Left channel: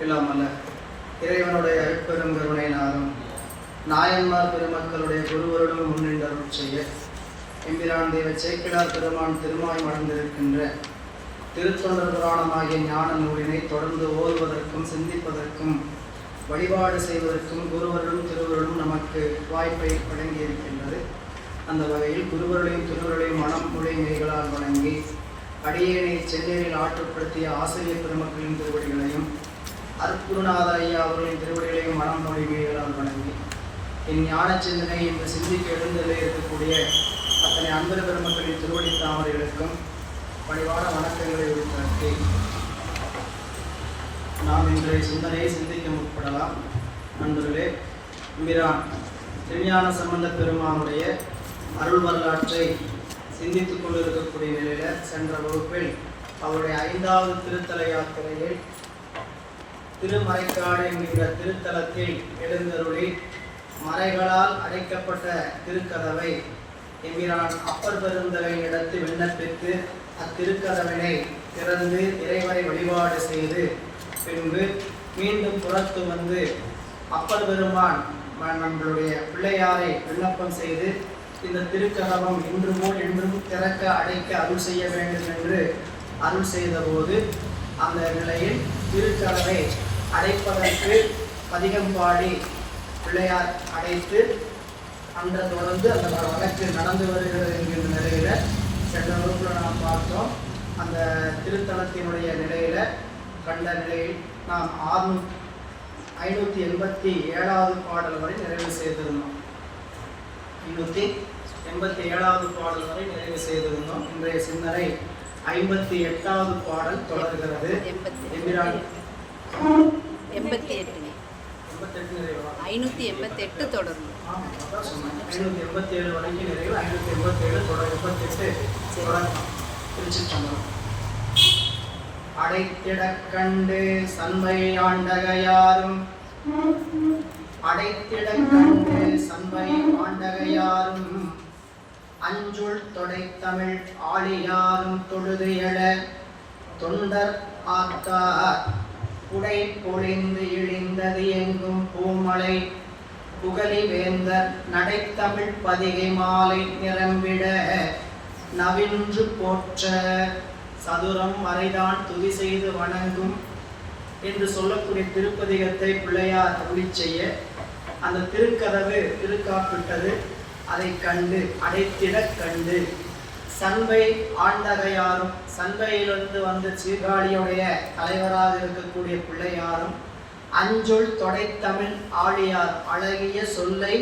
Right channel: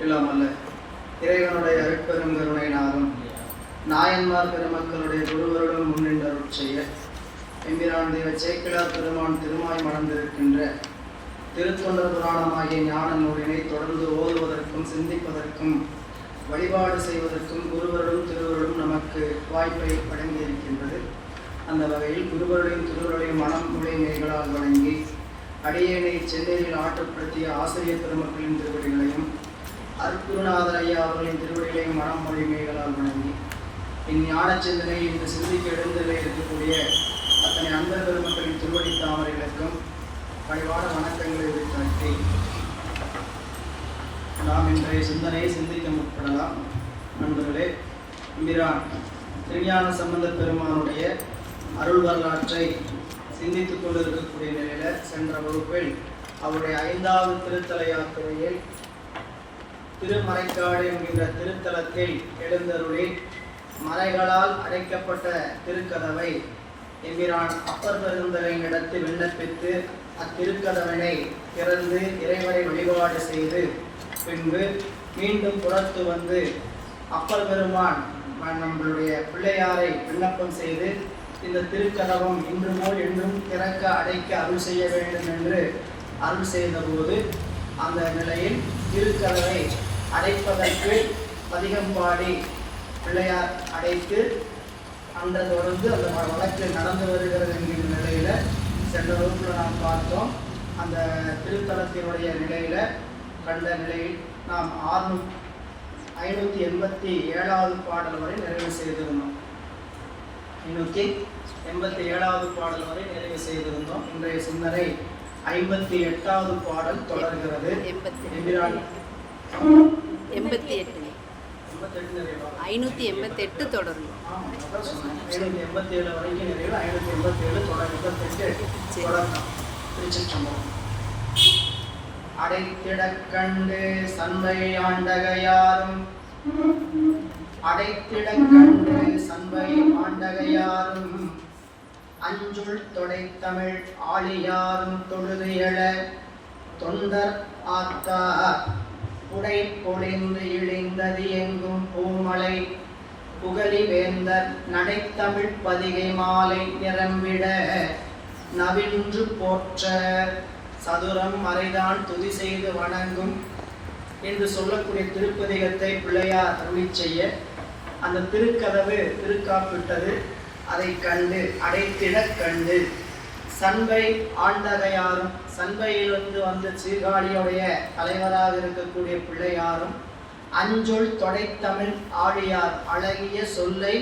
இல்லாமல்ல இறைவனுடைய அருட்பெரும் கருணையினாலும் நாயன்மார் பெருமக்களுடைய குருவருடன் முன்னின்றருள் செய்ய எம்பிரான் தெய்வ சேக்கிழார் பெருமான் திருமாய் மணந்திருக்கின்ற திருத்தொண்டர் புராணமாகிய ஞான நூலினை தொடர்ந்து ஓதுவதற்கும் சிந்திப்பதற்கும் வழிபாடு செய்வதற்கும் குருவருடும் திருவருடும் நமக்கு வாய்ப்பை வழங்கியிருக்கின்றது. அந்த வகையில் குருவருடையும் திருவருடையும் மனம் மொழி மெய்களால் வழங்கி அடியேனை சென்னையில் ஆற்றுப்படுத்திய ஆசிரியர் பெருமக்களின் திருவடிகளையும் அருட்குருநாத ஐயா அவர்களின் திருவடிகளையும் மனம் மொழி மெய்களால் வழங்கி என் ஞான சிந்தனை என்று சிந்திக்க எழுந்திலே இருக்கக்கூடிய அத்தனை அன்பர் பெருமக்களின் திருவடி தாமரைகளுக்கும் பணிவான வணக்கங்களை உரித்தாக்கி நாம் இன்றைய சிந்தனையை சிந்திக்க முற்படலாம். நண்பர்களே, எம்பிரான் திருஞான சம்பந்த பெருமானுடைய அருள் வரலாற்றை சிந்தித்துக் கொண்டிருக்கக்கூடிய நிலையில் சென்ற வகுப்பில் அவருடைய 5வது திருத்தல யாத்திரையில் திருமறைக்காடு என்கின்ற திருத்தலத்தில் எழுந்தருளி மறைகளால் அடைக்கப்பட்ட திருக்கதவை எம்பிரான் அப்பர் பெருந்தகையினிடத்தில் விண்ணப்பித்து அத்திருக்கதவினை திறந்து இறைவனை வழிபாடு செய்து பின்பு மீண்டும் புறத்து வந்து அப்பர் பெருமான் நம்மளுடைய பிள்ளையாரை விண்ணப்பம் செய்து இந்த திருக்கதவம் இன்று போல் என்றும் திறக்க அடைக்க அருள் செய்ய வேண்டும் என்று அருள் செய்த போது அந்த நிலையில் திருக்கதவை அடைப்பதற்கு பதிகம் பாடி பிள்ளையார் அடைத்து அந்த தொடர்ந்து அந்த வழக்கு நடந்து வருகிறது என்கிற நிலையில சென்ற வகுப்பில் நாம் பார்த்தோம். அந்த திருத்தலத்தினுடைய நிலையில கண்ட நிலையில் நாம் 587வது பாடல் வரை நிறைவு செய்திருந்தோம். 587வது பாடல் வரை நிறைவு செய்திருந்தோம். இன்றைய சிந்தனை 58வது பாடல் தொடர்கிறது. 588 தொடரும். 587 வரைக்கும் நிறைவு. 587 தொடர். அடைத்திடக் கண்டு சண்பை ஆண்டகையாரும் அஞ்சுள் தொடைத்தமிழ் ஆழியாரும் தொழுது எழ தொண்டர் ஆத்தா உடை பொழிந்து இழிந்தது எங்கும் பூமலை புகழி வேந்தர் நடைத்தமிழ் பதிகை மாலை நிரம்பிட நவின்று போற்ற சதுரம் மறைதான் துதி செய்து வணங்கும் என்று சொல்லக்கூடிய திருப்பதிகத்தை பிள்ளையார் அருளி செய்ய அந்த திருக்கதவு திருக்காப்பிட்டது. அதை கண்டு அடைத்திட கண்டு சண்பை ஆண்டகையாரும் சண்பையிலிருந்து வந்து சீர்காழியுடைய தலைவராக இருக்கக்கூடிய பிள்ளையாரும் அஞ்சொல் தொடைத்தமிழ் ஆழியார் அழகிய சொல்லை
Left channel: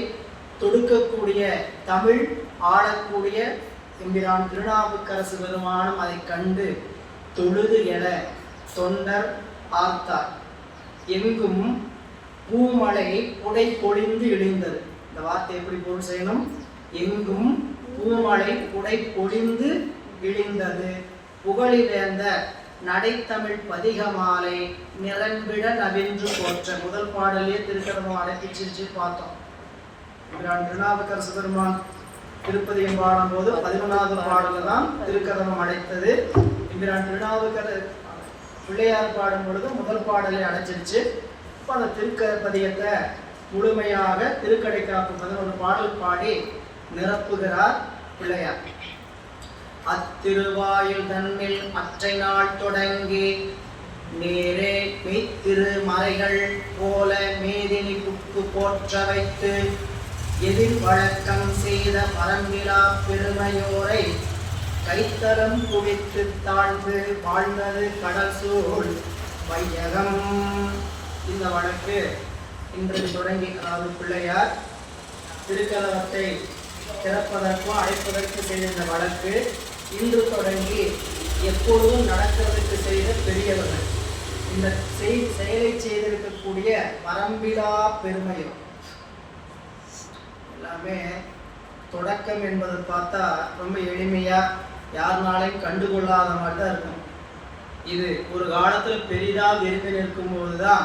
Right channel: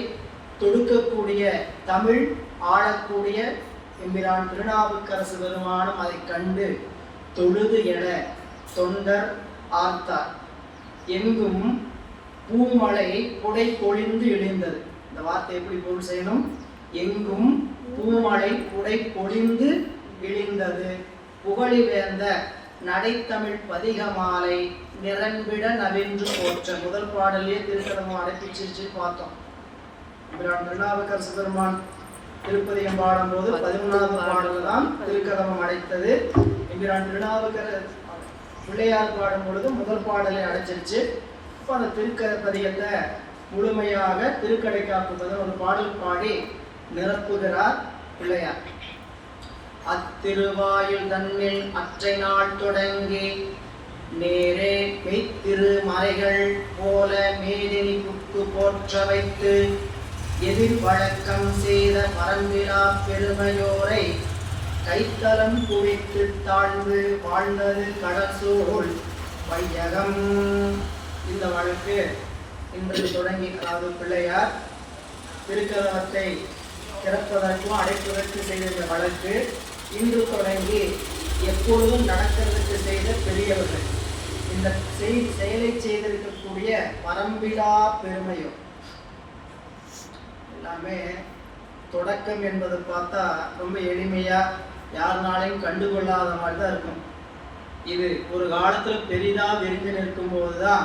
தொடுக்கக்கூடிய தமிழ் ஆடக்கூடிய எம்பிரான் திருநாவுக்கரசு பெருமானும் அதை கண்டு தொழுது என தொண்டர் ஆர்த்தார். எங்கும் பூமலை குடை பொழிந்து இழிந்தது. இந்த வார்த்தை எப்படி பொருள் செய்யணும்? எங்கும் பூமலை குடை பொழிந்து இழிந்தது புகழி வேந்த நடைத்தமிழ் பதிகமாலை நிரம்பிட நவின்று போற்ற. முதல் பாடலே திருக்கதவம் அடைப்பிச்சு பார்த்தோம். திருநாவுக்கரசு பெருமான் திருப்பதிகம் பாடும்போது 11வது பாடல் தான் திருக்கதவம் அடைத்தது. எம்பிரான் திருநாவுக்கரசு பிள்ளையார் பாடும் பொழுது முதல் பாடலை அடைச்சிருச்சு. இப்போ அந்த திருக்கதிகத்தை முழுமையாக திருக்கடைக்காப்பு 11 பாடல் பாடி நிரப்புகிறார் பிள்ளையார். அத்திருவாயில் தன்னில் அற்றை நாள் தொடங்கி நேரே மெய்த்திரு மறைகள் போல மேதினி புக்கு போற்ற வைத்து எதிர் வழக்கம் செய்த பரம்பிலா பெருமையோரை கைத்தலம் குவித்து தாழ்ந்து வாழ்ந்தது கடல் சூழ் வையகம். இந்த வழக்கு இன்று தொடங்கி, அதாவது பிள்ளையார் திருக்கதவத்தை திறப்பதற்கும் அடைப்பதற்கு செய்த இந்த வழக்கு இன்று தொடங்கி எப்பொழுதும் நடக்கிறதுக்கு செய்த பெரியவர்கள் இந்த செயலை செய்திருக்கக்கூடிய பரம்பிலா பெருமையோ எல்லாமே தொடக்கம் என்பதை பார்த்தா ரொம்ப எளிமையா யாருனாலையும் கண்டுகொள்ளாத மாதிரி தான் இருக்கும். இது ஒரு காலத்துல பெரிதா விரும்பி நிற்கும் போதுதான்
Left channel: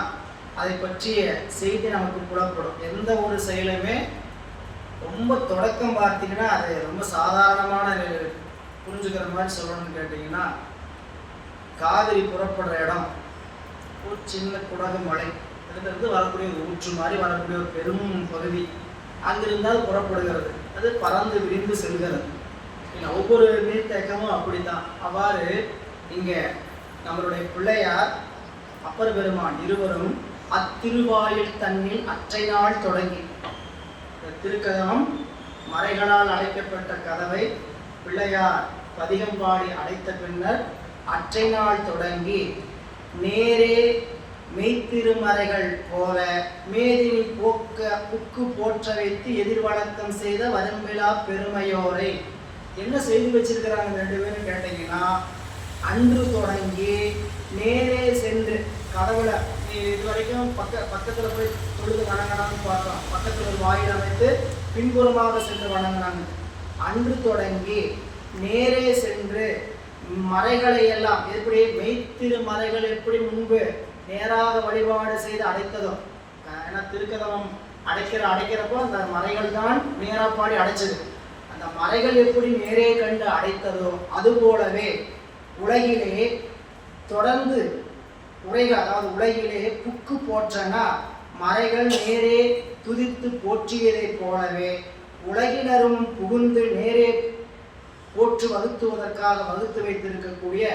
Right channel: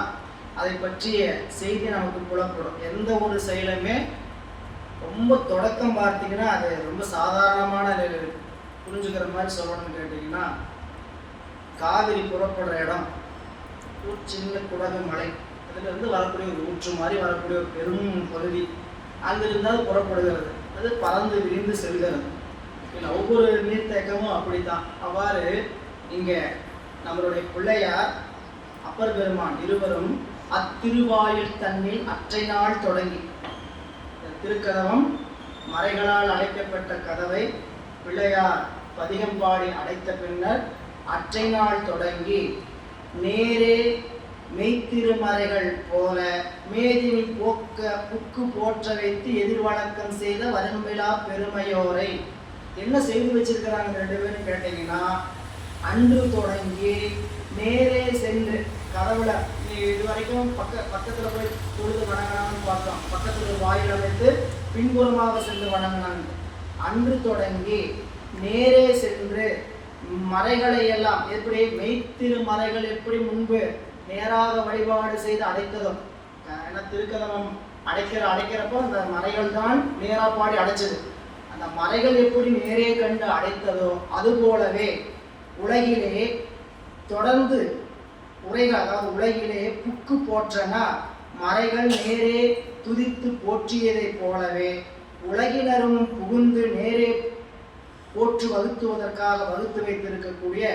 அதை பற்றிய செய்தி நமக்கு புலப்படும். எந்த ஒரு செயலுமே ரொம்ப தொடக்கம் பார்த்தீங்கன்னா அது ரொம்ப சாதாரணமான நிலையில் புரிஞ்சுக்கிற மாதிரி சொல்லணும்னு கேட்டீங்கன்னா, காவிரி புறப்படுற இடம் சின்ன குடகு மலை, அதுலேருந்து வரக்கூடிய ஒரு ஊற்று மாதிரி வரக்கூடிய ஒரு பெரும் பகுதி, அங்கிருந்து அது புறப்படுகிறது. அது பறந்து விரிந்து செல்கிறது. ஒவ்வொரு நீர்த்தேக்கமும் அப்படித்தான். அவ்வாறு இங்கே நம்மளுடைய பிள்ளையார் அப்பர் பெருமான் இருவரும் அத்திருவாயில் தன்னில் அற்றை நாள் தொடங்கி, திருக்கதவம் மறைகளால் அடைக்கப்பட்ட கதவை பிள்ளையார் பதிகம் பாடி அடைத்த பின்னர் அற்றை நாள் தொடங்கி நேரே மெய்த்திருமறைகள் போல மேதினி போக்க புக்கு போற்ற வைத்து எதிர்வணக்கம் செய்த வரும்பிலா பெருமையோரை. என்ன செய்து வச்சிருக்கிறாங்க ரெண்டு பேரும் கேட்டீங்கன்னா, அன்று தொடங்கி நேரே சென்று கதவுல நீ இது வரைக்கும் பக்கத்துல போய் தொழுது வணங்கினான்னு பார்த்தோம். பக்கத்துல ஒரு வாயில் அமைத்து பின்புறமாக சென்று வணங்கினாங்க. அன்று தொடங்கி நேரே சென்று மறைகளை எல்லாம் எப்படி மெய்த்திரு மறைகள் எப்படி முன்பு நேராக வழிபாடு செய்து அடைத்ததும், ஏன்னா திருக்கதவம் அடைக்கிறப்போ அந்த மறைகள் தான் நேரா பாடி அடைச்சது. அந்த மறைகள் எப்படி நேரே கண்டு அடைத்ததோ அது போலவே உலகிலே தொடர்ந்து உரைகள், அதாவது உலகிலே புக்கு போற்றனா மறைகள் நேரே துதித்து போற்றியதை போலவே உலகினரும் புகுந்து நேரே போற்று வகுத்துவதற்காக வகுத்து வைத்திருக்கக்கூடிய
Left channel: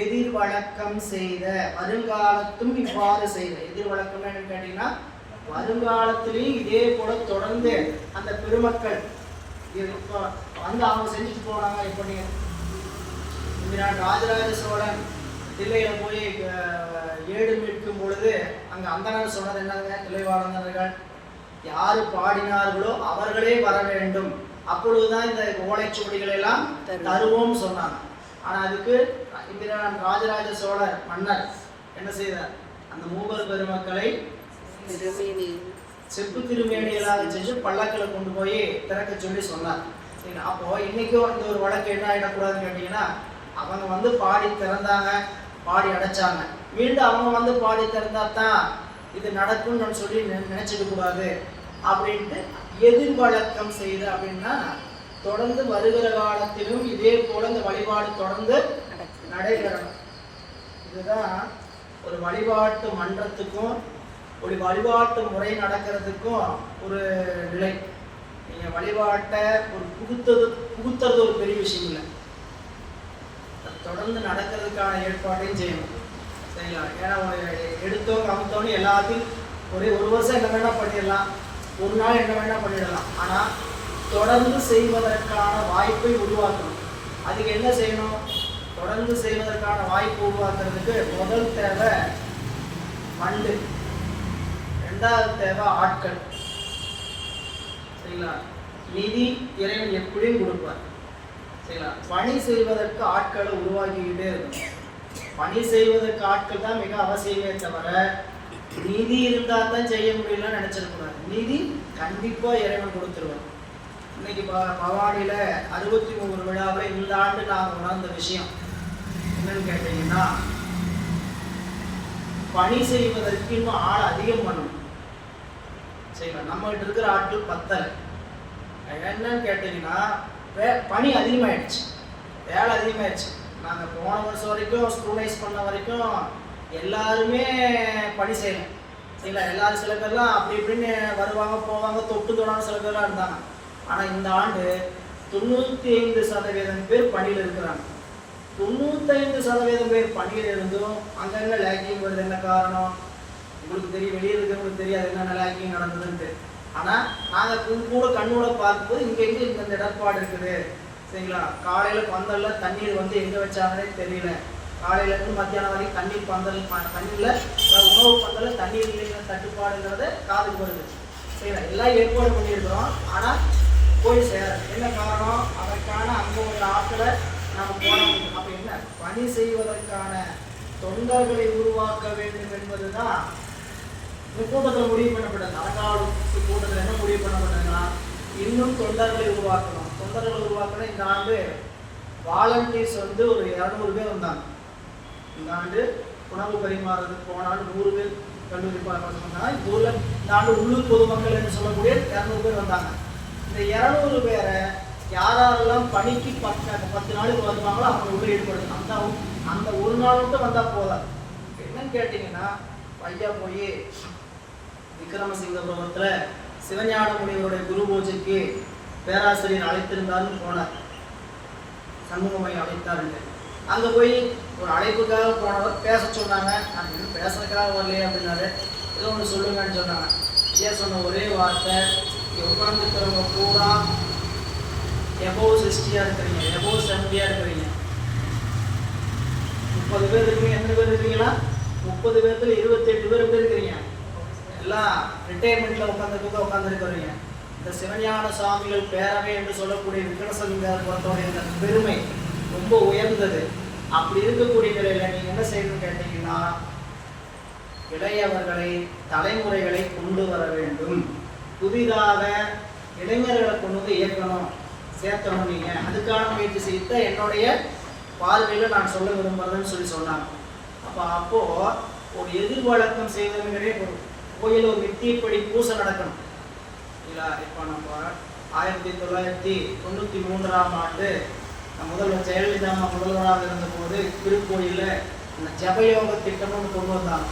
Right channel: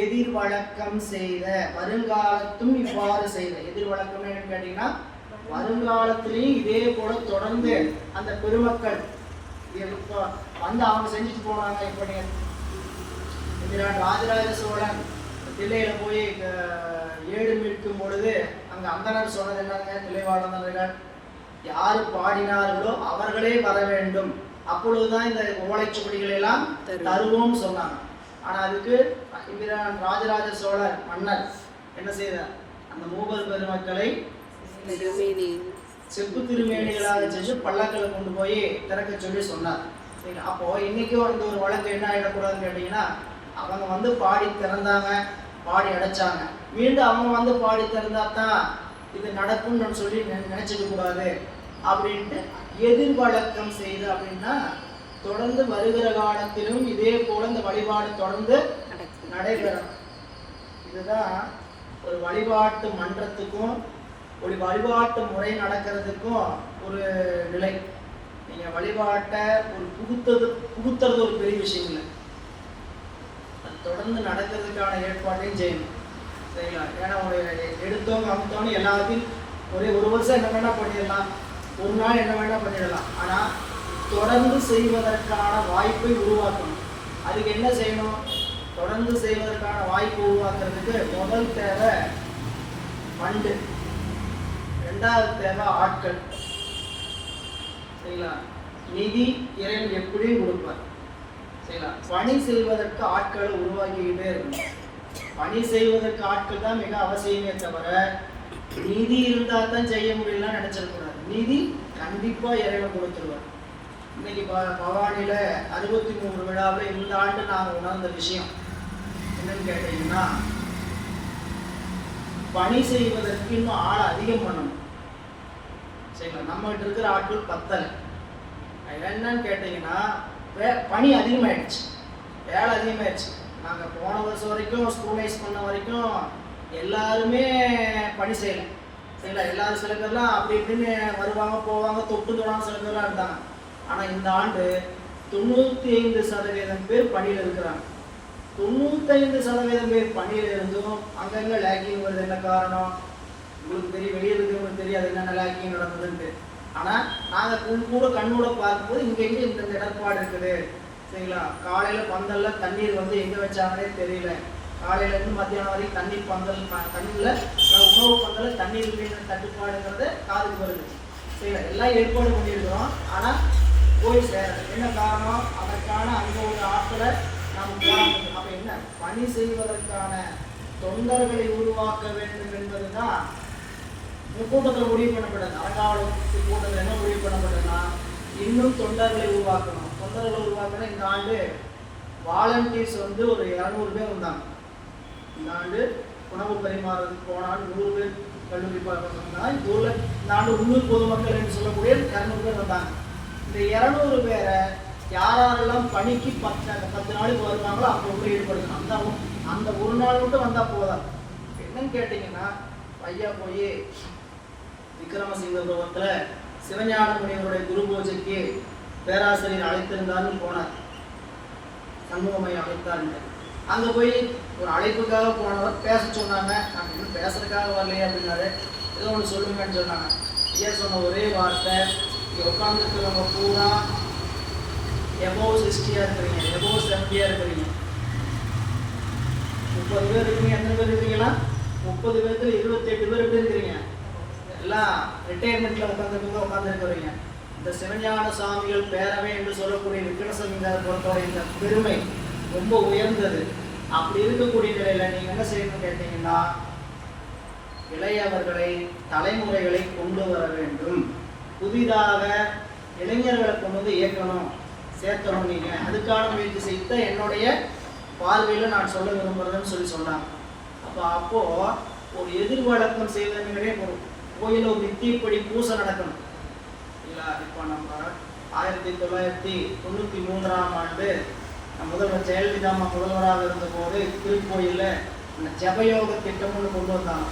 எதிர் வழக்கம் செய்த வருங்காலத்தும் இவ்வாறு செய்த. எதிர் வழக்கம் என்னன்னு கேட்டீங்கன்னா, வருங்காலத்திலையும் இதே போல தொடர்ந்து அந்த பெருமக்கள் வந்து அவங்க செஞ்சுட்டு போனாங்க. இப்போ நீங்க ராஜராஜ சோழன் தில்லையில போய் ஏடு மீட்கும் பொழுது அங்க அந்தனர் சொன்னது என்னங்க, தில்லைவாழந்தர்கள் யாரு பாடினார்களோ அவர்களே வர வேண்டும், அப்பொழுதுதான் இந்த ஓலைச்சுவடிகளை எல்லாம் தருவோம் சொன்னாங்க. ஆனா அதுக்கு ராஜராஜ சோழர் மன்னர் என்ன செய்தார், அந்த மூவர் பெருமக்களை செப்பு திருமேனிகளாக செஞ்சு பல்லக்களை கொண்டு போய் திறக்க சொல்லி சொன்னார். அப்போ இன்னைக்கும் இந்த ஒரு வழக்கு என்ன ஆயிடக்கூடாதுன்னு கேட்டீங்கன்னா, அவங்க வந்து பாடி திறந்தாங்க, பாடி அடைச்சாங்க, மீண்டும் அவங்க வந்து பாடி திறந்தா தான் இது நடக்கும்னு சொல்லி நினைச்சிக்க கூடாது அப்படின்ட்டு எதிர் வழக்கம் செய்து. அப்படின்னா தொடர்ந்து வருகிற காலத்திலும் இதே போல இந்த வழிபாடு தொடர்ந்து நடைபெறணும். இதுதான் ஒரு வழிபாட்டு மன்றத்துக்கும் ஒரு வழிபாட்டு முறை நடக்கிறதுக்கும் ஒரு நிலை. நீங்க வழிபாட்டை ஒரு புகுத்துறது ஒரு பெரிய விஷயம் இல்லை, தொடர்ந்து நடக்கிறதுக்கான ஏற்பாட்டையும் செய்யணும். சரிங்களா? ஏன்னா எடுத்தவங்க அமுத்தவங்க எல்லாத்தையும் ஒரே ஒரு வருஷம் என்ன வேணா பண்ணிடலாம், ஒரு நாள் என்ன வேணா பண்ணிடலாம். ஆனா தொடர்ந்து செய்வதற்கான வாய்ப்பை உருவாக்கணும். அதுக்கு என்ன செய்யணும்? தொடர்ந்து செய்வதற்கான வாய்ப்பு உருவாக்குறதுக்கு முதல் தேவை ஃபண்டு, ரெண்டாவது தேவை ஆட்கள். சரிங்களா? நிதி இறைவன் எப்படியும் கொடுப்பார். சரிங்களா? பணி செய்வதற்கு ஆட்களை உருவாக்கிக்கிட்டே இருக்கும். பணி செய்வதற்கு ஆட்கள் தான் மிக அவசியமே தவிர நிதி இருந்தா தான் செய்ய முடியலன்னு நினைச்சிருக்கூடாது. நிதி கண்டிப்பா இறைவன் கொடுத்துருவார். இன்னைக்கு பவானியில 63 விழாவில் இந்த ஆண்டு நான் உணர்ந்த விஷயம் என்னன்னு கேட்டீங்கன்னா, பணி செய்வதற்கு இன்னும் ஆள் அதிகம் பண்ணணும். சரிங்களா? நம்மகிட்ட இருக்கிற ஆட்கள் பத்தலை. என்னன்னு கேட்டீங்கன்னா, பணி அதிகமாயிடுச்சு, வேலை அதிகமாயிடுச்சு. நாங்கள் போன வருஷம் வரைக்கும் ஸ்கூலைஸ் பண்ண வரைக்கும் எல்லாருமே பணி செய்யலாம். சரிங்களா? எல்லாரும் சில பேர்லாம் அப்படி இப்படின்னு வருவாங்க போவாங்க, தொட்டு தோணாம சில பேர்லாம் இருந்தாங்க. ஆனால் இந்த ஆண்டு 95% பேர் பணியில் இருக்கிறாங்க. 95% பேர் பணியில் இருந்தும் அங்கங்கே லேக்கிங் வருது. என்ன காரணம் உங்களுக்கு தெரியும், வெளியே இருக்கிறவங்களுக்கு தெரியாது என்னென்ன லேக்கிங் நடந்ததுன்ட்டு. ஆனால் நாங்கள் கூட கண்ணோட பார்க்கும்போது இங்கே இந்த இடர்பாடு இருக்குது. சரிங்களா? காலையில் பந்தலில் தண்ணீர் வந்து எங்கே வச்சாங்கன்னே தெரியல. காலையிலேருந்து மத்தியானம் வரைக்கும் தண்ணீர் தண்ணியில் உணவு பந்தலில் தண்ணீர் இல்லைங்கிற தட்டுப்பாடுங்கிறத காதுக்கு வருது. சரிங்களா? எல்லாம் ஏற்பாடு பண்ணியிருக்கிறோம், ஆனால் போய் சேர என்ன காரணம்? அதற்கான அங்கே ஒரு ஆட்களை நாம் போராட்டம். அப்போ என்ன பணி செய்வதற்கான தொண்டர்களை உருவாக்க வேண்டும் என்பது தான் கூட்டத்தில் முடிவு பண்ணப்பட்டது. அரங்காவலத்து கூட்டத்தில் என்ன முடிவு பண்ணப்பட்டதுன்னா, இன்னும் தொண்டர்களை உருவாக்கணும். தொண்டர்களை உருவாக்கணும். இந்த ஆண்டு வாலண்டியர்ஸ் வந்து ஒரு 200 பேர் வந்தாங்க. இந்த ஆண்டு உணவு பரிமாறதுக்கு போனால் 100 பேர் கல்லூரி பசங்க. இந்த ஆண்டு உள்ளூர் பொதுமக்கள் என்று சொல்லக்கூடிய 200 பேர் வந்தாங்க. இந்த 200 பேரை யாரெல்லாம் பணிக்கு 10 நாளுக்கு வருவாங்களோ அப்போ உள்ள ஈடுபடுத்தணும். அந்த ஒரு நாள் மட்டும் வந்தால் போதாது. என்ன என்னன்னு கேட்டீங்கன்னா, ஐயா போய் விக்ரமசிங்கபுரத்தில் சிவஞான முனிவருடைய குரு பூஜைக்கு பேராசிரியர் அழைத்திருந்தாருன்னு போனார். சண்முகமையை அழைத்தாருன்னு அங்கே போய் ஒரு அழைப்புக்காக போனவர் பேச சொன்னாங்க. அப்படின்னு பேசுறதுக்காக வரலையே அப்படின்னாரு. ஏதோ ஒன்று சொல்லுங்கன்னு சொன்னாங்க. ஐயா சொன்ன ஒரே வார்த்தை, இங்கே உட்காந்துருக்கிறவங்க பூரா எபோவ் 60 இருக்கிறீங்க, எபோவ் 70 இருக்கிறீங்க. 30 பேர் இருக்கீங்க. எத்தனை பேர் இருக்கீங்களா? 30 பேர்த்துல 28 பேர் எப்படி இருக்கிறீங்க? எல்லாம் ரிட்டையர்மெண்ட்ல உட்காந்துருக்கிறீங்க. இந்த சிவஞான சுவாமிகள் பேரவை என்று சொல்லக்கூடிய விக்ரமசிங்கபுரத்தோட இந்த பெருமை ரொம்ப உயர்ந்தது. அப்படி இருக்கக்கூடிய நிலையில நீங்க என்ன செய்யணும்னு கேட்டீங்கன்னா, இளையவர்களை தலைமுறைகளை கொண்டு வர வேண்டும். புதிதாக இளைஞர்களை கொண்டு வந்து இயக்கணும், சேர்த்தணும். நீங்க அதுக்கான முயற்சி செய்த என்னுடைய பார்வையில் நான் சொல்ல விரும்புறதுன்னு சொன்னாங்க. அப்போ ஒரு எதிர்வழக்கம் செய்வதுங்கிறே ஒரு கோயில் ஒரு நித்தியப்படி பூசை நடக்கணும் இல்லை. இப்போ நம்ம 1993ஆம் ஆண்டு முதல்வர் ஜெயலலிதா முதல்வராக இருந்தபோது திருக்கோயிலில் அந்த ஜபயோக திட்டம்னு கொண்டு வந்தாங்க.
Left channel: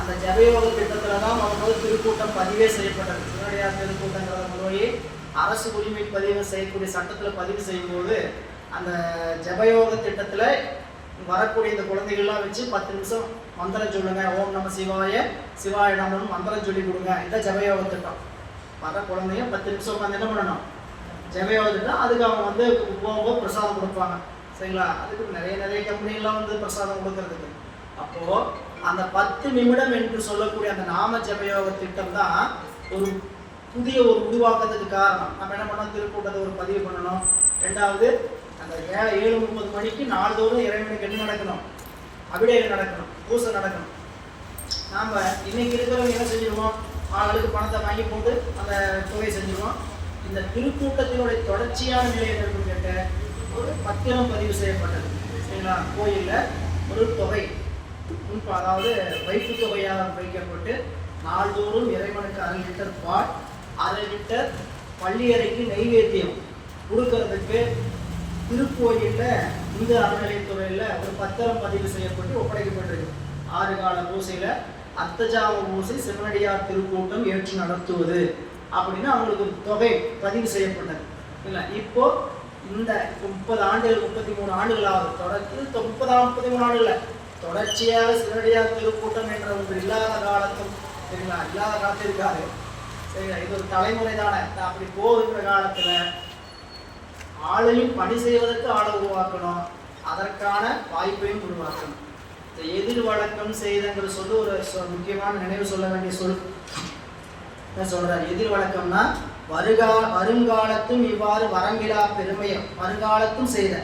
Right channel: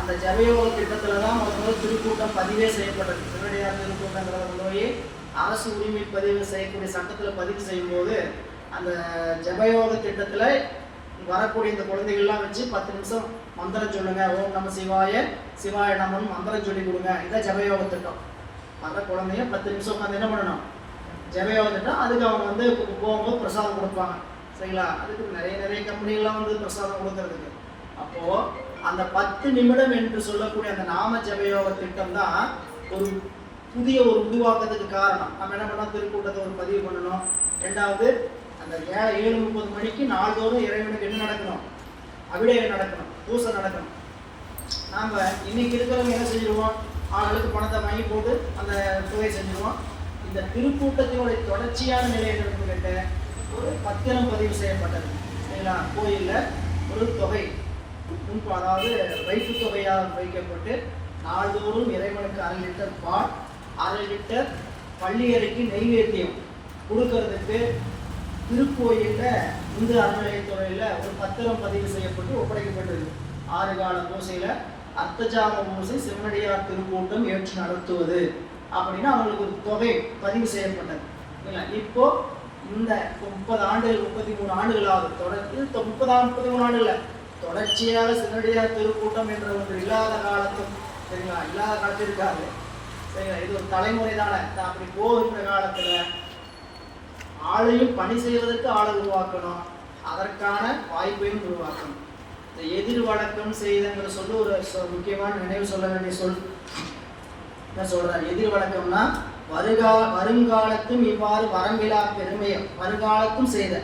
அந்த ஜபயோக திட்டத்தில் தான் முதல் திருக்கூட்டம் பதிவே செய்யப்பட்டது. சிவனடியார் திருக்கூட்டங்கிறத போய் அரசு உரிமை பதிவு செய்யக்கூடிய சட்டத்தில் பதிவு செய்யும்போது அந்த ஜபயோக திட்டத்தில் வரக்கூடிய இந்த குழந்தைகள்லாம் வச்சு 10 நிமிஷம் மந்திரம் சொல்லுங்க, ஓம் நம சிவாய சிவாய நமன்னு மந்திரம் சொல்லி கொடுங்க. இதான் ஜபயோக திட்டம். வர குழந்தைங்க 10 நிமிஷம் உட்காந்து என்ன பண்ணணும்? ஜபயோக திட்டம். அதுக்கு அவங்க வந்து போகும்போது பிரசாதம் கொடுப்பாங்க. சரிங்களா? அதுக்கு நிறைய கம்பெனிலாம் வந்து பிரசாதம் கொடுக்கறதுக்கு. அப்போ அந்த 10 நிமிடம் என்று சொல்லக்கூடிய அந்த நாம ஜபயோக திட்டம் தான் ஒரு புதிய ஒரு உருவாக்கத்துக்கு காரணம். நம்ம என்ன பண்ணோம்? திருக்கூட்டத்தை ஒரு பதிவு பண்ணணும். ரெண்டாவது அந்த 7:30 மணிக்கு நாள்தோறும் இறைவனுக்கு என்ன நடக்கணும்? அபிடேகம் நடக்கணும், பூசை நடக்கணும். நாம் இன்னைக்கு இருக்கிறவங்க என்ன செஞ்சிருவோம்? ஆளுக்கு பணத்தை வாங்கி போட்டு அந்த தொகையை செஞ்சிருவோம். இந்த திருக்கூட்டத்தினுடைய தொடர்ச்சியான நிலை என்னன்னு கேட்ட ஒரு பத்திரம் பதிவு செய்யப்பட்டது. சரிங்களா? கோயிலில் ஒரு தொகை அதாவது வைப்பு தொகையாக வைக்கப்பட்டு நாள்தோறும் இறைவனுக்கு 1/2 லிட்டர் பால், 1/2 லிட்டர் பள்ளியறைக்கு நெய்வேத்தியம் கொடுக்கறதுக்கு திருக்கோயிலில் இந்து அறநிலையத்துறையில் ஒரு பத்திரம் பதிவு செய்யப்பட்டு ஒப்படைக்கப்பட்டிருக்கு. 6 கால பூசையில் அர்த்தஜாம பூசை சிவனடியார் திருக்கூட்டம் ஏற்று நடத்துவது அப்படின்னு அவங்களுக்கு ஒரு தொகை பதிவு செய்யப்பட்டது. இல்லை, இப்போ இந்த 30 ஆண்டுகள் 33 ஆண்டுகளாவது தொடர்ந்து 33 ஆண்டுகள் தொடர்ச்சியாக சிவனடியார் திருக்கூட்டம் என்ற ஒன்று இல்லாத காலத்தும் சரிங்களா, இல்லாத காலத்தில் இருக்காது. சரிங்களா? இது ஒரு தலைமுறை தானே. அப்படி போகின்ற காலத்தில் ஆளையும் பணி செய்வதற்கு ஆளை உருவாக்கணும், அதற்கான வாய்ப்பையும் உருவாக்கணும். இந்த எதிர் வழக்கம் செய்தங்கிற சொல்லு ஒரு முக்கியமான நினைவு சொல்ல வேண்டிய சொல். என்ன சொல்றாரு? எதிர் வழக்கம்னா வருங்காலத்தும் இவ்வாறு வரம்பிலா பெருமையும் வருங்காலத்தும் செய்த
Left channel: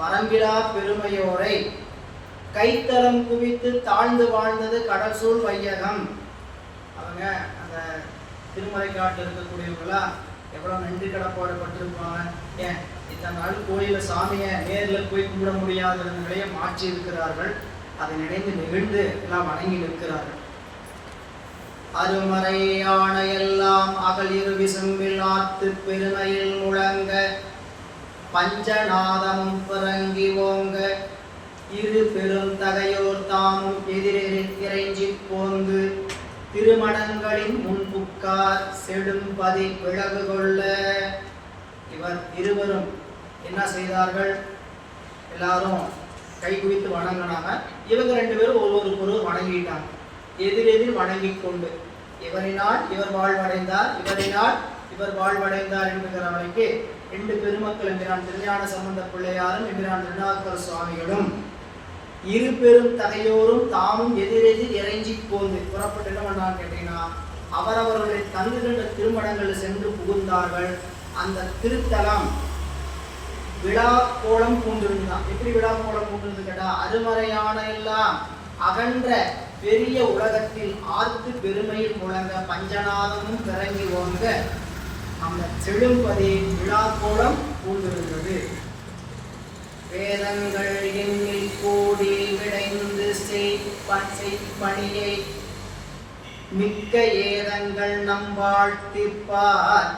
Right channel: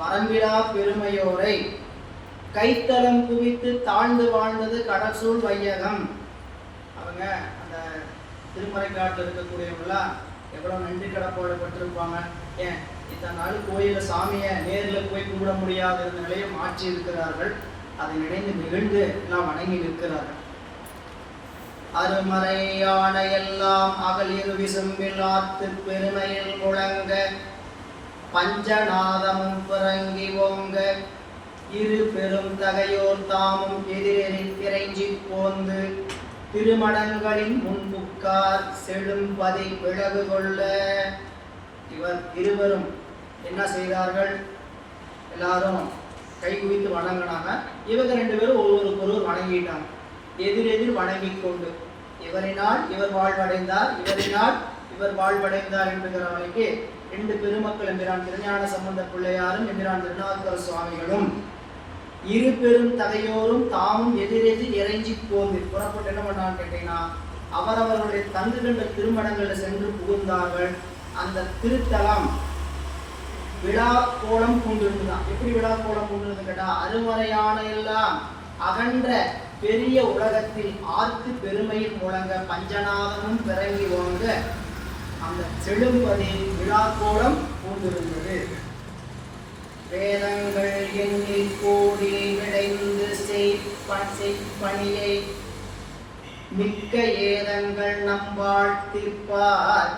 வரம்பிலா பெருமையோரை கைத்தளம் குவித்து தாழ்ந்து வாழ்ந்தது கடல் சூழ் வையகம். அவங்க அந்த திருமறைக்காட்டில் இருக்கக்கூடியவங்களா எவ்வளோ நன்றி கடப்பாடுபட்டிருப்பாங்க. ஏன் இத்தனை நாள் கோயிலில் சாமியை நேரில் போய் கும்பிட முடியாத நிலையை மாற்றி இருக்கிறார்கள். அதை நினைந்து நெகிழ்ந்து எல்லாம் வணங்கி நிற்கிறார்கள். அருமறையான எல்லாம் அகலிரு விசும்பில் ஆத்து பெருமையில் முழங்க பஞ்சநாதமும் பிறங்கி ஓங்க இரு பெரும் தகையோர் தாமும் எதிரெறில் இறைஞ்சி போந்து திருமணங்களின் முன்புக்கார் செடும்பதி விலகு கொள்ள. இவர் இருவரும் என்ன செய்தார்கள்? எல்லாரும் கை குவித்து வணங்கினாங்க. இவங்க 2 பேரும் ஒருவருக்கொருவர் வணங்கிட்டாங்க. எதிரெதிர் வணங்கி கொண்டு இவரினால் இவர் வாழ்வடைந்தார், இவரினால் இவர் வாழ்வடைந்தார் என்கிற வரைக்கு 2 பெருமக்கள் என்கிறான் திருஞான சம்பந்த பிள்ளையாரும் என்கிறான் திருநாவுக்கர சுவாமிகளும் இரு பெரும் தகையோரும் தாமும் எதிரெதிர் இறைஞ்சி போந்து புறப்பட்டு என்ன பண்ணான்னு கேட்டீங்கன்னா, அவரவர்களுடைய தங்குகின்ற திருமணங்களில் சென்று புகுந்தார்கள். அந்த திருத்தலம் விழா கோலம் பூண்டிருந்தான். எப்படி விழா கோலம் பூண்டிருந்து கேட்டா, அருமறையான எல்லாம் அகன்ற பெரிய உலகத்தில் ஆர்த்து பெருமையில் முழங்க பஞ்சநாதமும் பிறங்கி ஓங்க அந்த செழும்பதி விழா கோலம் பூண்டிருந்தது. வேதங்கள் எண்ணில் கூடி விளைந்து செய்பணியை மிக்க ஏதங்கள் நம்பாள் திப்பார்,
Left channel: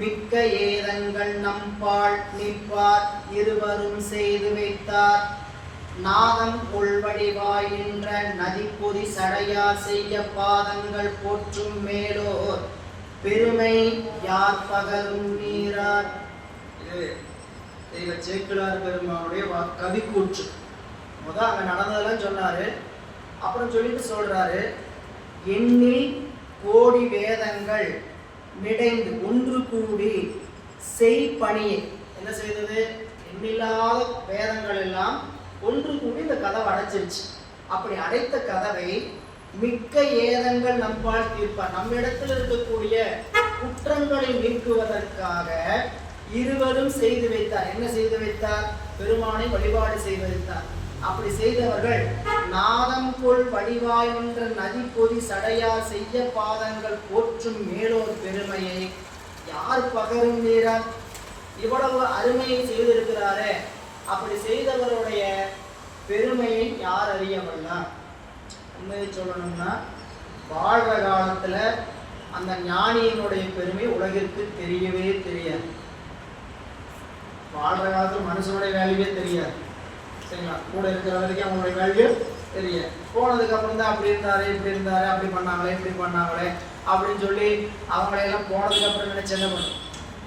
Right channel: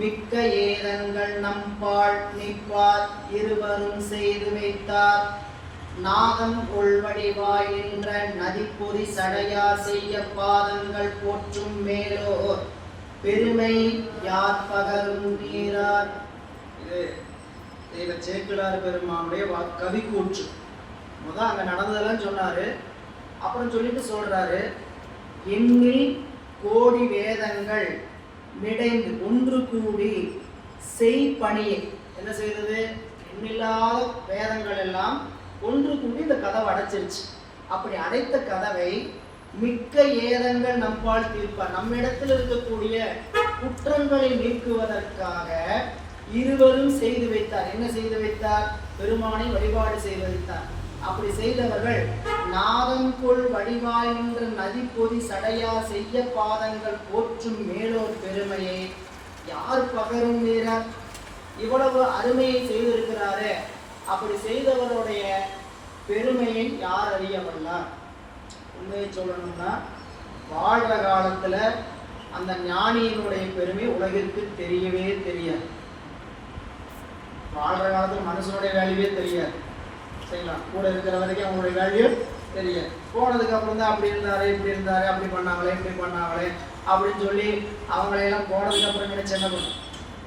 மிக்க ஏதங்கள் நம்பாள் நிற்பார் இருவரும் செய்து வைத்தார். நாதம் உள்வடிவாய் நின்ற நதிப்பொதி சடையார் செய்ய பாதங்கள் போற்றும் மேலோர் பெருமை யார் பகரும் நீரார். இது தெய்வ சேக்கிழார் பெருமானுடைய கவி கூற்று. முதல் அங்க நடந்ததெல்லாம் சொன்னாரு. அப்புறம் சொல்லிட்டு சொல்றாரு, எண்ணில் கோடி வேதங்கள் மிடைந்து ஒன்று கூடி செய்பணியை. என்ன செய்தது? எண்ணில்லாத வேதங்கள் எல்லாம் ஒன்று கூடி இந்த கதவை அடைச்சிருச்சு. அப்படி அடைத்த கதவை மிக்க ஏதங்கள் நம்பால் தீர்ப்பார். நம்மிடத்தில் இருக்கக்கூடிய குற்றங்களை நீக்குவதற்காக இருவரும் செய்து வைத்தார். என்ன செய்து வைத்தார்? பெருமானை வழிபாடு செய்து வைத்தார். அப்படி செய்தவர்கள் நாதம் கொள் வடிவாய் நின்ற நதி பொதி சடையார் செய்ய பாதங்கள் போற்றும் மேலோர் பெருமையை யார் பகரும் வீரர்? இவ்வளவு அருமையை செய்திருக்கிறாரே, அப்படி செய்தவருடைய பெருமையை யார் அறியவல்லார்? உண்மையை சொல்லணும்னா, வாழ்ற காலத்துல அந்த ஞானியினுடைய பெருமை உலகிற்கு தெரியவே தெரியாது. வாழ்ற காலத்துல மனுஷனுடைய வேல்யூவே தெரியாது. சரிங்களா? கூட இருக்கிற வரைக்கும் அவங்களுடைய வேல்யூ தெரியாது. போனதுக்கு அப்புறம் தான் அப்படி இருந்தாரு, இப்படி இருந்தாரு, அப்படி பண்ணாங்களே, இப்படி பண்ணாங்களே அப்படின்னு சொல்லி அவங்களையெல்லாம் போனதுக்கு அப்புறம் நினைச்சு என்ன பண்ணும்?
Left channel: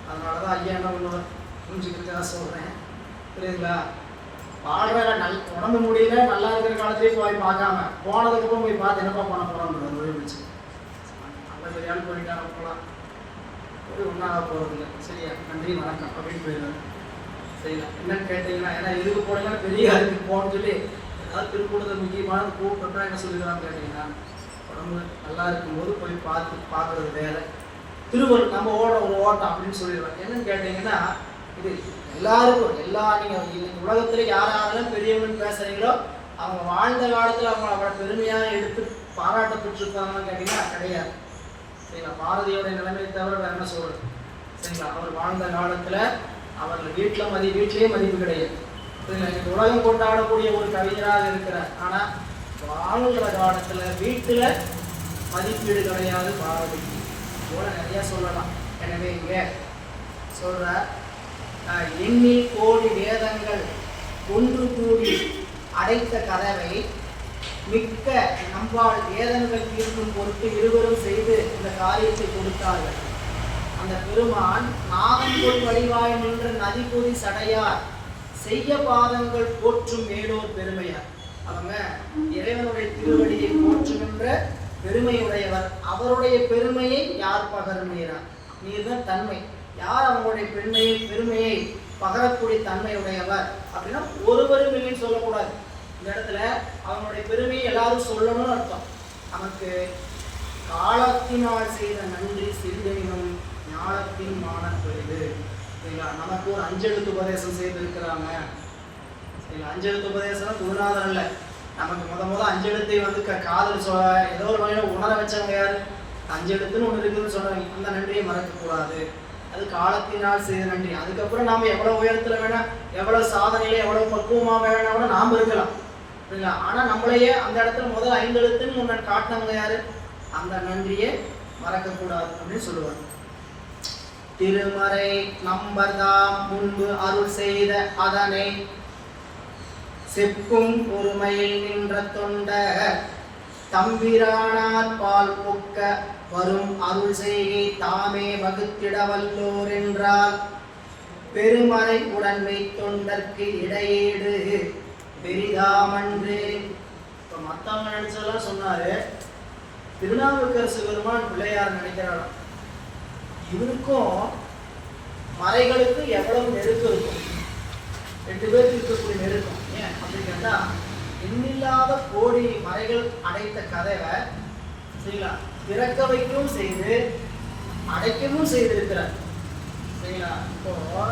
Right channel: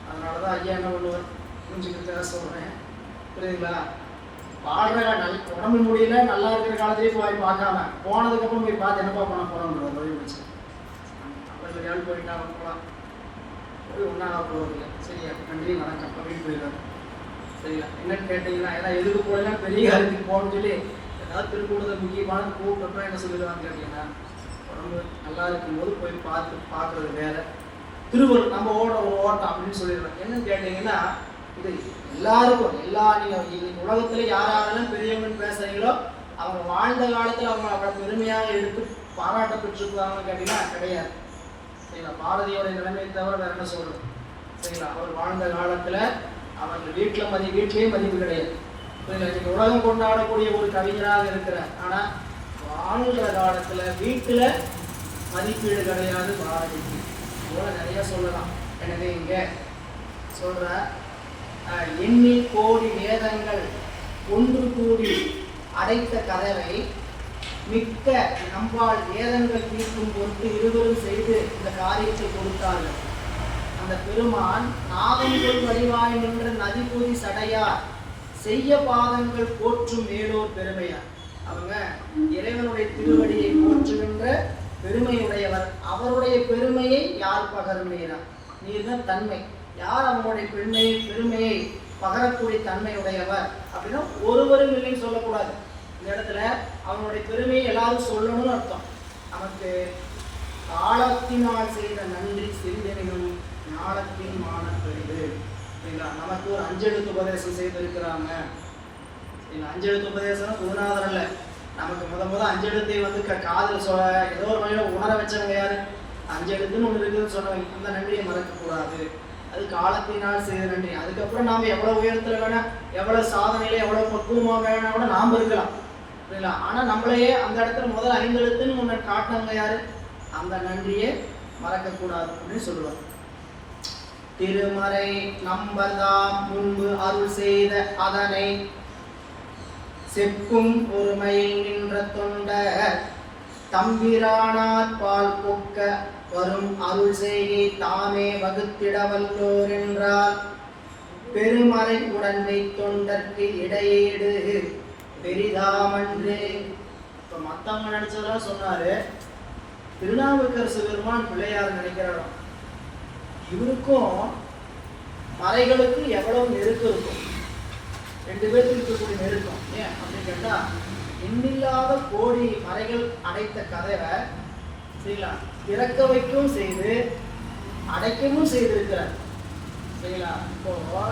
அதனாலதான் ஐயா என்ன பண்ணுவார், புரிஞ்சுக்கிறதுக்காக சொல்றேன். புரியுதுங்களா? வாழ்ற உடம்பு முடியல, நல்லா இருக்கிற காலத்திலேயே போய் பார்க்காம போனதுக்கு அப்புறம் போய் பார்த்து என்னப்பா பண்ண போறோம் வச்சு அல்லது வேலை போயிட்டாங்க போகலாம், போய் ஒன்றாக போறது இல்லை. சரியா? நன்றி வணக்கம் அப்படின்னு போயிடுவார். சரிங்களா? என்னன்னு கேட்டீங்கன்னா, ஏன்னா எதுக்கு போனீங்கன்னா பெரிய அருமைக்கு போகணும்னு சொல்லி ஏதாவது திருக்கூடத்தில் முக்கியமான கூப்பிட்டோம்னா என்ன சொல்லிடுவான்னு கேட்டீங்கன்னா, உடம்பு நல்லா இருக்கும்போது போய் பார்க்கறது வேற. திருவள்ளுவர் நம்ம ஓட்டம் அப்படின்னு சொல்லிடுவாங்க. என்னன்னு கேட்டீங்கன்னா, இது எல்லாருக்கும் நீங்கள் இன்னைக்கு உலகத்துல யாரெல்லாம் பெரியவங்கன்னு பேசுறீங்களோ அவங்க வாழ்ந்த காலத்துல அவங்க அவங்கள பெருமையா எடுத்து பாராட்ட பெற்றிருக்காங்கன்னு கேட்டீங்கன்னா கிடையாது. சரிங்களா? பாரதியோடைய நிலைமை தவிர வேற என்ன சொல்றது? சரிங்களா? அவர் வாழ்ந்த காலத்துல அவர்கள் வீட்டிலேயே மதிப்பு கிடையாது. இன்னைக்கு உலகம் கொண்டாடக்கூடிய ஒரு கவிஞராக இருக்கிறார். ஆனா வாழ்கிற காலத்துல வீட்டுல மதிப்பீடு கிடையாது பாரதிக்கு. இதோட நிறைய சொல்லலாம். எனவே இங்க சொல்ற எண்ணில் கோடி வேதங்கள் ஒன்று கூடி அடைத்த கதவை மிக்க நம்பால் வேதங்கள் தீர்க்கும் பொருட்டு இருவரும் செய்து இந்த காரியத்தை கொடுத்தார்கள். அந்த பெருமான் நாதங்கள் வடிவாய் நின்ற நதிபொதி சடையார் செய்ய பாதங்கள் போற்றும் மேலோர் பெருமையார். அவங்க இறைவனுடைய திருவடியை போற்றுகின்ற பெருமையுடையவர். அவருடைய பெருமையை யார் பகர்கிறார்? நீர்தான் தன்மை. யார் அவங்களுடைய பெருமையை பகரக்கூடிய தன்மையுடையவர் அப்படின்னா ஒருவரும் இல்லைன்னு சொல்லக்கூடாது. இந்த இடத்துல அவங்களுடைய பெருமையை எல்லாரும் சொல்லணும்னு அர்த்தம். நமக்கு காலத்தினால் செய்த நன்றி சிறிதெனினும் ஞானத்தின் மானப்பெரிது. சரிங்களா? நமக்கு ஒரு அஞ்செழுத்து உபதேசம் செய்திருக்கிறாங்க. சரிங்களா? அஞ்செழுத்து உபதேசம் குருநாதர் அல்ல, நமக்கு முத அஞ்செழுத்தை வந்து காதல் சொல்ல ஏதோ ஒரு வகையில உணர வச்சவங்க யாரு? அஞ்செழுத்துன்னு ஒன்று இருக்குதுன்னு சொன்னாங்க. அந்த நன்றியை மறக்கக்கூடாது. அது காலத்தினால் செய்த நன்றி. அதுக்கப்புறம் நாம எவ்வளவு உயரத்துல வேணா, எவ்வளவு சாதனையில, எவ்வளவு பக்குவமா வேணா கூட நாம இருக்கலாம். சரிங்களா? ஆனா நம்மளையே அந்த இடத்துல முதல் 5 எழுத்துன்னு முன்ன காட்டினவங்க யாரு? அந்த நன்றியை மறக்கக்கூடாது அப்படின்னு சொல்லுவாங்க. திருமறை நம்பர்தாம் முன்பு அருள் செய்த அதனை செப்பும் ஒருமையில் நின்ற தொண்டர் தம்பிரானார் பால் பொக்க வரும் அருள் செய்கை தாமே வகுத்திட வல்லோர் என்றால் பெருமறை உடன்மை தொண்டர்க்கு இடையீடு பெரிதாமன்று. இப்போ மற்றவங்க நினைச்சதெல்லாம் சொன்னாரு. திருநாவுக்கரசு பெருமான் பிள்ளையார் நினைக்கிறாராம். இவருக்கும் மறைகளுக்கு எவ்வளவு நெருக்கம் இருக்கும்? 2 பேருக்கு இருக்கக்கூடிய நெருக்கம். ஏன் அப்படின்னு கேட்டா, எண்ணில்லாத கோடி மறைகள் அடைத்த கதவை சரிங்களா திறக்க வைக்கவும் செய்து அடைக்கவும் செய்திருக்கிறார். சரிங்களா? இப்போ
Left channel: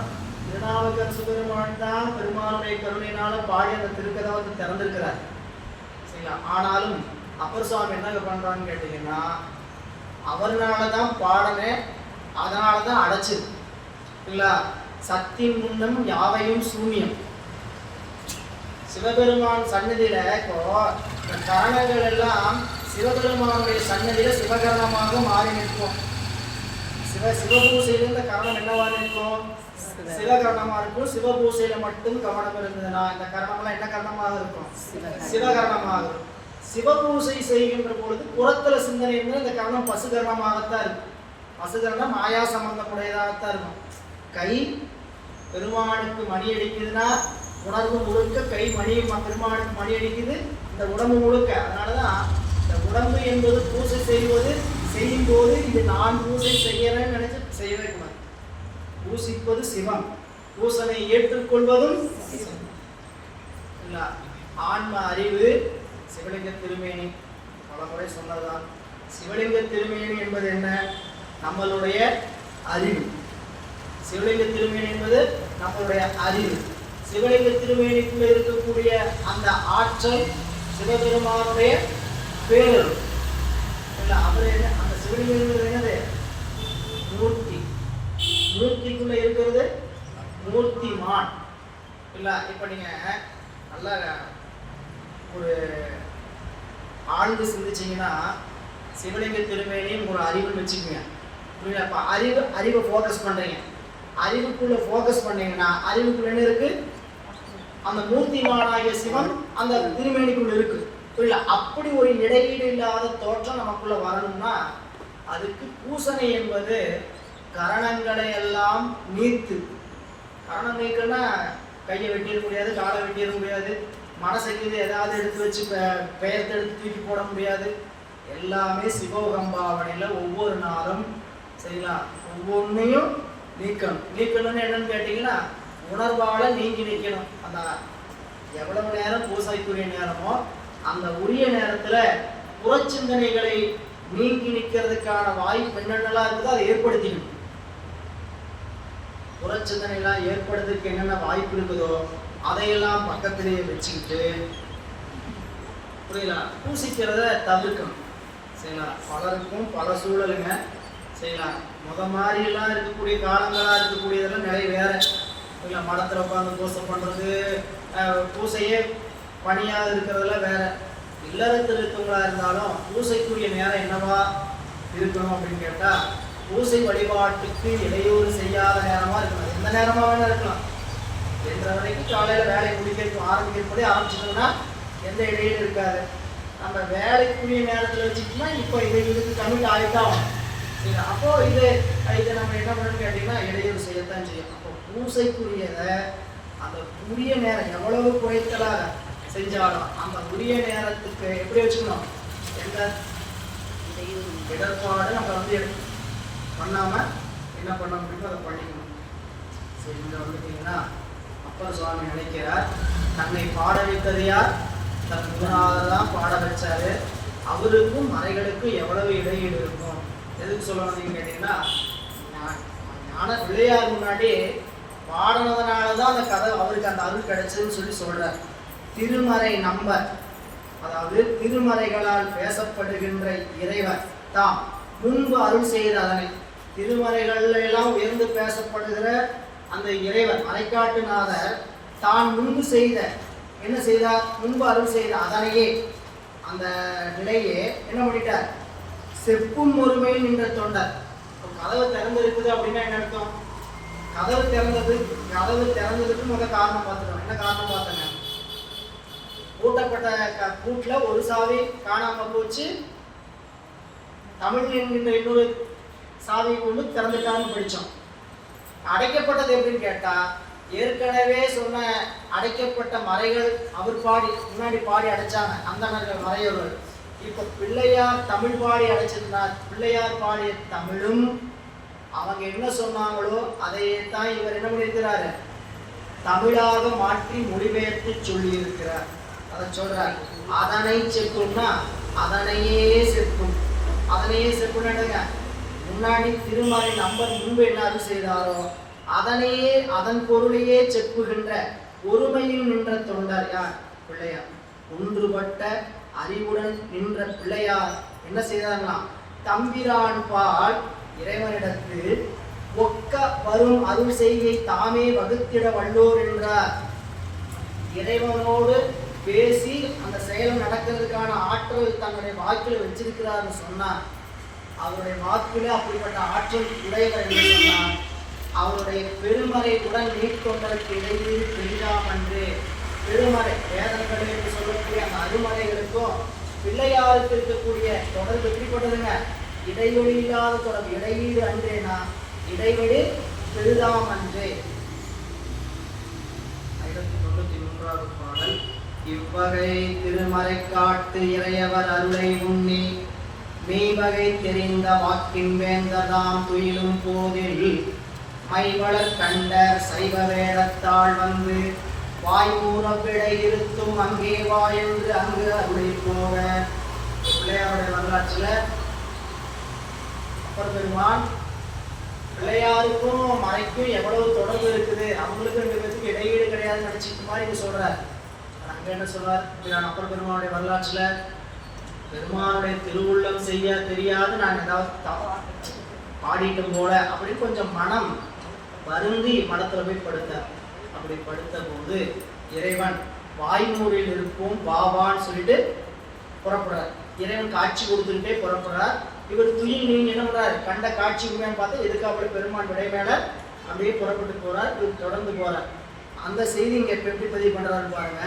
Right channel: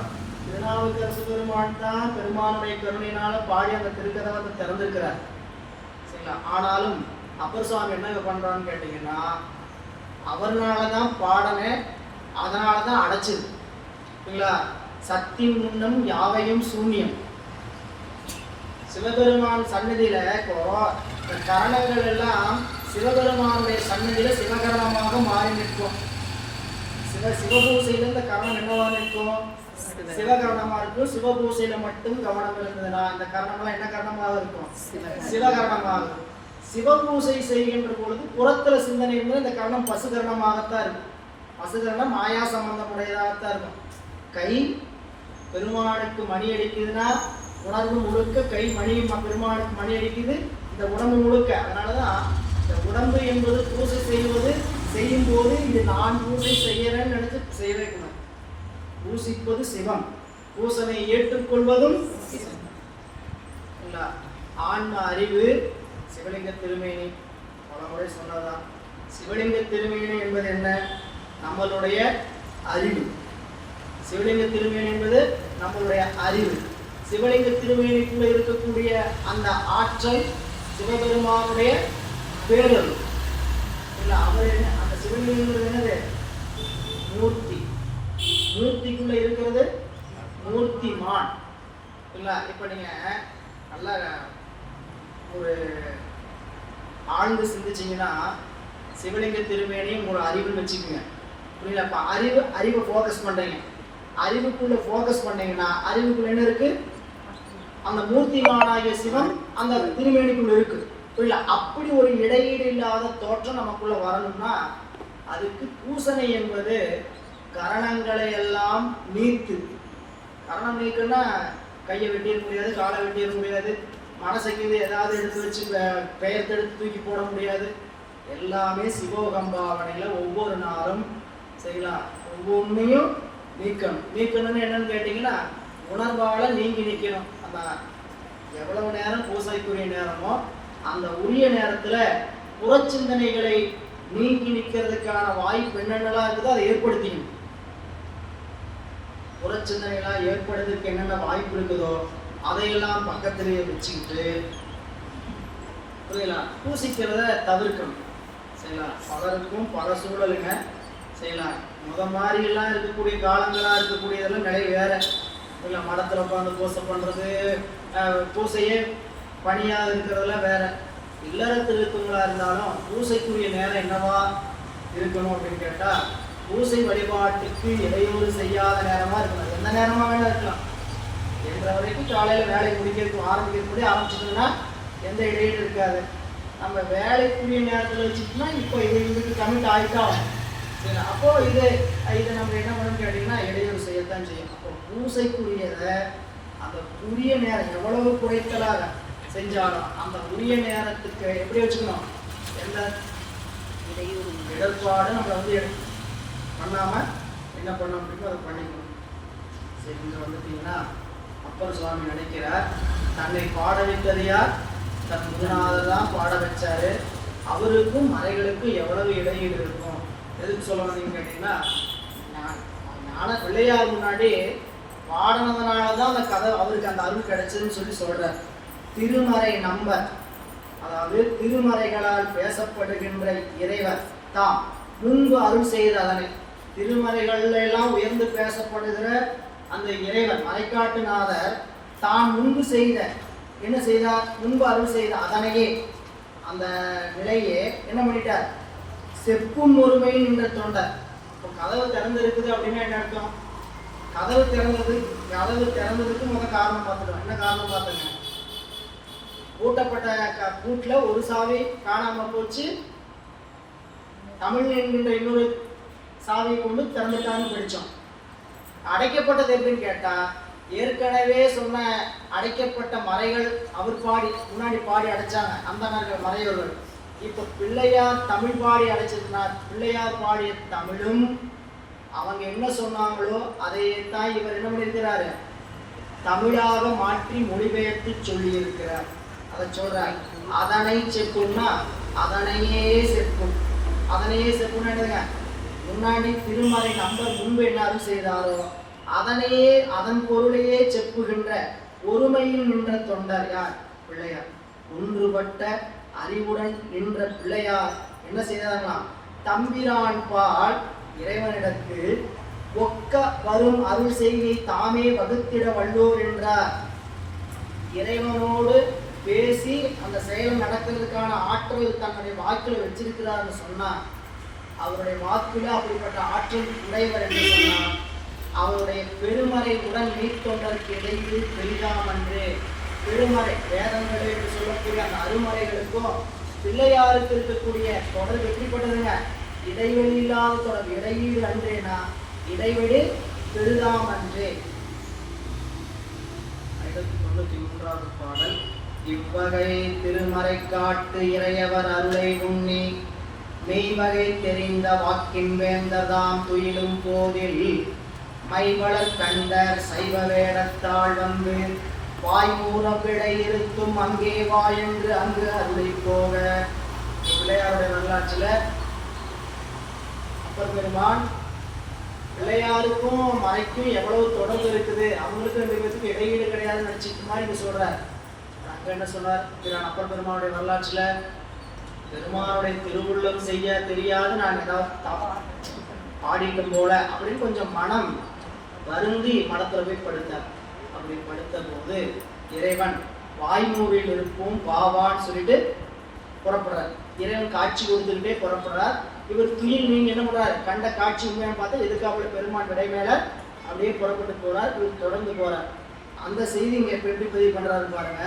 திருநாவுக்கரசு பெருமான் தான் பெருமானுடைய கருணையினால பாடி அந்த திருக்கதவை திறந்திருக்கிறார். சரிங்களா? ஆனாலும் அப்பர் சுவாமி என்ன பண்றான்னு கேட்டீங்கன்னா, அவர்னாலதான் பாடனே, அதனாலதான் அடைச்சது. சரிங்களா? சத்தின் முன்னம் யாவையும் சூன்யம். சிவபெருமான் சன்னதியில இப்போ கரணங்கள் எல்லாம் சிவபெருமானுடைய சன்னதியில சிவகரணமாக மாறி நிற்கும். சிவபூசையில இந்த கரணம் என்னவா இருக்கும்? சிவகரணமா இருக்கும். சிவபூசையில மட்டும் கவனம் இருந்ததுன்னா இந்த கரணம்லாம் என்ன கரணமாக இருக்கும்? சிவகரணமாக இருக்கும். சிவபூசை செய்கின்ற பொழுது புறத்துல சிந்தனை இருந்தால் இந்த கரணம் பசுகரணமாகத்தான் இருக்கும். பசுகரணம் மாயா சம்பந்தமுடையதாகத்தான் இருக்கும். கை பெருமானுக்கு மணி அடிக்குதுன்னா உணர்வு முழுக்க கை மணி பெருமானுக்கு மணி அடிக்குது, இந்த உடம்பு முழுக்க. அதனாலதான் இந்த உடம்பு என்பது பூசை செய்யும் போது இது நான் பூசை செய்யறேன்னு நினைச்சு செய்யவே கூடாது. பூசிப்பது சிவம், பூசனை ஏற்றுக்கொள்வதும் இல்ல. ஆன்ம அறிவு சிவலிங்க திருமேனி பல முறை சொன்னதான். சிவலிங்க திருமேனி என்பது என்ன? நம்மளுடைய அறிவு. சிவலிங்க திருமேனி என்பது நம்மளுடைய அறிவு. சிவலிங்க திருமேனிக்குள்ள இருக்கக்கூடிய அந்த ஆற்றல் சிவபெருமானுடைய பேரல் இல்ல. அவர் என்ன? அந்த சிவலிங்கம் என்னது? மூர்த்தி. மூர்த்திக்குள்ள இருக்கிறது மூர்த்திமான் இல்ல. இப்ப நீங்க நல்லா ஒரு ஆழ்ந்து சிந்திச்சீங்கன்னா சிவலிங்க திருமேனி உங்களோட அறிவுன்னு வச்சுக்கோங்க. புரியல? இப்ப அறிவை ஃபோக்கஸ் பண்றீங்க. அறிவுக்குள்ள ஃபோக்கஸ் பண்ணீங்கன்னா அறிவுக்குள்ள என்ன இருக்கு? அந்த மூர்த்திமானாகிய சிவம் அந்த திருமேனிக்குள்ள இருக்கு. புரியல? அப்படி ஒரு இடையீடு இல்லாத தோற்றம் நமக்குள்ள வரணும்னா அதுக்கு பூசனை என்பது கரணங்களை எல்லாம் நீத்து. கரணம் நீக்கணும்னா கையை வெட்டிட முடியாது, காலை வெட்டிட முடியாது, மனசைக்கு ஏதாவது எடுத்து வச்சு பெயர்த்து எடுத்து தூக்கி போட முடியாது. எல்லாமே சிவகம்பாவனையில் ஒவ்வொரு நாளும் செய்யலாம். ஒவ்வொன்றையும் நீக்கணும்னு என்னன்னு கேட்டிங்கன்னா உணர்வால் நீங்கி நிற்கணும். அந்த எவ்வளவு நேரம் பூசைக்குரிய நேரமோ அந்த உரிய நேரத்தில் புறச்சிந்தனைகளை நீங்கி நிற்கிறதுக்கான வாய்ப்பு என்னென்னலாம் இருக்குதோ அதை ஏற்படுத்திக்கணும். புறச்சிந்தனைகளாக ஏற்படுறதுக்கு என்னென்ன வாய்ப்பு இருக்குதோ அதையெல்லாம் பக்கத்திலேயே வச்சுக்கிட்டு புரியல பூசிக்கிறத தவிர்க்கணும். செய்யலாம். பலருக்கும் பல சூழலுங்க செய்யலாம். மாதிரிலாம் இருக்கக்கூடிய காலங்களாக இருக்கக்கூடியதெல்லாம் நிறைய வேற இல்லை. மடத்தில் உட்காந்து பூசை பண்ணுறது, பூசையே பணியாக இருக்கிறதெல்லாம் வேற. இல்லறத்தில் இருக்கவங்களா இருந்தாலும் பூசைக்குரிய நேரம் என்னவா இருக்கணும் அப்படின்னு கேட்டால் பூசை வழிபாட்டுக்கு இடையூறு செய்யாத நேரமாக இருக்கணும். எந்த நேரமாக வேணா இருக்கலாம். என்ற வரைக்கும் காலையில் வேலை ஆரம்பிக்கிறபடி ஆரம்பிச்சிட்டோம்னா எந்த இடையூறு இருக்காது. நம்ம வேலைக்குரிய நேரத்தில் வச்சுட்டோம்னா இப்போ இதுக்கு கமிட் ஆகிட்டோம் சரி. அப்போ இது நம்ம என்ன பண்ணணும்னு கேட்டிங்கன்னா இடையூறு செய்யத்தான் செய்யும். அப்போ பூசைக்குரியதை அந்த உரிய நேரம் எவ்வளவு குறைத்தலாக செஞ்சாலும் அந்த உரிய நேரத்துக்கு எப்படி வச்சுக்கணும்? எந்த இடர்பாடு நம்ம பண்ணாம என்ன பண்ண முடியுமோ அதை பண்ணிக்கணும். சரி, இங்க வந்துட்டீங்கன்னா அப்பர் சுவாமி நினைக்கிறார், தன்னை பாட வைத்தது யார்? தன் குருநாதர் தான் பாட வச்சாரு. அவருக்கும் மறைகளுக்கும் எவ்வளவு இடையீடு இருக்கும்? எதுக்கு சொல்ல வந்தீங்கன்னு கேட்டீங்கன்னா ஞான பிள்ளையார் முன்னாடி பாடினதுனாலதான் அந்த கதை அவருக்கு அந்த அருள் கிடைச்சதுன்னு சொல்றார். திருமறை நம்பர், அதாவது திருமறைகளால் பேசப்படுகின்ற இறைவர் தாம் முன்பு அருள் செய்த அதனை. திருமறைகள் எல்லாம் உயர்ந்து பேசப்படுகிற அந்த இறைவர் மறைக்காட்டுநாதர் தான் முன்பு செய்த என்ன செய்தார்? முன்பு அருள் செய்த அதனையே அந்த நிலையே என்ன பண்ணிட்டார்? செப்பும் ஒருமை நின்ற தொண்டர். கதவு திறந்திருக்குது அப்படின்னா என்ன அர்த்தம்? கதவு திறந்ததுக்கு முதல் காரணம் பார்த்துருவோம். என்ன காரணம் பார்த்துங்க? பூட்டப்பட்ட பூட்டில் ஒரு சாவி காணாம போச்சு, தமிழ் என்கின்ற இன்னொரு சாவியை கொண்டு திறந்துட்டான்னு படித்தோம். அடைக்கப்பட்டது எப்படின்னு கேட்டா ஏற்கனவே சொன்ன அடைக்கப்பட்ட மறைகள் அவர் முன்னாடி பாடி அடைச்சாங்க அந்த மறையவர்கள். இப்ப பிள்ளையார் தமிழ் பாடி அடைச்சிருந்தார். பிள்ளையார் பாடிய தமிழும் அவங்க என்ன சொன்னாங்களோ அதையே தான் இவர் என்ன பண்ணியிருக்கிறாரு? தமிழாக மாற்றி மொழிபெயர்த்து சொல்லி இருக்கிறார். அதை சொல்றார். அதனை செப்புன்னா அதனையே செப்பும். அதனையே செப்புன்னு எடுங்க. முன்னாடி திருமறை நம்பர் முன்பு என்ன அருள் செய்தாரோ அதனையே அதன் பொருளையே செப்புகின்ற ஒருமையில் நின்ற தொண்டர் யார்? பிள்ளையார். ஒன்றுபட்ட அறிவுடன் நின்ற பிள்ளையார் என்ன செய்தார்களாம்? தம்பிரான் பால் இறைவனிடத்து ஒக்க வரும் அருள் செய்கை தாமே வகுத்திட வல்லோர் என்றார். இறைவனோடு பேசி அந்த செயல் நடக்கிறதுக்கான ஆற்றல் தன்னுடைய வாக்கில் வச்சிருக்கிறார்னு சொன்னார். அவருடைய வாக்கில் அப்படிப்பட்ட ஆற்றல் உடையவர் என்று சொன்னார். அவருடைய பெருமறை உடல் நீக்கொண்டதற்கு இடையில் தெரியாமன்று. பெருமறை வேதங்கள் என்று சொல்லக்கூடிய அந்த அருமறைகளுக்கும் பிள்ளையாருக்கு இருக்கக்கூடிய தொடர்பு எப்படிப்பட்டதுங்க? இடைவெளி இல்லாத தொடர்பு. இடையீடு அன்றேனா இடைவெளி பெரிதாம் அன்றே. 93வது பாடல். இவ்வகை திருமறை காட்டு இறையவர் அருளை உண்ணி மெய்வகை தெரிந்த வாக்கின் வேந்ததாம் துயிலும் போதில் மைவளர் கண்டர் சைவ வேடத்தாள் வந்து வாய்மூற விடை இருத்தும் அங்கே வாயென்று அங்கு அருளை போக. பிள்ளையாருடைய வரலாற்றில் அப்பர் பெருமான் பிள்ளையாருக்கும் மறைக்கும் எவ்வளவு தொடர்பு இருக்குது, அவங்களுக்கு 2 பேருக்கு இடையீடு கிடையாதுன்னு நினைச்சிட்டு மாதிரி இங்க சொல்றார். அங்க என்ன சொல்றார்? அப்பர் பெருமானுடைய வரலாற்றுல பெருமானுடைய திருவுள்ளம் செய்ய தெரியாது நான் ஏதாவது பாடிக்கும் போல அப்படின்னு கொஞ்சம் மனம் வருந்தி மனத்துல போய் படுத்தார். அப்படி படுத்த போது இறைவன் வாய்மூரில் இருக்கும் வாவான்னு சொல்லிட்டு புறப்படுறார். இறைவன் காட்சி கொடுத்துக்கிட்டே புறப்படுறார். இவர் துயில் நீங்க என்ன பண்றாரு? கண்ட காட்சி உண்மைன்னு பார்த்தா எதுக்காக பெருமான் விடை மேல அப்படியே புறப்பட்டு போறார். இவர் தொடர்ந்து போறார். அந்த செய்தி இங்க எப்படி பதிவு பண்றாரு பாருங்க.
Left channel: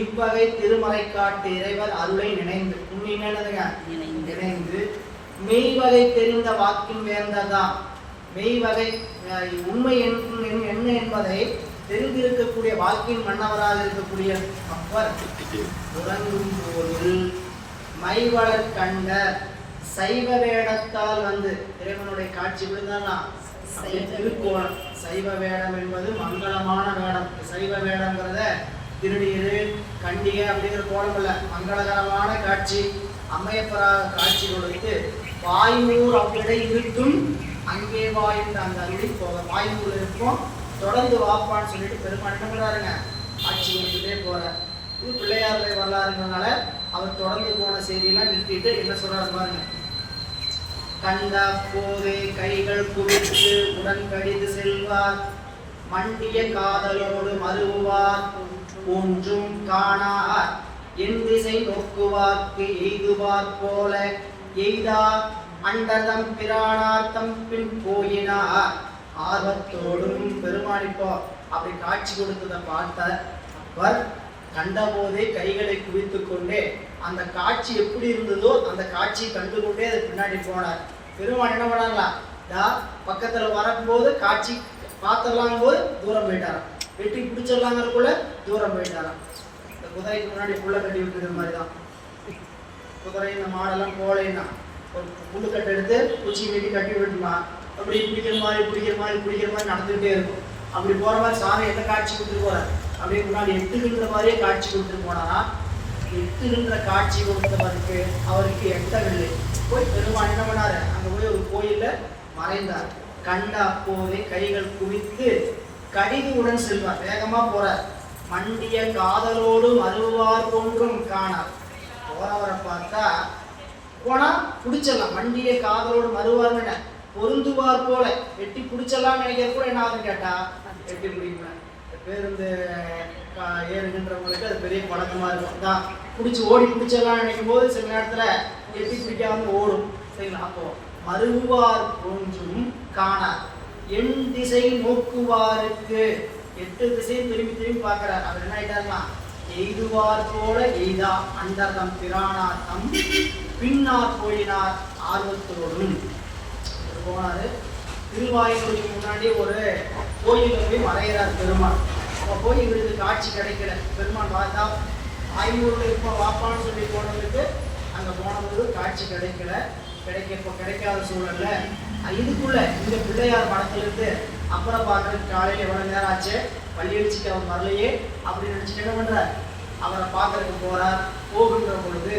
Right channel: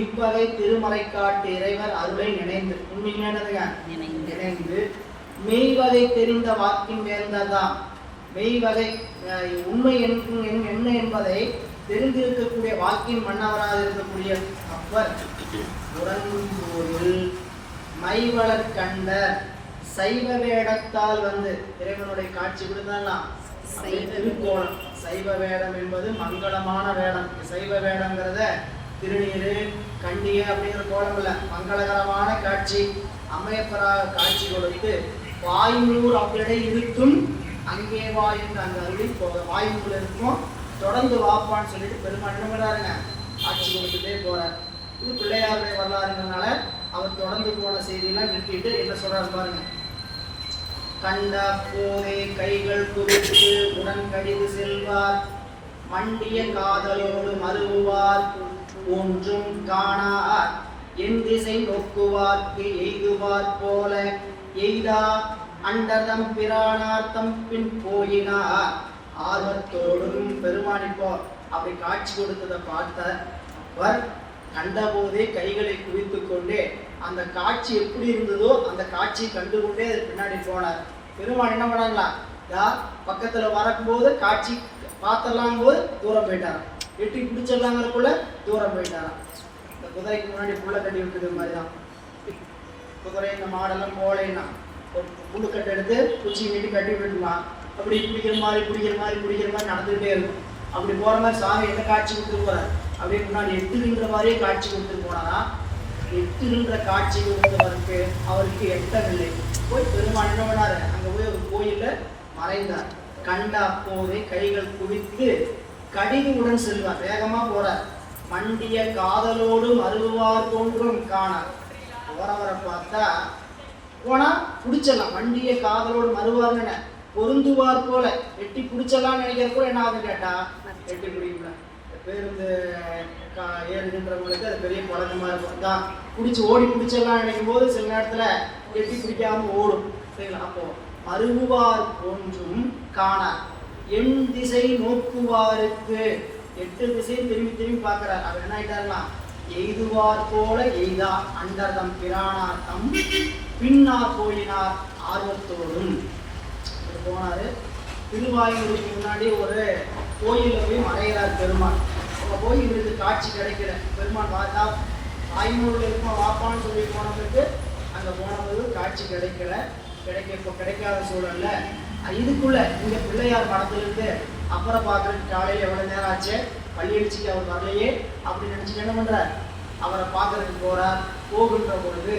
இவ்வகை திருமறை காட்டு இறைவர் அருளை நினைந்து நினைந்து மெய்வகை தெரிந்த வாக்கின் வேந்ததான். மெய்வகை உண்மை என்ன என்பதை தெரிந்திருக்கக்கூடிய வாக்கின் மன்னவராக இருக்கக்கூடிய அப்பர் உறங்கும் போது மைவளர் கண்ட சைவ வேடத்தால் வந்து இறைவனுடைய காட்சி விழுந்தானா திருக்கோணம். சைவ வேடம் என்பது மங்களமான வேடம். சைவ வேடம்ங்கிறத திருநீரு கண்டிகை அப்படிங்கிற கோலம் இல்ல, மங்களகரமான காட்சி அம்மையப்பராக காட்சி கொடுத்து வாய்மூர் அவர்களிடை இருக்கும் அங்கே வாயின் அந்த அருளி போக வாய்மூர் இருக்கும் தொடர்ந்து வாப்பான்னு சொல்லிட்டு பெருமான் என்னங்கிறாருங்க காட்சி கொடுத்துட்டே போறார். இது பிள்ளையாருடைய வரலாறுங்கிறதுனால அவர் தொடர்ந்து போன செய்தியெல்லாம் நிறுத்திட்டு என்ன சொல்றாரு பாருங்க. கண்ட போதை கைகள் குவித்து உடன் கடிது செல்வார் மண்டிய காதலோடு மருவுவார் ஒன்றும் காணார் என் திசை நோக்குவார்க்கு எய்துவார் போல எய்தா அண்டதம் பிரானார் தம் பின் போயினார். ஆர்வத்தோடும் பெருமானிப்போ அப்படி காட்சி கொடுத்ததை பார்த்த அவர் கண்டபோதே கைகளை குவித்து கொண்டே அந்த காட்சி எப்படி இருந்ததோ அந்த காட்சியை கண்டுகொண்டே அது பின்னாடி போனார். பெருமான் என்ன பண்ணாங்களா? பக்கத்துல வரும்போது காட்சி பார்த்துடலாம் போது தூரம் போயிட்டாராம். வெட்டி பிடிச்சிடலாங்கிறதுக்குள்ள தூரம் போயிட்டாராம். இந்த குதிரைக்கு முன்னாடி புள்ள கட்டி விட்டுறது மாதிரிதான். குதிரை இந்த மாடெல்லாம் போலேன்னா ஒரு புல்லுக்கட்டை எடுத்து குச்சி வீட்டு கட்டி விட்டுருவான். அப்படி பிடிக்கிற மாதிரி நடந்துகிட்டே இருக்கும். அப்படி போற மாதிரி சாமி எந்த காட்சி கொடுத்து போறார்? அப்படியே முன்னாடி எட்டுகின்ற மாதிரியே காட்சி கொடுத்துட்டு போனா எட்டுகின்ற காட்சி கொடுத்தவருக்கு அவருக்கு எட்டவில்லை. போய் பெருமான் என்ன பண்ணாரு? அங்க போய் ஒரு கோயில்ல மறைந்தார். கண்ட அப்போதே கைகள் குவித்து கடிது உடன் செல்வார். வேகமா போறார். மண்டிய காதலோடு மருவார் தோன்றும் காணார். போறவரை பார்த்தா போனா பிடிச்சிடலாம். மண்டிய காதலோடு மருவார்னு பொருந்துவார் போல வெட்டி பிடிச்சலாம் நினைக்கிறப்போ என்ன ஆகுதுன்னு கேட்டா வெட்டி பிடிக்கல. பேருந்து ஏறுகின்றவங்களுக்கு அது பெரிய பழக்கமா இருக்கும். தான் பிடிச்சி ஓடி பிடிச்சலாம் நினைக்கும் போது சில நேரத்துல எட்டி பிடிக்காம ஓடும். சரிங்களா? அப்போ மருவார் ஒன்றும் காணார் என் திசை நோக்குவாருக்கு 8 திசையும் திரும்பி பார்க்கிறார். அவர் என்ன ஆயிட்டாருன்னா எய்துவார் போல எய்தா அண்டர்தம் பிரானார் தம் பின்னார் போயினார் ஆர்வத்தோடும் போனாரு. திருவாயுக்கு முன்னாடி ஒரு கோயில போய் மறைகிறார் பெருமான். அப்போ போய் இவருக்கு காட்சி கிடைக்கல. பெருமான் பார்த்தா ஐநூறுல இருக்கும் வாப்பான்னு சொல்லி போனதுக்கு அங்க போனது காட்சி கிடைக்காத சூழல்ல இதுக்குள்ள இந்த பிள்ளையார் படத்துல இருந்து அப்புறம் பார்க்கறதுக்கு காலையில் எவ்வளவு நேரம் ஆச்சு, பள்ளி அடிச்சுட்டு அவர் வரலையே அப்படின்னு நினைச்சுட்டு என்ன பண்றார்? அவரை பார்க்கறதுக்கு போறார். போகின்ற பொழுது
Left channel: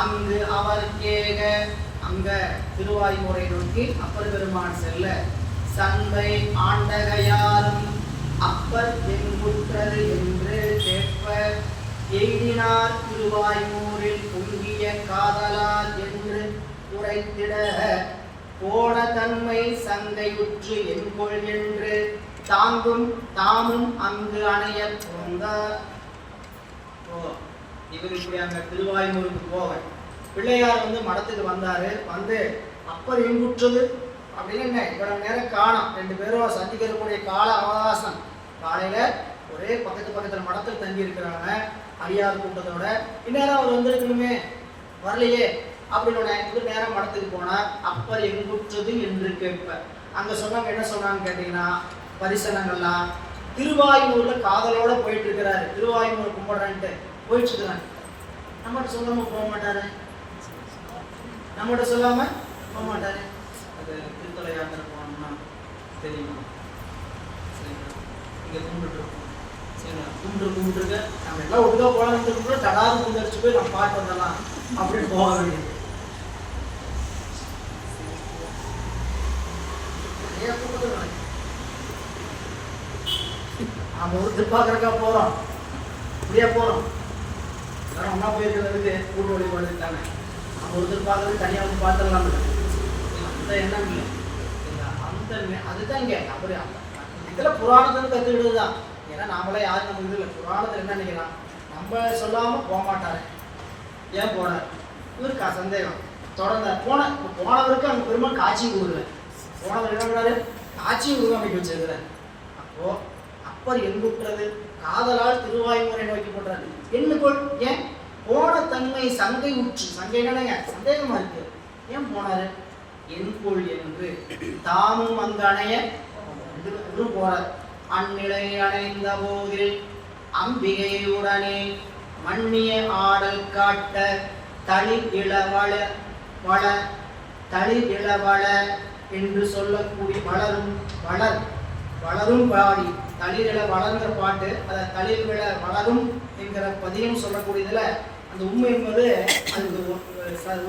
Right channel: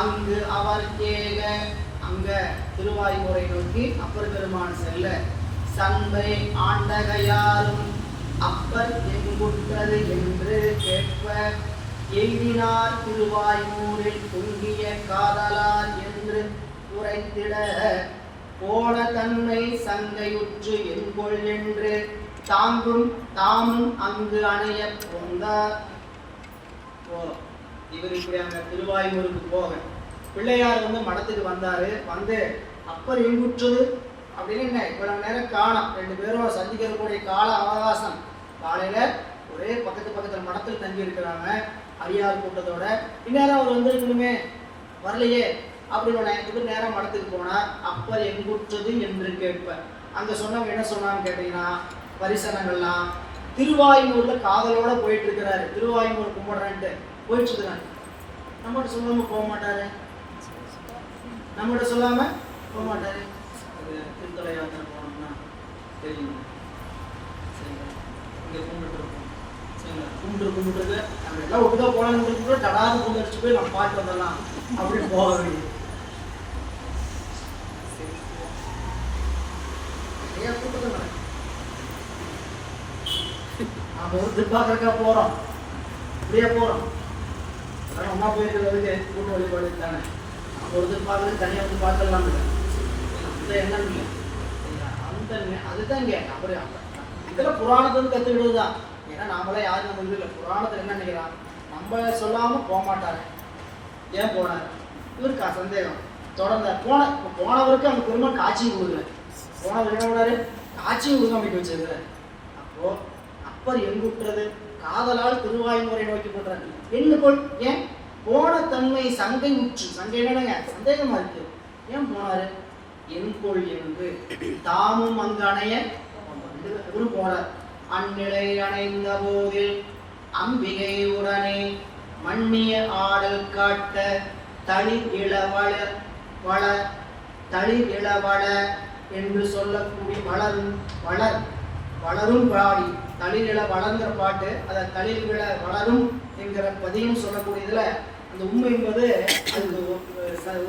அங்கு அவர் கேக அங்க திருவாயூரை நோக்கி அப்பர் பெருமான் செல்ல சந்தை ஆண்டகையாரும் அப்பர் எங்குற்றது என்று கேட்ப எய்தினார் திருவாயூரில் பொங்கிய காதலார் என்று உரைத்திட போன தன்மை சங்கையுற்று என்கொள் என்று தாமும் அங்கு அணைய போந்தார். இவர் இப்படி அங்க திருவாயூருக்கு போக பிள்ளையார் மடத்துக்கு வந்தாரு. வந்து அப்பர் எங்குற்றது அப்படின்னு என்ன இவ்வளவு நேரம் காணோம், 2 பேரும் சந்திக்கக்கூடிய கால அவகாசம். காலையில ஒரே பக்கத்துல மடத்தில் தங்கி இருக்கிறாங்க அடியார் கூட்டத்தோட. இந்நேரம் அவர் வந்திருக்கணுமே, வரலையே அப்படின்னு இவர் நேரம் மடத்துக்கு போனார். அப்பர் எங்குற்றது என்று கேட்ப. அங்க சொன்னாங்க, என்ன சொன்னான்னு கேட்டீங்கன்னா, பரிசனங்கள்லாம் திருவாயூர்ல காதலோட போயிட்டு இருக்கிறாரு. திருவாயூர் கும்பிடுறேன்ட்டு போயிட்டு இருக்கிறாங்க. நம்மகிட்ட சொல்லாம போக மாட்டாரு, நம்மகிட்ட சொல்லாம போக மாட்டாரு. அது திருத்தலையாக போனோம்னா தெரியுமா? சரிங்களா, இங்க கும்பிட்டு இருக்கோம். சரிங்களா, கும்பிட்டு நம்ம எல்லாம் ஒழுங்கா போகலான்னு தடாது கும்பிட்டு போய் நம்ம பாட்டு வந்துடலாம் அப்படின்னு போக வேண்டியது. நிறைய கூட்டத்தில் நம்ம ஒரு திருப்பாக்கறக்கா போறோம், இப்படியே போறோம். அம்மா போயிருக்கிறது கூட்டு வழிபாடு தானே. நம்ம ஒரு திருப்பாக்கிறது தனியாக வந்து பார்த்துடலாம். அந்த எண்ணம் இல்லை, அந்த அதுதான் இங்கே அவரு இதில் புராணத்துன்னு கற்றுக்கிட்டு தான். ஏன்னா நாமளே யாரும் நம்ம இது இல்லை. புராணத்தில் என்ன நினைக்கிறான், நம்ம சொல்லாமல் போக மாட்டாரு, ஏன் போனார் இவருக்கா சந்தேகம் தொடர்ந்தார். போனவருக்கு அவங்க பெருமாள் காட்சியும் கொடுக்கல. போனவர் என்ன பண்ணாரு, காட்சியும் கொடுக்க அமைக்க வச்சிருக்கிறார். அப்போ அப்பர் எங்குற்றது, காதலால் திருவாய்மூரை நோக்கி போட்டார். என்னுக்குள் ஏன் போன தன்மை சங்கை உற்று, சங்கை என்னங்க சந்தேகமா இருக்கு, ஏன் போனாரு, என்கொள் என்று தாமும் அங்கு அணைய போறார். அந்நிலை அணைந்த போதில் அம்பிகை உடனே மண்ணிய ஆடல் காட்ட தளிர் இளவள வள தளிர் இளவள என்று சொல்லக்கூடிய வளரும் பாடி தளிரில வளர்ந்த பாட்டு. அதை தளிர் விழ வளரும் என்கிற பதியம் சொல்லக்கூடியதுல அந்த உண்மை என்பது அது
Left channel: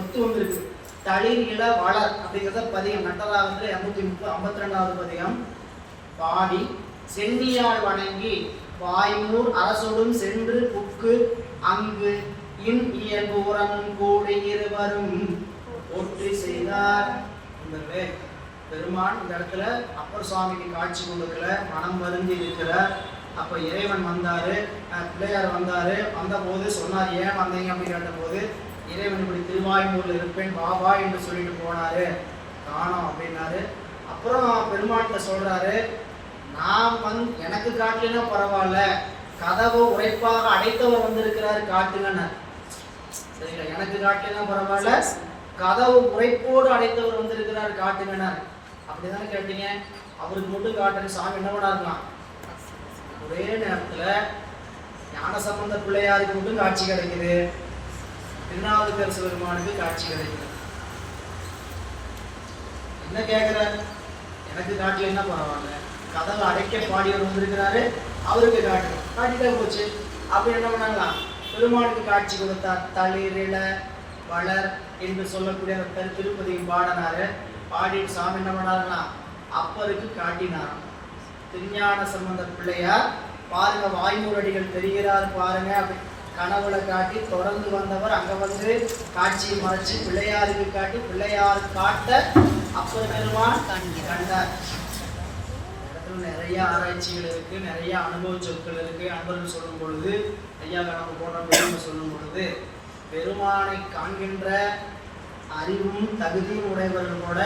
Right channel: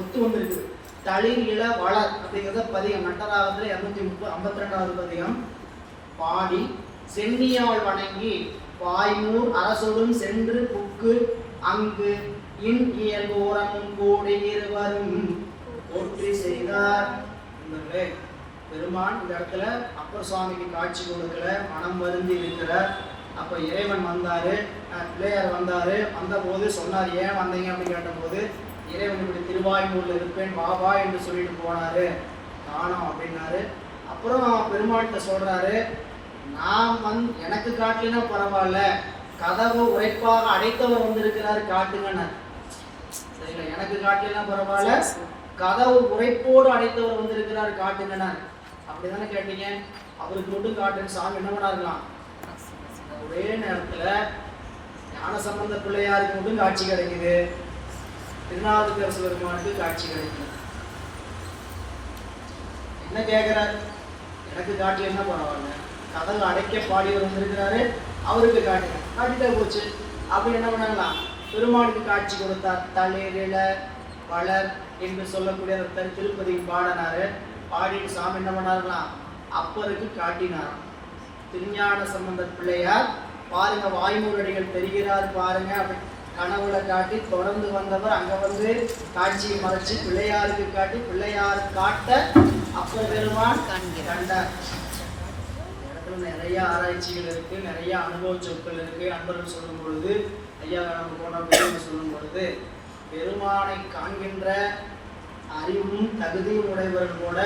ஒத்து வந்திருக்கு. தளிர் இள வளர் அப்படிங்கிறத பதியம் நட்டராகத்துல 252வது பதியம். பாடி சென்னியால் வணங்கி வாய்மூர் அரசோடும் சென்று புக்கு அங்கு இன் இயல்போரன் கூடி இருவரும் போற்றி செய்தார். பெருமான் இந்த இடத்துல அப்பர் சுவாமிக்கு காட்சி கொடுக்கல, மனம் வருந்தி இருக்கிறார். அப்ப இறைவன் வந்தாரு, பிள்ளையார் வந்தாரு. வந்த போது சொன்னார், ஏன் வந்தீங்க அப்படின்னு கேட்டபோது, இறைவன் இப்படி திருவாயூர்ல இருப்பேன் பாபா என்று சொல்லிட்டு போனாரு, காணோம் அப்படின்னாரு. அப்புறம் பெருமாள்கிட்ட சொல்றாரு, நான் எனக்கு காட்டலன்னா பரவாயில்ல, கதவு உரைப்பாக அடைத்தவர் வந்திருக்கிறாரு காட்டுங்கன்னு. சரிங்களா, எனக்கு காட்டலன்னா பரவாயில்ல, கதவு உரைப்போடு அடைத்தவர் வந்திருக்கிறார் காட்டுங்கன்னு. அப்படிதானே கேட்டீங்க. அவருக்கு மட்டும் காட்டுன்னு சாமி என்ன பண்ணாருலாம். ஒரே நேரத்துல ஞானசம்பந்த பிள்ளையாருக்கு மட்டும் காட்சி கிடைக்குது, திருநாவுக்கரசு பெருமானுக்கு காட்சி கிடைக்குது. என்ன கேட்கிறார், எனக்கு காட்டல என்ன பரவாயில்ல, கதவு அடைக்க பாடியவர் வந்திருக்கிறாரு, அவருக்கு காட்டிட்டா போச்சு. அப்படி என்ன பண்ணலாம், பெருமானுக்கு காட்சி கொடுத்தார். தளிரில வளர் என்று சொல்லக்கூடிய அந்த திருப்பதி பாடினாரு. பாடிட்டு சாமி என்ன பண்ணாருன்னா அப்பருக்கு காட்டினாராம். திருஞான சம்பந்த பிள்ளையார் பாருங்க, வாய்மூரடிகள் தெரிகிறார் பாருங்க, அப்படி கனவுல காட்டி தொடர்ந்து வந்தவர் அங்க வந்து காட்சியை மறைச்சு பிள்ளையாருக்கு காட்டி பிள்ளையார் காட்ட அப்ப பெருமான் கண்டார். நிறைய ஆராய்ச்சிகள் இருக்கு, நிறைய அனுபவ சொற்கள் இருக்கு. அன்பர்கள் சொல்லும் பொழுது, ஐயா கடவுள் போன சொல்லும் பொழுது, பெருமானை காண்கின்ற அறிவும் தகுதியும் உடையவர்கள் கூட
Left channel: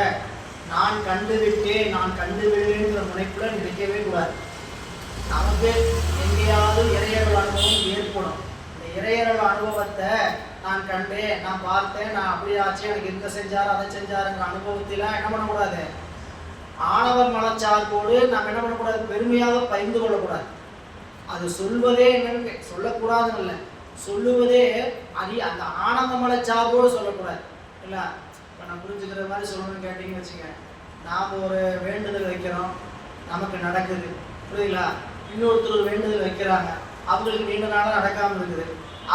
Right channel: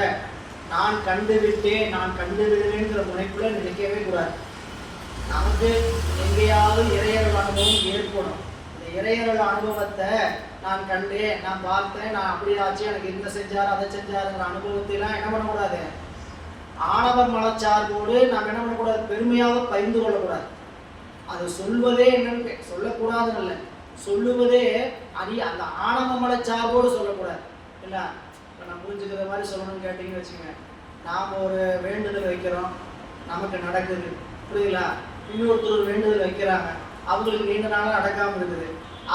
நான் கண்டுவிட்டேன், நான் கண்டு விடுவேன்ற முனைப்புல நினைக்கவே கூடாது. நமக்கு எங்கேயாவது இறையர்கள் அனுபவம் ஏற்படும். இந்த இறையர்கள் அனுபவத்தை நான் கண்டேன், நான் பார்த்தேன், நான் அப்படி ஆச்சு, எனக்கு இந்த செஞ்சார் அதை செஞ்சாருங்கிற அனுபவத்திலாம் என்ன பண்ணக்கூடாது, ஆணவர் மனச்சார்போடு நாம் என்ன பண்ணக்கூடாது, பெருமையாக பகிர்ந்து கொள்ளக்கூடாது. அது சொல்வதே என்னன்னு சொல்லக்கூடாதுன்னு இல்லை, சொல்லுவதே அந்த ஆணவ மனச்சார்போடு சொல்லக்கூடாது. இல்லை, இப்போ நான் புரிஞ்சுக்கிற மாதிரி சொல்லணும்னு கேட்டீங்கன்னு வச்சுங்க, நாம் ஒரு வேண்டுதல் வைக்கிறோம், நமக்கு நடக்குது, புரியுங்களா? இன்னொருத்தர் வேண்டுதல் வைக்கிறாங்க, அவங்களுக்கு நீண்ட நாளாக நடக்காமல் இருக்குது,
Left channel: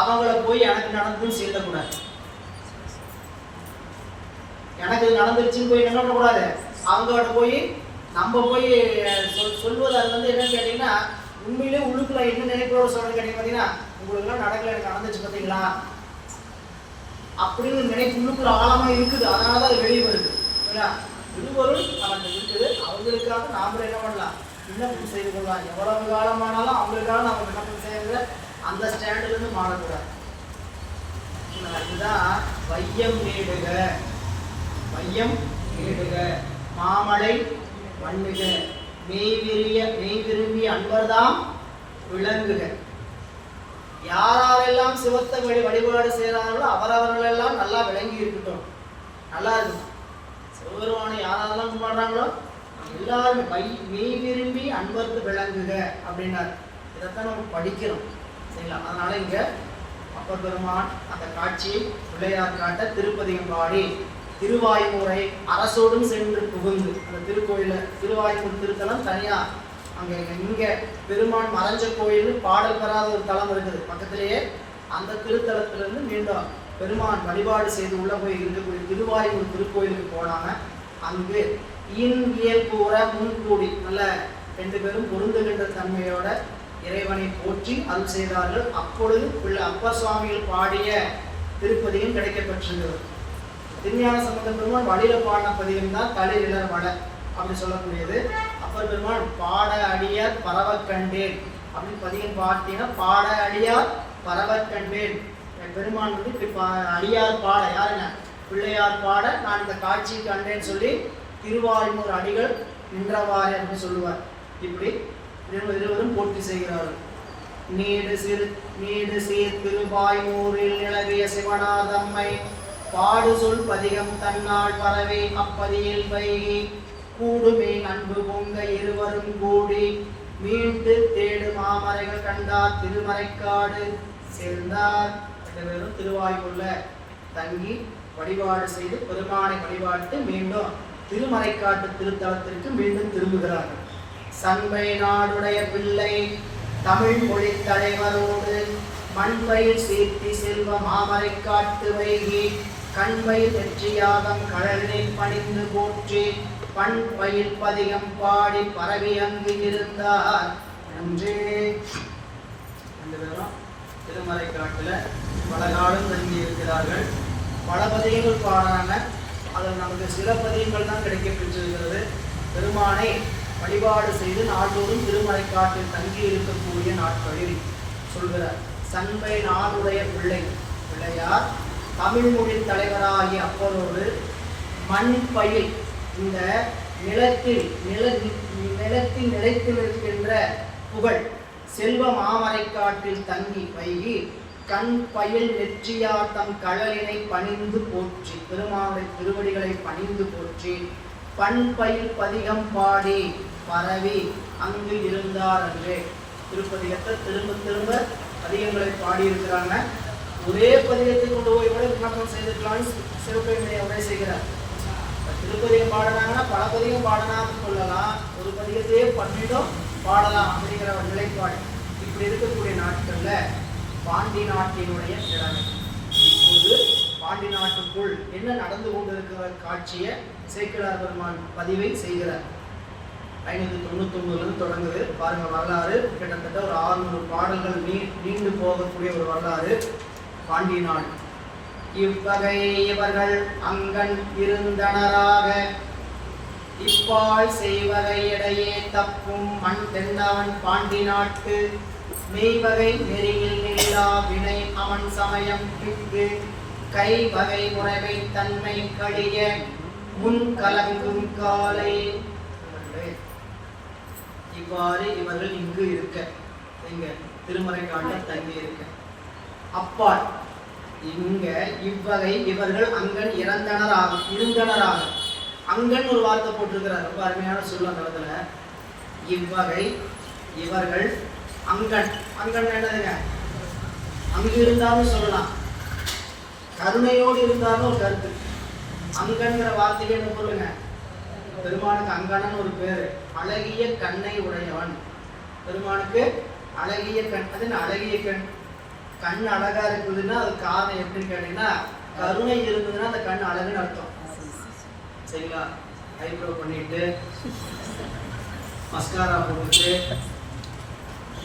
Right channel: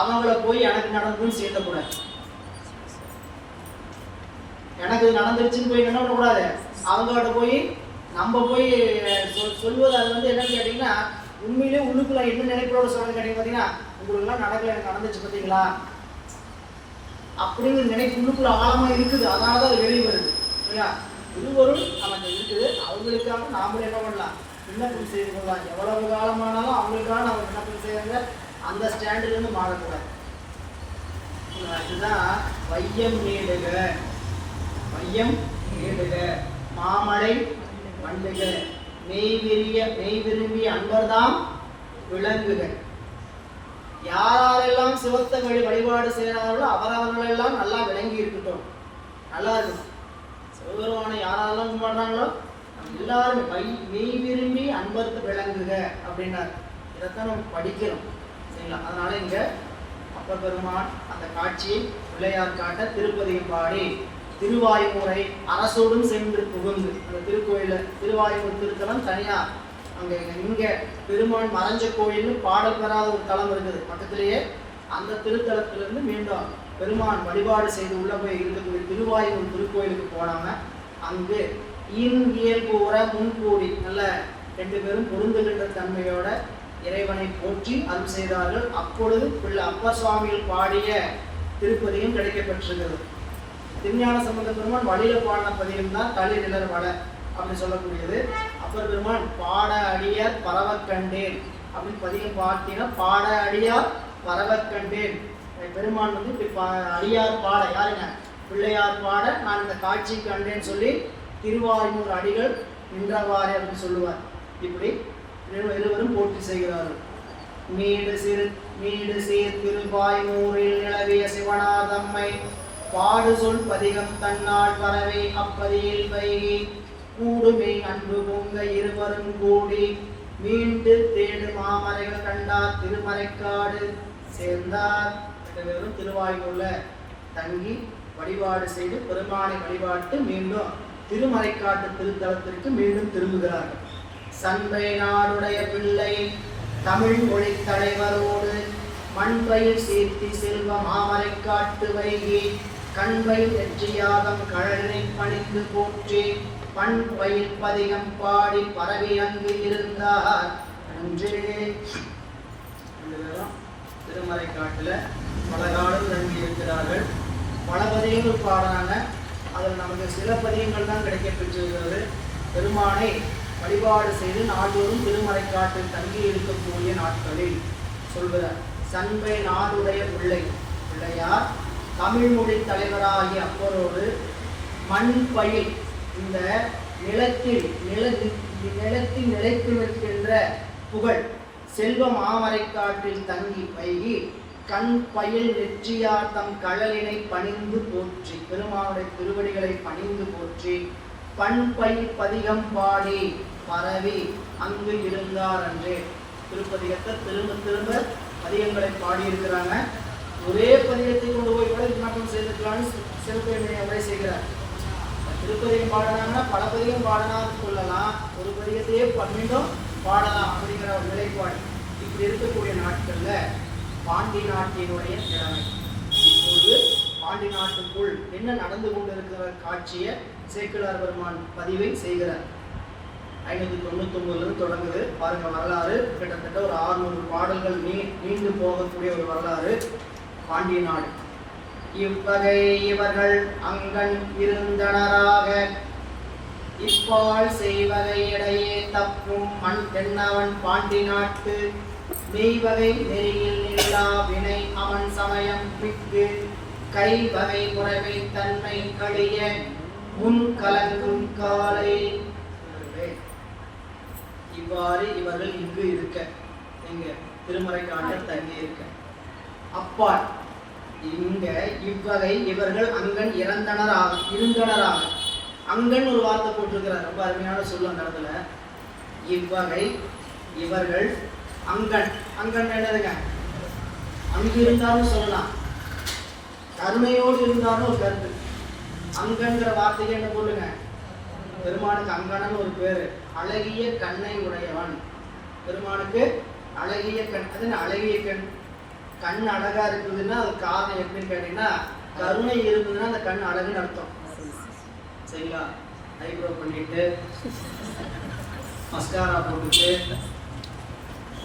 அவங்கள போய் எனக்கு நடந்துன்னு சேர்த்தக்கூடாது. எனக்கு நடந்துருச்சுன்னு போய் என்ன பண்ணக்கூடாது, அவங்கள்ட்ட போய் நம்ம போய் சொல்வது. அது வந்து என்னன்னு கேட்டிங்கன்னா, உண்மையிலே உள்ளுக்குள்ள என்ன நினைப்போட சொல்றது கேட்டீங்க பார்த்தீங்கன்னா, உங்களுக்குலாம் நடக்கல, எனக்கு நடந்துச்சு பார்த்தீங்களா அப்படிங்கிற நினைப்பு உள்ளுக்குள்ள ஆழமாக இருக்குது. அதனால தான் அது வெளியே வருது. இல்லையா? இருவரும் அவங்க இருக்குது, அவங்களுக்காக நாமளும் என்ன பண்ணலாம், விண்ணப்பம் செய்து கொள்ளலாம். எவ்வளவு காலமானாலும் அவங்களுக்காக நம்ம விண்ணப்பம் செய்யறத அந்த ஸ்டாண்டிலிருந்து மாறக்கூடாது. அதுதான் வையம் நீடுக, வையம் நீடுக மாமலை மண்ணுக, மெய் விரும்பி அன்பர்தாம் விளங்குக. யாரெல்லாம் சிவத்தை வழிபாடு செய்கிறார்களோ அவரவர்கள் எல்லாம் நல்லா விளங்கி இருக்கட்டும், நல்லா இருக்கும். சிவபெருமானை யாரெல்லாம் கும்பிடுறாங்களோ எல்லாரும் மெய் விரும்பி அன்பருக்கு விளங்குக அப்படின்னாரு. இதைத்தான் நம்ம படிக்கிறோம், சரிங்களா? அதனால இங்க அப்பர் பெருமான் அந்த காட்சியை பிள்ளையார் காட்ட திருப்பதிகம் பாடி திருவாய்மூரை அரசோடும் சென்று புகுந்து, அந்த திருக்கோயில திருவாய்மூர் திருத்தலம் தனியா அங்க இங்க பெருமான் மறைஞ்ச கோயில் பாடல் பெறாத ஒரு தலம் இருக்குது பக்கத்திலேயே. அந்த திருத்தலத்திலிருந்து மீண்டும் பெருமான் வழிபாடு செய்து உள்ள போய் இருக்கக்கூடிய திருவாய்மூர் திருக்கோயிலுக்கு போனாங்க. அங்கு இயல் கூற முன்கூடி நல்ல 2 பேரும் பொருந்துகின்ற தன்மையோட இறைவனை போற்றி அருள் செய்தார்கள். அப்பொழுது பிள்ளை அப்பர் சுவாமிகள் பாடிய திருப்பதியும் கிடைக்கப்பெற்றிருக்கிறது. திருஞான சம்பந்த பெருமான் வழியில பாடின பதிகம் தான் தலை நிலர் வள அப்படி சொல்லக்கூடியது. அப்பர் பெருமான் பாட அடியார் பரவ கண்டேன் அப்படின்னு பதிகம் பார்த்தீங்கன்னா, பாட அடியார் பரவ கண்டேன். பெருமான் வந்து அடியார் பாட யாருங்க பிள்ளையார் பாட நான் இந்த காட்சி கண்டேன்னு சொல்லி திருவாய்மூர் அடிகள் நின்றவாறு அப்படின்னு சொல்லுவார். இப்படி இருவரும் போற்றி செய்கிறார்கள். நீடு சீர் திருவாய்மூரில் நிலவிய சிவனார் தம்மை பாடு சொல் பதிகம் தன்னால் பரவி அப்பதியில் வைகி கூடுமை அன்பு பொங்க இருவரும் கூடி மீண்டு தேடு மாமரைகள் கண்டார் திருமறைக்காடு சேர்ந்தார். வெறும் திருவாய்மூர்ல தங்கி வழிபாடு செய்து பெருமானை வழிபாட்டு மீண்டும் திருமறைக்காட்டு திருத்தலத்திற்கு மீண்டும் திரும்புகிறார்கள். சண்பை நாடுடைய பிள்ளை தமிழ் மொழி தலைவரோடு மண்பயிர் சேர்த்தி செல்வ மாமரை காட்டு வைகி கண்பயிர் வெற்றியாகம் கழலினை பணிந்து போற்றி பண்பயிர் பதிகம் பாடி பரவி அங்கு இருந்தார். நன்றே. திருமறை காட்டுல பல காலம் தங்கி இருக்கிறார்கள். பல பதிகங்கள் பாடான அதில் நமக்கு சில பதிகங்கள் தான் கிடைக்க பெற்றிருக்கிறது. பெருமானை வழிபாடு செய்து நாள்தோறும் திருமறை காட்டில் தங்கி இருக்கக்கூடிய நாட்களில் சொல்கிறார். சண்பை நாடுடைய பிள்ளையார் தமிழ் மொழி தலைவராகிய அப்பரோடு மண் பயில் இந்த நிலத்தில் நிலைத்து நிற்கின்ற புகழ் செல்வ மாமரை காட்டில் தங்கி வைகி கண் பயில் நெற்றியார் தம் கழலினை பணிந்து போற்றி பெருமானுடைய திருவடிகளை பணிந்து போற்றி பண்பயில் பதிகம் பாடி பரவி அங்கு இருந்தார் என்று திருப்பதிகத்தை திரும்ப பதிகங்களை பாடியிருக்கிறாங்க. ஒரே பதிகத்தை கொண்டு போய் கூட விண்ணப்பம் செய்திருக்கலாம்னு சிவபெருமானை உரை செய்கிறார். திருப்பதிகம் பாடினாங்கன்னா பல பதிகம் பாடினான்னு சொல்லலாம், ஒரு பதிகத்தையே 12 பாடலாம் அப்படிங்கிற ஒரு நிலைப்பாடு. இப்படி இருக்கக்கூடிய நாட்கள்ல பாண்டி நாட்டினுடைய நிலைமை இப்போது பாண்டி நாட்டுக்குள் என்ன நடந்து கொண்டிருக்கிற காட்சியை சேக்கிழார் பெருமான் பதிவை செய்கிறார். 599 தொடங்குது பாருங்க வரலாறு. கிட்டத்தட்ட ஒரு 600 பாடல்கள் நீண்டு போகக்கூடிய ஒரு வரலாறு பாண்டிய நாடு. இவ்வகை இவர்கள் அங்கன் இருந்தனராக இப்பால் செய்வகை இடையே தப்பும் மண் தென்னவன் பாண்டி நாட்டு மெய்வகை நெறியில் நில்லா வினை அவன் சமயம் பிக்கு கை வகை முறைமை தன்மை கழிய முன் கலங்கும் காலை. இவ்வாறு இவர்கள் இங்கு இருக்க எங்க திருமறை காட்டில் தங்கி இருக்க அப்பால் இங்க இவ்வகை இவர்கள் அங்கன் இருந்தனராக அங்கன் ஒரு வார்த்தை போட்டிருக்கிறார். ரொம்ப அருமையான சொல்ல கடத்துல இவ்வகை இவர்கள் அங்கன் என்னதுங்க அங்கு இருந்தாலும் சொல்லலாம், கருணையோடு இருந்தாலும் ஒரு கருத்து. அங்கன்கிற வார்த்தைக்கு என்ன சொல்லுங்க பெருமானுக்கு அங்கன்னு ஒரு பேரு. அழகிய கண்ணை உடையவன் பெருமானுக்கு அழகிய கண். அது அழகிய கண் அழகா இருக்குதுன்னா அது காரணம் எப்படின்னு கேட்டீங்கன்னா கருணை இருக்குதுன்னா அந்த கண் அழகுன்னு அர்த்தம். சரிங்களா? ஐப்ரோ பண்ணிட்டு மஸ்காரா போட்டுட்டு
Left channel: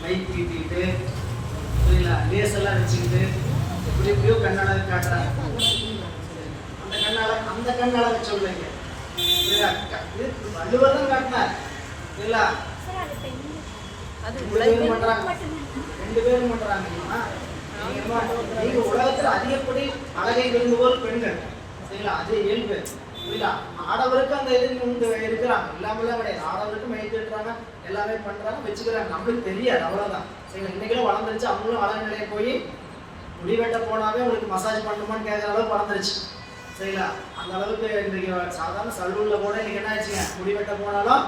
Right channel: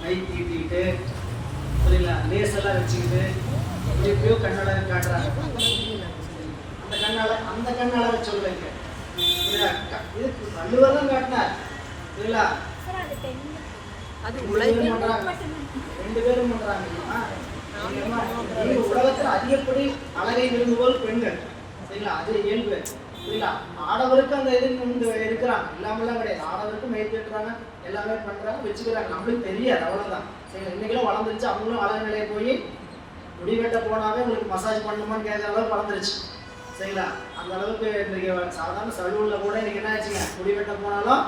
மைக் தீட்டிட்டு சரிங்களா லேசெல்லாம் வச்சுக்கிட்டு எப்படியோ கண்ணழகை காட்டுறாங்க. அந்த கண்ணழகை சொல்லுங்க. இது வள்ளுவர் தான் காட்டினார் இல்ல, அது பண்றாங்க 2 பேரும் பண்றாங்க. உலகத்தில் அதிகப்படி அழகை விரும்புவோர் பெண்கள் சரிங்களா, அது இயல்பு. புரியுதா? ஆடவருக்கு அந்த இது வந்து இருக்கிறாங்க, எல்லாமே கிடையாது. ஆடவருக்கும் ஏற்றுறாங்க, எல்லாமே பண்றாங்க, வச்சுக்கிறாங்க. நம்மளுக்கு தெரியாது, அவ்வளவுதான். சரிங்களா? இன்னைக்கெல்லாம் வளர்ந்துருச்சு. அவங்களும் வளர்ந்த நிலையை போய் முடிவெட்ட போனாவே உங்களுக்கு மசாஜ் பண்ணணுமான்னு கேட்குற அளவுக்கு வளர்ந்துருச்சு. சரிங்களா? அந்த அளவுக்கு இன்றைக்கு சாதாரண சலூன்ல கூட இன்னைக்கு என்ன ஆச்சுங்க, முடிவெட்ட போனாலும்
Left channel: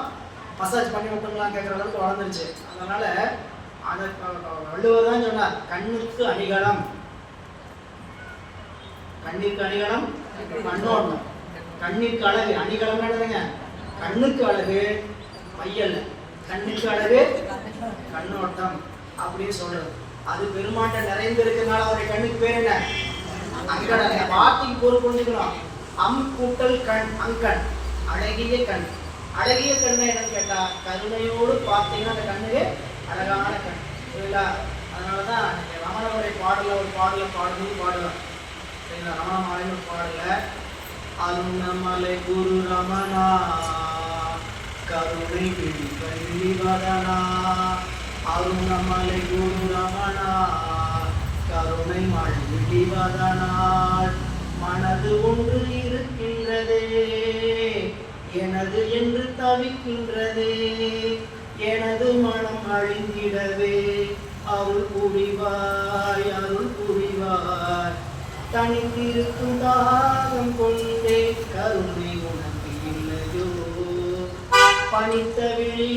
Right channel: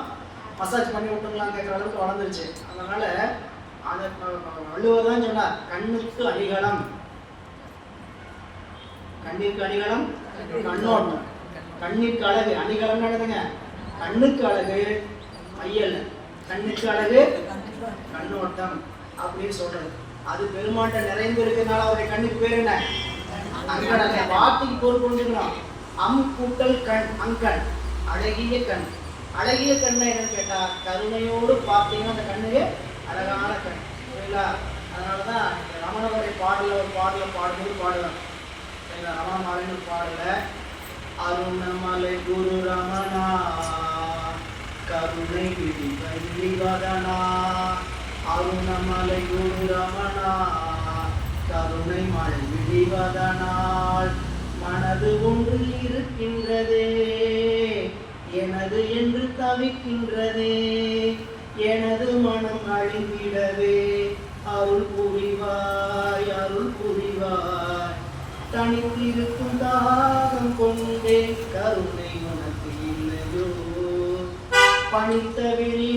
மசாஜ் பண்ணி விட்டுங்களான்னு கேட்குற அளவுக்கு வளர்ந்துருச்சு. அதனால அந்த வள்ளுவர் தான் சொன்னார், கண்ணுக்கு அணிகலம், கண்ணிற்கு அணிகலம் கண்ணோட்டம், கண்ணிற்கு அழகு. அணிகலம் என்னதுங்க? கண்ணுக்கு அழகு மையல், கண்ணுக்கு அழகு கண்ணோட்டம் அப்படின்னு சொல்றது. அது பெருமாட்ட நிறைந்து இருக்கிறதுனால அவருடைய கண்ணுக்கு பேர் என்ன? அங்கன். அந்த வார்த்தைக்கு பொருள் புரிஞ்சுக்கணும். அம் கூட்டல் கண், அங்கன், அழகிய கண். அழகிய கண்ணை என்னன்னு கேட்டா, கருணையோடு பார்த்தீங்கன்னா அந்த கண்ணுக்கு அழகான கண். சரிங்களா? அதனாலதான் ரமணனுடைய பாடல ஒரு பாடல பாடும்போது பாடுவார். சரிங்களா? ரமண மாலைன்னு பாடல, அருணமலை குரு ரமணா கருணை வதனா, அருணமலை குரு ரமணா கருணை மழை விடிவதனால் மனது ஒன்று இருக்கின்றதே, எனது என்று தவிக்கின்றதே, எனது மனம் அழிந்திடவே அருள் புரிவாய், அருள் புரிவாய். தனித்திருக்கும் தாகம் கொண்டே கருணை உனக்கு இல்லையோ, பணித்த விழி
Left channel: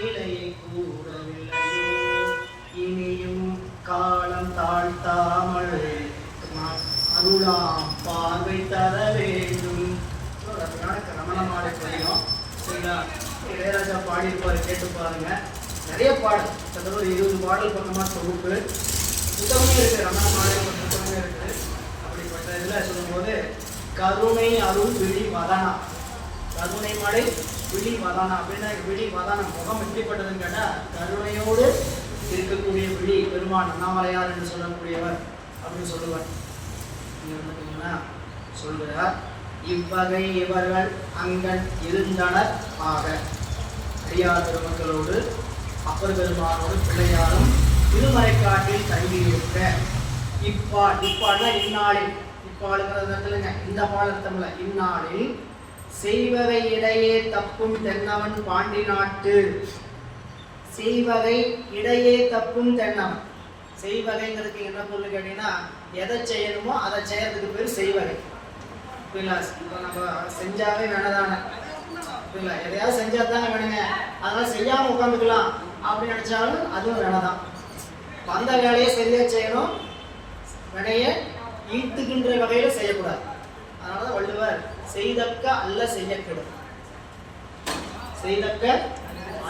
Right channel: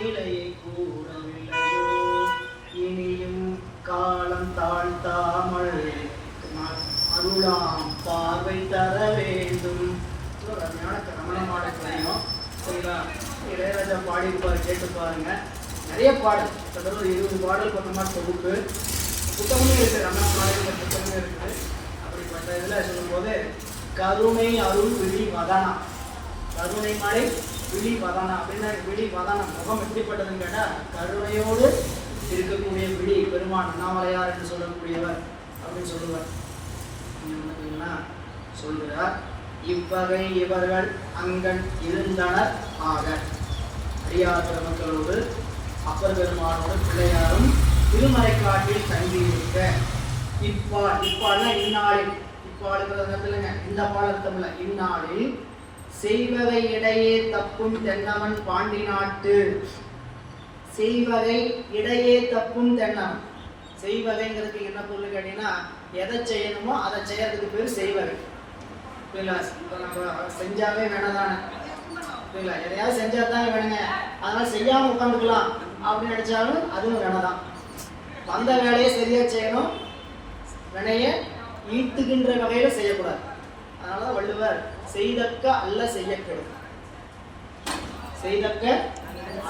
நிலையை கூறவில்லையோ, இனியும் காலம் தாழ்த்தாமல் அருளாம் பார்வை தர வேண்டும். ரமணமாலை தெரியும். சரிங்களா? இளையராஜா பாடியிருப்பாரு, கேட்டு பாருங்க. நிறைய பாடல், கிட்டத்தட்ட 20 பாடல் பக்கமா தொகுப்பு புத்தகமே இருக்கு, ரமணமாலை புத்தகமே இருக்கு. அப்படிப்பட்ட இதுல சொல்லும்போது கருணை அருள் விழி வதனா, கருணை மழை விழி வதனா அப்படின்னு, விழி வதனம் முகம் எப்படிப்பட்டதுன்னு கேட்டா, கருணையோடு இருக்கக்கூடிய விழி பெருமான் அண்ணாமலையார் என்று சொல்லக்கூடியவர் அப்படின்னு சொல்லுவார். சொல்கிறார், இவ்வகை இவர்கள் அங்கன் இருந்தனர் ஆக. அடியார் பெருமக்களோடு அப்பர் பெருமானோடு பிள்ளையாரும் திருமறைக்காட்டில் தங்கியிருக்க. இப்பாடுனா இந்நாளில், இப்பாடுங்கிறதுலங்க இந்த பாடத்தமில்ல, இந்நாளில் செய்வகை இடையே தப்பும் தென்னவன் பாண்டி நாட்டு. செய்வகை இடையே தப்பும் தென்னவன். செய்வகைங்கிறதுக்கு என்ன பொருள் கேட்டீங்கன்னா, எதை செய்யணுமோ அதை செய்யறதுக்கு பேர் செய்வகை. புரியுங்களா? நம்ம செஞ்சாவே வேணதானே, புரியுங்களா? எதையாவது செஞ்சா தானே வேணுங்க, அதனால செய்யாம உட்காந்துக்கலாம் அப்படின்னு நினைச்சாலும் அதுவும் வேணதான். வந்த வேலையை சரியா செய்யணும், வினைய ஈட்டுகின்ற வகையில செய்யக்கூடாது. அதனாலதான் வள்ளுவர் செய்தக்க அல்ல செய்ய கெடும், செய்தக்க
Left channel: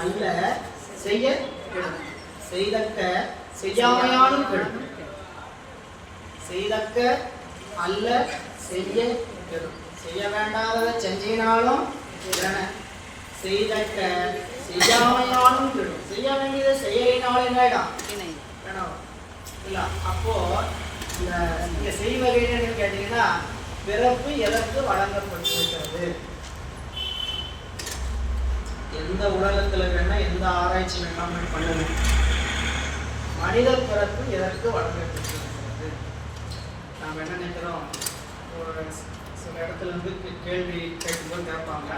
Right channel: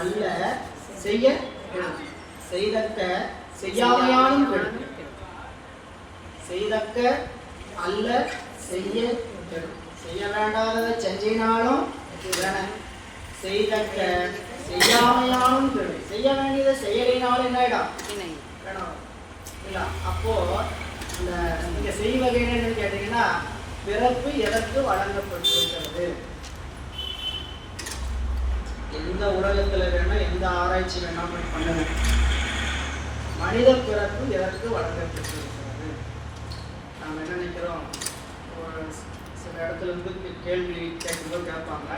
அல்ல செய்ய கெடும், செய்தக்க செய்யாமையாலும் கெடும், செய்தக்க அல்ல செய்ய கெடும். செய்ய வேண்டாததை செஞ்சினாலும் செய்தக்க செய்யாமையாலும் கெடும். செய்ய வேண்டியதை செய்யலினாலும் என்னடா இல்ல. அப்போ இந்த செய்வகைன்னு கேட்டீங்கன்னா, பிறப்பு எதற்கு வழங்கப்பட்டிருக்கிறது? எந்த உலகத்துல வேணா எந்த ஆராய்ச்சி வேணாலும் பண்ணணும். மனித பிறப்பு எதற்கு வழங்கப்பட்டிருக்கிறது? நம்ம என்ன நினைக்கிறோம், சில இடத்துல இருந்து கேள்வி கேட்கும்போது கேட்பாங்க,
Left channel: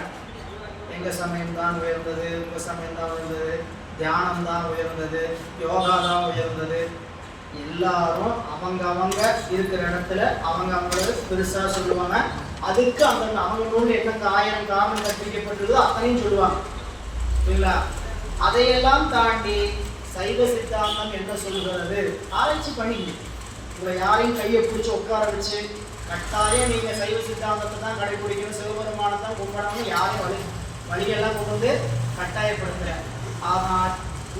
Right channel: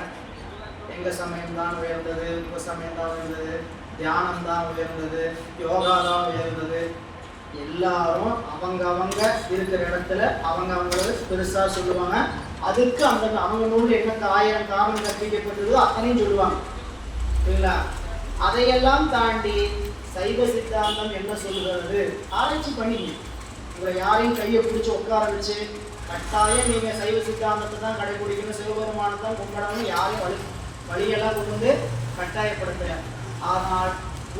எங்க சமயம் தான் உயர்ந்தது, உங்க சமயம் தான் உயர்ந்தது, தியானம் தான் உயர்ந்தது, யோகா தான் உயர்ந்தது. எல்லாரும் அவங்க இருக்கிற இடத்துல அவங்களுக்கு பெருசா சொல்லுவாங்க. அதுக்கு அந்த அவங்க நூல் என்ன 1000 காரணம் கற்பிக்கப்பட்டதோ அத்தனையும் சொல்லுவாங்க. சரிங்களா? அதையெல்லாம் தாண்டி சைவ சித்தாந்தம் என்ன சொல்கிறது ஆராய்ச்சி பண்ணி, உங்களை யாரையும் கையை பிடிச்சி உட்கார வச்சு கட்டாயம் நீங்க சைவ சித்தாந்தத்தை தான் கடைபிடிக்கணும், சிவபெருமானை தான் கும்பிடணும், யாரையும் வழியெல்லாம் கொண்டு வந்து கட்டாயப்படுத்துற. ஆனால்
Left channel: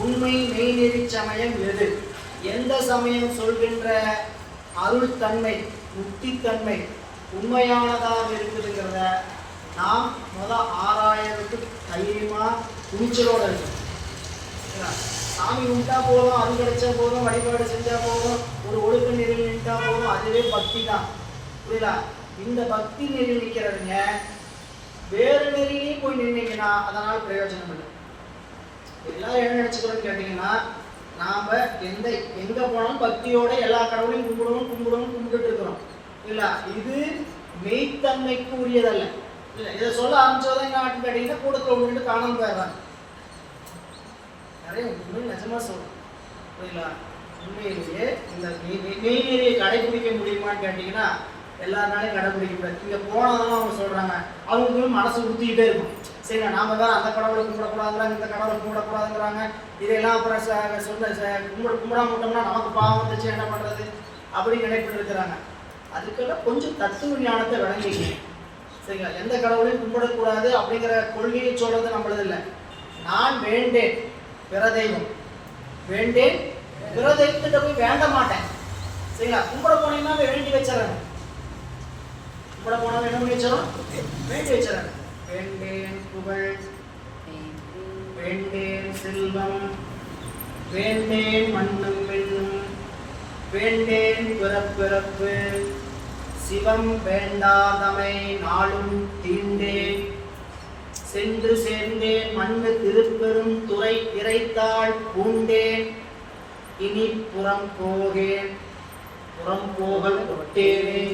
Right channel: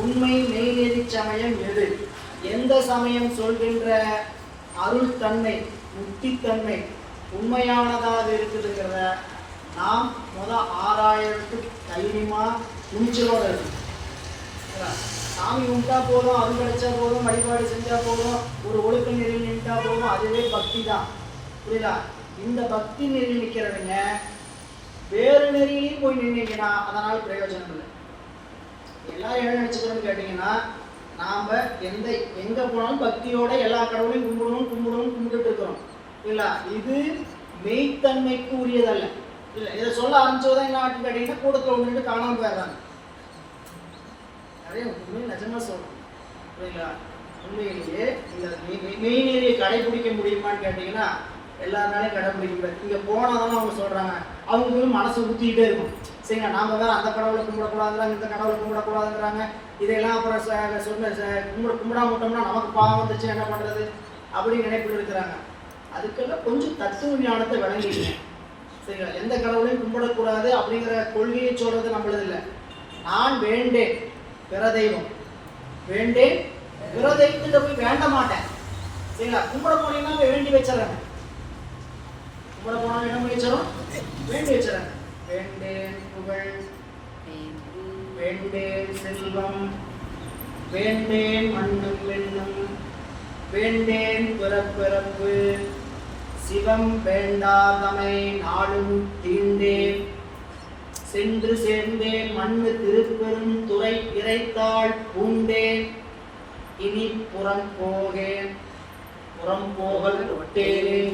உண்மை மெய்நெறி சமயம் எது, எந்த சமயம் சொல்கின்ற அருள் தன்மை முக்தித்தன்மை உண்மையானதாக இருக்குதுங்கிறத நாம் ஆராயறதுக்கு தைரியமா துணிச்சலோட இருக்கு. சாமி கும்பிட்டா போதும், அது கிடைச்சா போதும், வழிபாடு செஞ்சா போதும், ஒரு ஒழுக்க நெறியில் நின்றா போதும், அதுவே பக்தி தான். புரியுதா? இந்த பக்தி நெறி நிற்கிறவங்க வேறு நெறியிலையும் போய் நின்னீங்கன்னா அதனால பிரயோஜனம் இல்லை. எல்லாரும் என்ன நினைச்சுக்கிறோம்னு கேட்டீங்கன்னா, நாம எங்க போனாலும் பக்தியோட எல்லா கடவுளையும் கும்பிடணும் கும்பிட்டுட்டு இருக்கிறோம் இல்ல. இது மெய்த்தன்மைக்கு உரியதல்ல. இல்லை, இதை சொல்ல ஆரம்பிச்சதான் என்ன ஆட்டு கேட்டீங்கன்னா கூடத்துல ஒன்று காணாம போயிடுறாங்க. நிறைய உண்மை நிஜமா சொல்றோம். புரியுங்களா? உண்மையிலேயே இந்த மெய்நெறியை கடைபிடிக்க முடியுமான்னு கேட்டீங்கன்னா எல்லாருனாலையும் கடைபிடிக்க முடியாது. இங்க போனாலும் அவங்க சொல்றாங்க, அவங்களுக்கு மனசு ஊத்திக்கிட்டே இருக்கும். சரிங்க, நாம வேற அந்த கடவுளை கும்பிடக்கூடாதுங்கிறாங்க, இந்த கடவுளை கும்பிடக்கூடாதுங்கிறாங்க. இதெல்லாம் அப்புறம் கும்பிடாம விட்டோம்னா நமக்கு பாவம் வந்துச்சு, என்ன பண்றது அப்படின்னு நினைப்பிட்டு இருக்கிறாங்க. அதுக்கெல்லாம் கொஞ்சம் தத்துவ ஞானத்தை விளங்கிக்கங்க. சரிங்களா? எந்த கடவுளையும் கும்பிடக்கூடாது அப்படிங்கிற கொள்கையை சொல்றது நம்மளது இல்லை. நான் வேண்டேன் பிற தெய்வம், வேண்டேன் பிற தெய்வத்திட்ட போய் வேண்ட மாட்டேன். சரிங்களா? கும்பிட போனீங்கன்னா வேண்டி வச்சிடறேன். கும்பிட போனா என்ன வச்சிடும்? வேண்டி வச்சிடறேன். வேண்டேன் புகழ், வேண்டேன் செல்வம், வேண்டேன் மண்ணும் பெண்ணும், வேண்டேன் பிறப்பிறப்பு, சிவம் வேண்டாதமை நாளும் தீண்டேன், சென்று சேர்ந்தேன் மண்ணு திருப்பெரும் துறை இறைத்தாள் பூண்டேன், இனி புறம் போகேன் புறம் போகல் ஒட்டேன்.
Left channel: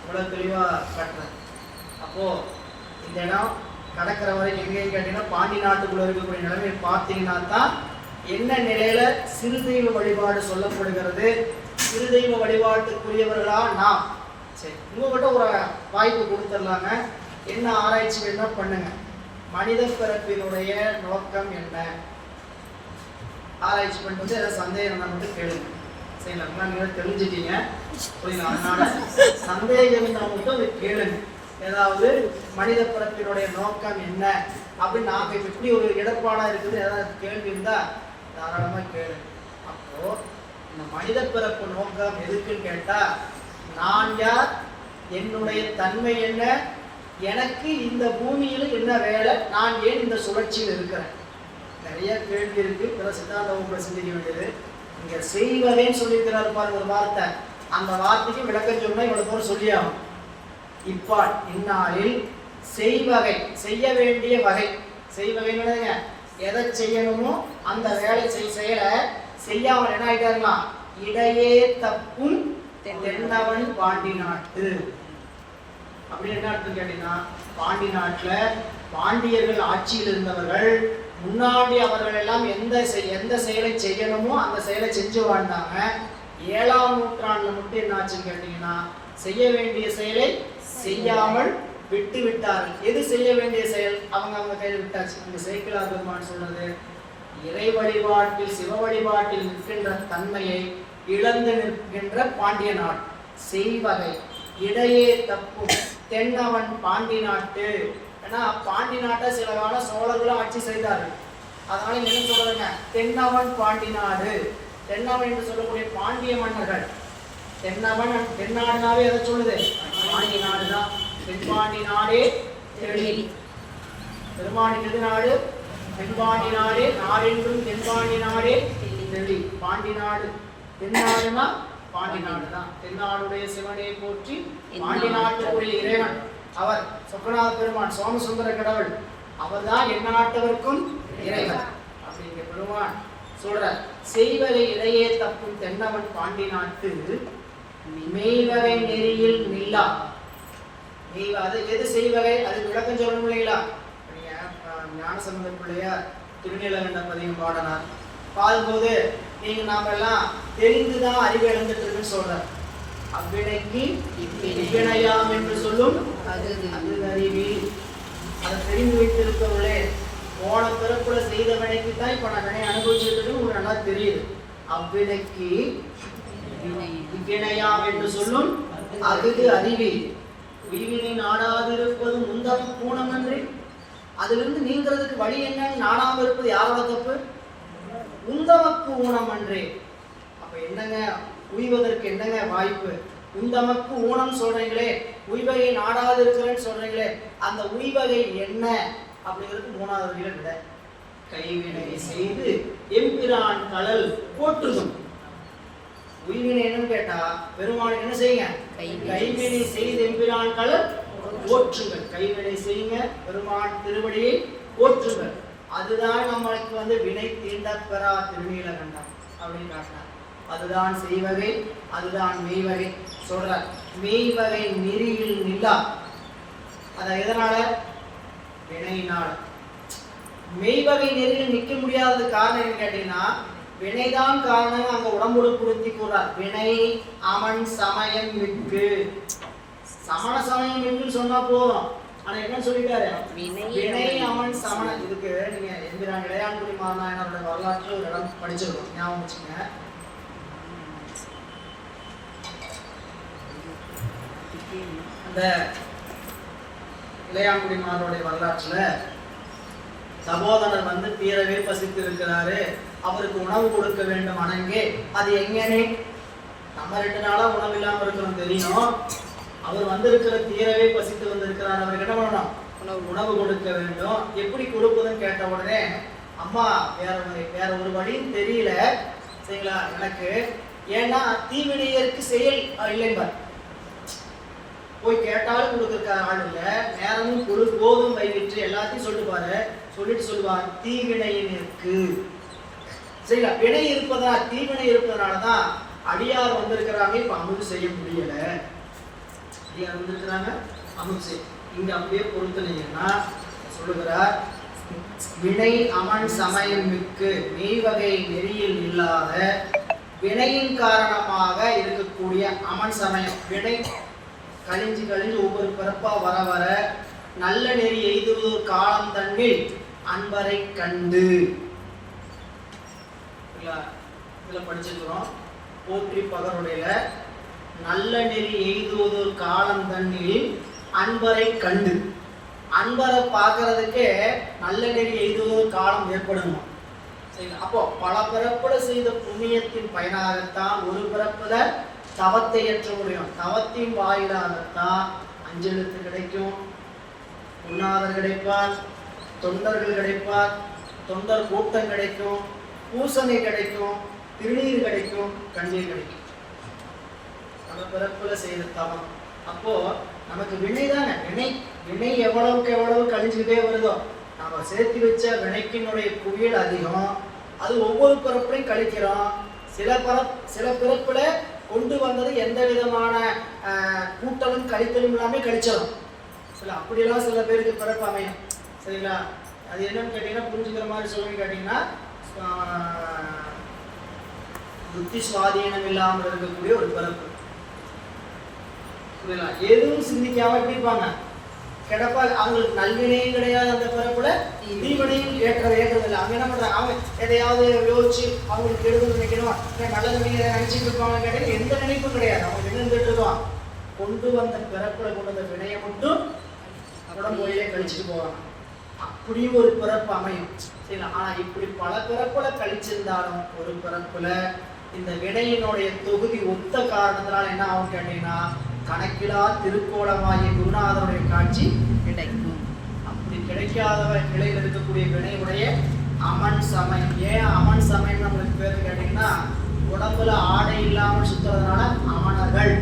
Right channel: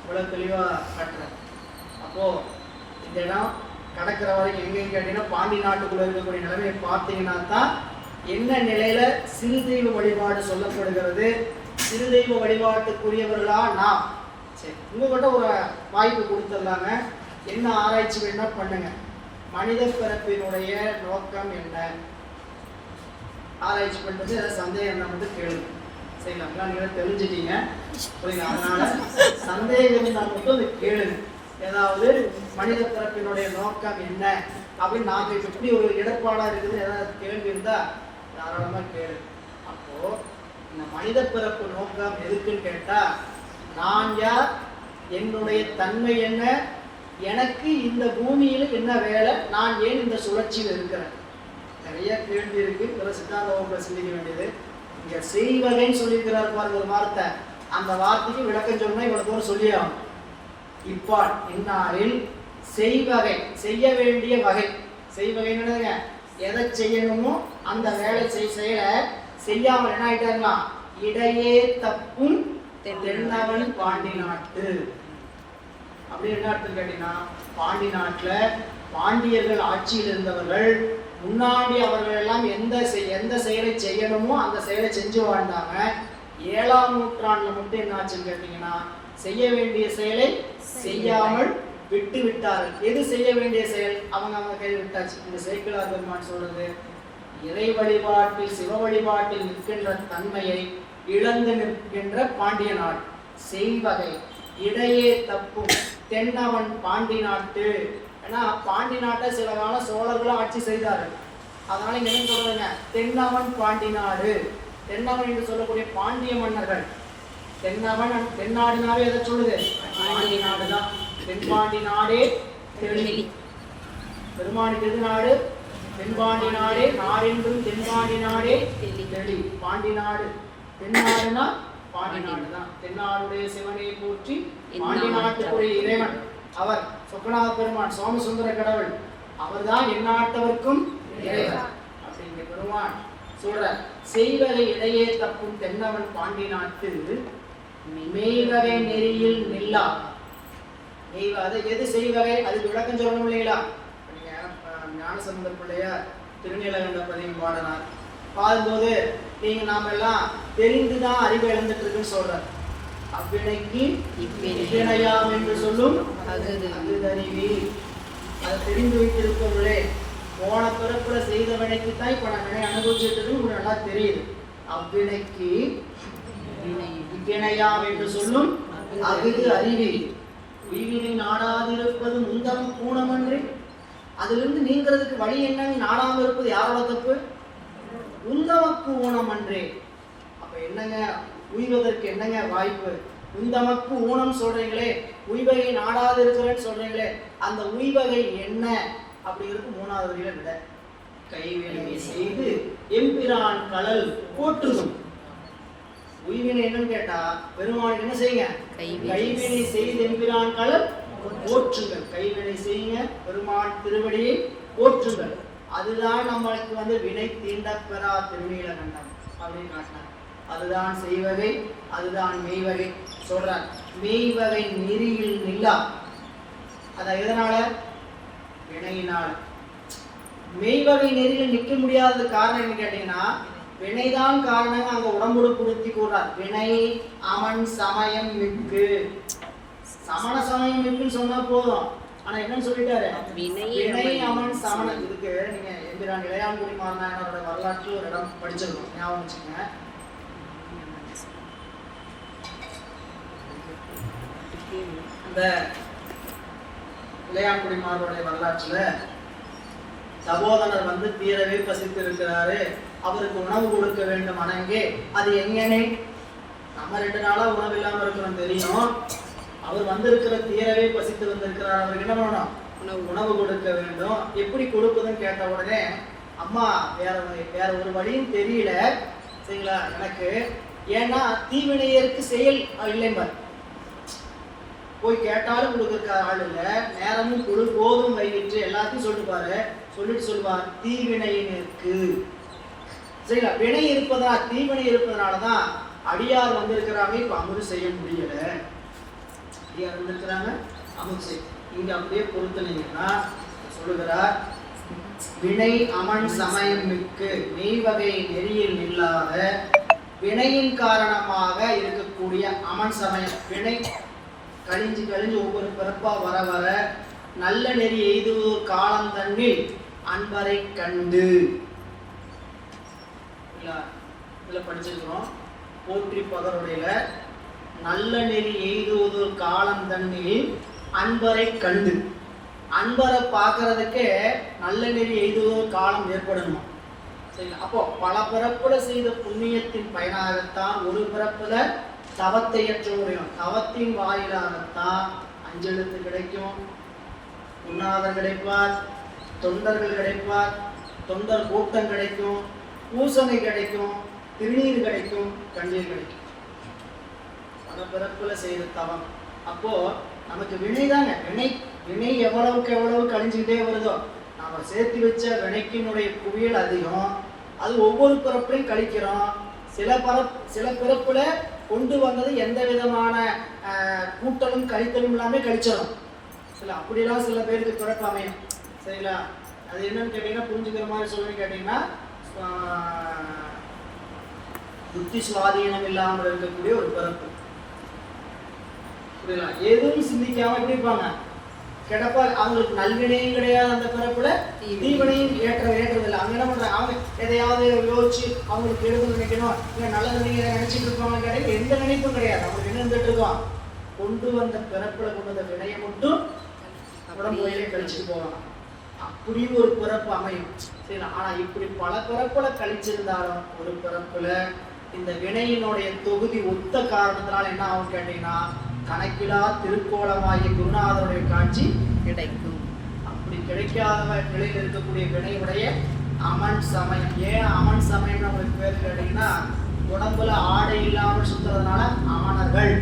இவ்வளவு தெளிவா கட்டுறேன். அப்போ இந்த இடம் கடற்கரை வரைக்கும் எங்கேயும் கேட்டீங்கன்னா பாண்டி நாட்டுக்குள்ள இருக்கக்கூடிய நிலைமையை பார்த்தீங்கன்னா தான் என்ன நிலையில சிறு தெய்வ வழிபாடு சொல்லப்படுகிறது, சிறு தெய்வ வழிபாட்டுக்குரியவர்களா நாம். சரி, உங்ககிட்ட ஒரு வாய்ப்பு கொடுத்துடலாங்க. என்ன ஆராய்ச்சி வேணா பண்ணுங்க. மனித பிறப்பினுடைய நோக்கம் என்ன ஆராய்ச்சி பண்ணுறது, ஏதாவது சந்தேகம் என்ன மட்டும் கேளுங்க. சரிங்களா? நீங்க தெரிஞ்சுட்டீங்க, புரியுங்க? அதனால சந்தேகம் இருந்தால் மட்டும் அதை கேளுங்க. ஏதாவது மனித பிறப்பினுடைய நோக்கம் என்ன அப்படின்னு நாங்கள் எப்படி ஒரு இடர்பாடா இருக்குது, ஏதாவது கேள்வி இருந்தா தாராளமா கேளு. அப்போ இந்த மனித பிறப்பு நோக்கம் எதுக்குன்னு கேட்டா, நான் யார், என்னுடைய தன்மை என்ன, எனக்கு இந்த பூமியில் என்ன வேலை, நான் ஏன் இந்த சுழற்சியில் இருக்கிறேன், நிறைய கேள்வி இருக்கு. பிற சித்தாந்த வகுப்புல சிந்திக்க வேண்டியது. இங்க செய்வகைன்னு சொல்லியிருக்கிறாரு பாருங்க ஒரு வார்த்தை, அந்த வார்த்தைக்கு விளக்கம் சொன்னா இவ்வளவு தூரம் சொல்லி ஆகும். இப்பால் இந்நாளில் செய்வகை, செய்ய வேண்டிய வகை, செய்வகைன்னு எதை செய்யணுமோ அந்த வேலை செயலை செய்யாமல் என்ன ஆயிட்டாருங்களா, இடையே தப்பும் தென்னவன் பாண்டி நாட்டு. அப்படின்னு என்ன அர்த்தம் கேட்டீங்கன்னா, பாண்டி நாட்டுல பாண்டியர்கள் ஆட்சியில் இருந்தவர்கள் முன்னாடி அவர்கள் எல்லாம் எந்த செயலை செய்யணுமோ அந்த செயலை செஞ்சு வாழ்ந்தாங்க. 7ஆம் நூற்றாண்டுல மட்டும் என்ன ஆச்சுன்னு கேட்டீங்கன்னா, செய்ய வேண்டிய செயலை செய்யாமல் விட்டு விட்டார்கள். எது செய்ய வேண்டிய செயல் அவங்க கையில் விட்டாச்சு. இந்த சேக்கிழார் பெருமான் சொல்றது, இறை வழிபாட்டில் சிவ வழிபாட்டில் நிற்கின்ற தன்மையை இழந்து நிற்கின்ற பாண்டிய நாடு. செய்வகை இடையே தப்பும் தென்னவன் பாண்டி நாட்டு. ஏன்னா பாண்டி நாட்டை சில காலம் சோழர்களும் ஆட்சி செய்தார்கள். அதனால என்ன சொல்றாங்க, தென்னவன் பாண்டி நாடு. தென்னவன் என்று சொல்லக்கூடிய பாண்டிய மன்னர்கள். தென்னவன் தென்னாடுனாவே எதை சொல்லுது, பாண்டிய நாடுதான். தென்பாண்டி நாடே தெளி, பெருமாடி நாடு தென்பாண்டி நாடே, நாடென்றும் தென்பாண்டி நாடே தெளி. பாண்டி நாடு தென்னாடுனா பாண்டி நாடு தான். தென்னாடுடைய சிவனை போற்றி பாண்டி நாட்டுக்குரிய இறைவன் அவர் சொக்கநாத பெருமான், சோமசுந்தர கடவுள், அவர் தான் எந்நாட்டவர்க்கும் இறைவன் அப்படிங்கிற பெருமான் சொல்ற. செய்வகை இடையே தப்பும் தென்னவன் பாண்டி நாட்டு, மெய்வகை நெறியில் நில்லா. மெய்வாத எது செய்வகை, அதுக்கு விளக்கம் சொல்லணும் இல்லைங்களா? நீங்க ஞானசம்பந்த பிள்ளையார் திருநீலகண்ட பதிகம் பாடினார். பாடும்போது நீங்க நாம எல்லாம் தெரிந்துதான் அறிவு இழந்துட்டு இருக்குன்னு சொல்றார். அவ்வினைக்கு இவ்வினையாம் என்று சொல்லும் அது அறிவி. அதை தெரிந்து வைத்திருக்கவில்லை. போன பிறப்புல செய்த வினைக்கு தான் இப்ப நான் வினை அனுபவிச்சுட்டு இருக்கு, உங்களுக்கு நல்லா தெரியுது. அவ்வினைக்கு இவ்வினையாம் என்று சொல்லும் அகுது அறிவி. உய்வினை நாடாதிருப்பது முந்தம் பூணமன்றி. அதிலிருந்து நீங்கிறதுக்கு வழி என்னன்னு நாடாம இருப்பது யாரோட தப்பு? உந்தமக்கு ஊனம் அன்றே. அப்ப என்னங்க உய்வதற்கு என்னங்க வாய்ப்பு? உந்தமக்கு ஊனம் சொல்றீங்களே, உய்வகை நாடாது இருக்கிறேன்னு சொல்றீங்களே, அந்த உய்வகை என்ன அப்படிங்கிறது 3வது வரியில விட. கைவினை செய்து எம்பிரான் கடல் போற்றுதும். உய்வினை என்னன்னு கேட்டா பெருமானுக்கு என்ன செய்யுங்க, கைவினை செய்து எம்பிரான் கடல் போற்றுங்கள். கைவினை செய்யுங்க, பெருமான் திருவடியை போற்றுங்கள். அதுதான் நம்மளுக்கு வினை தீண்ட பெறா திருநீலகண்டம் அப்படின்னு காட்டினார். அதுதான் செய்வகை, அதுதான் மெய்வகை சொல்றார். மெய்வகை நெறியில் நில்லா. அத எதனால? வினையினால். மெய்வகை நெறியில் நிற்க முடியாதது காரணம் என்ன கேட்டீங்கன்னா, வினைதான் காரணம். அங்க உடம்போடு பொருத்தி கூறார். வினை அமன் சமயம் மிக்கு. சமண சமயம் மிக்குன்னு சொன்னா போதும். ஆனா என்னன்னு சொல்லிட்டாரு? வினை அமன் சமண. இதுக்கு நீங்க எம்பிரான் இளையான்குடி மாநாயனரோட வரலாற்றுல ஒரு இடம் படிச்சிருக்கோம், ஞாபகம் வச்சுங்க. அந்த இளையான்குடி மாணவருடைய வரலாற்றுல சகோதரர் வந்து தீரவே பசித்து இருக்கிறாரு, அவருக்கு உணவு கொடுக்க வேண்டும். அணங்கே அது எங்கனே? நம்ம 2 நாளா உணவு இல்லாம இருக்கிறோம் தெரியும். அவர் வந்திருக்கிற தீரவே பசித்து வந்திருக்கிறார், அவருக்கு என்ன பண்ணணும்? உணவு கொடுக்க வேண்டும். எப்படி கொடுப்பதுன்னு கேட்ட உடனே, அம்மா வேற ஒரு வழியும் தெரியல சரிங்களா எனக்கு, ஏன்னா தீவினையருக்கு செயல் இல்லைம்பார். போய் கேட்டாலும் கொடுக்குற ஆள் இல்லை, நேரமும் கொடு போதும் வைவிட்டு எல்லாத்தையும் சொல்லிட்டு சொல்லுவார் தீவினையினருக்கு. சரிங்களா, வினை இருப்பதா தீவினை இருப்பதனாலதான் அடியார் வந்திருக்கிறாங்க, இப்ப அமுது செய்ய முடியல. அடியார் வந்திருக்கிறாங்க, அமுது செய்ய. இங்க அப்படியே பொறுத்துனீங்கன்னா சொல்லுகிறார், வினை அமன் சமயம் மிக்கு மெய்வகை நெறியில் இல்லாத வினையின் காரணமாக இருக்கக்கூடிய அமன் சமயம். வினை கழிஞ்சு ஒவ்வொரு பிறப்பா வர வர நல்ல நெறி எய்துவது காலம் தன்னில் அன்பரை கண்டு. இதுல படிச்சிருக்கிறோம் போற்றி பகருடைய நல்ல நெறி எய்துவது காலம் தன்னில் அன்பரை கண்டு. அன்பரை பார்க்கறதுக்கே நல்ல நெறி எய்துவது காலம் ஏற்படணும். சரிங்களா, அப்போ பல பிறப்புல செய்த புண்ணியத்தின் பயனாகத்தான் ஒரு பிறப்புல தவத்தை ஏற்ற முடியும். தவத்தின் வாயிலாகத்தான் அஞ்செழுத்து கிடைக்கும், உண்ணாதர் கிடைப்பார், தொண்டர்கள் கிடைப்பார், தொண்டர் கூட்டம் கிடைக்கும், பூசணை கிடைக்கும், திருநீர் கிடைக்கும், கண்ணீர் கிடைக்கும். பல பிறப்புல செய்த தவம். அப்போ நமக்கு வினை தாங்க. வினை எவ்வளவுக்கு எவ்வளவு கழிஞ்சுக்கிட்டே வருதோ, நம்ம சேர்த்து வச்ச வினைக்கினுடைய குவியல் அதிகம். அது ஒவ்வொரு பிறப்புலையும் கழிக்கிறோம். சில பிறப்புல கொண்டு வந்தது எந்த விதமான கூட்டலும் கழித்தலும் எல்லாமே கழிச்சிடும். அப்படியெல்லாம் சில பேருக்கு பிறப்பு அமையும். சரிங்களா, அது என்னன்னு கேட்டீங்கன்னா புரிஞ்சுக்கிற மாதிரி சொல்லுன்னு கேட்டீங்கன்னா, புத்தி சுவாதீனம் இல்லாமல் இருக்கக்கூடிய ஒரு பிறப்பு. புரியல, எதுவும் சிந்திக்காம எப்படி இருப்பாங்க, கிடப்பா. அவங்களுக்கு நல்வினையும் கிடையாது அந்த பிறப்புல, தீவினையும் ஏற்றதில்லை. அவங்க என்ன பண்றாங்க, அவங்க எதையாவது யோசிச்சு அவங்களுக்கு எடுத்து நினைக்கணும், நல்லது நீங்க நினைச்சிட்டு இருப்பாங்க கிடையாது. எந்த நினைப்பும் கிடையாது. அவங்க என்ன இருந்துட்டு இருக்கோம், கொண்டு வந்த பிறப்புல கொண்டு வந்த வினையை மட்டும் உடம்புலையே கழிச்சுட்டு போவாங்க. அப்படியும் ஒரு பிறப்பு அமையும். சரிங்களா, ஆனா இப்படி பல பிறப்புல கழிச்சிருந்தாலும் ஒரு பிறப்புல இந்த வினையினுடைய தொகுதி ஒத்த காரணத்தினால என்ன ஆகும் கேட்டீங்கன்னா, கணக்கிலா திருக்கோலமாகிய குருநாதருடைய காட்சி கிடைக்கும். அப்படி கிடைக்காத நிலையில் இருக்கக்கூடிய வினையுடைய அமன் சமயம். ஏன் அமன் சமயம் நம்மளுக்கு பேரு கேட்டீங்கன்னா, உடம்புல ஆடை இல்லாமல் சுத்துறதுனால அமணர்கள்.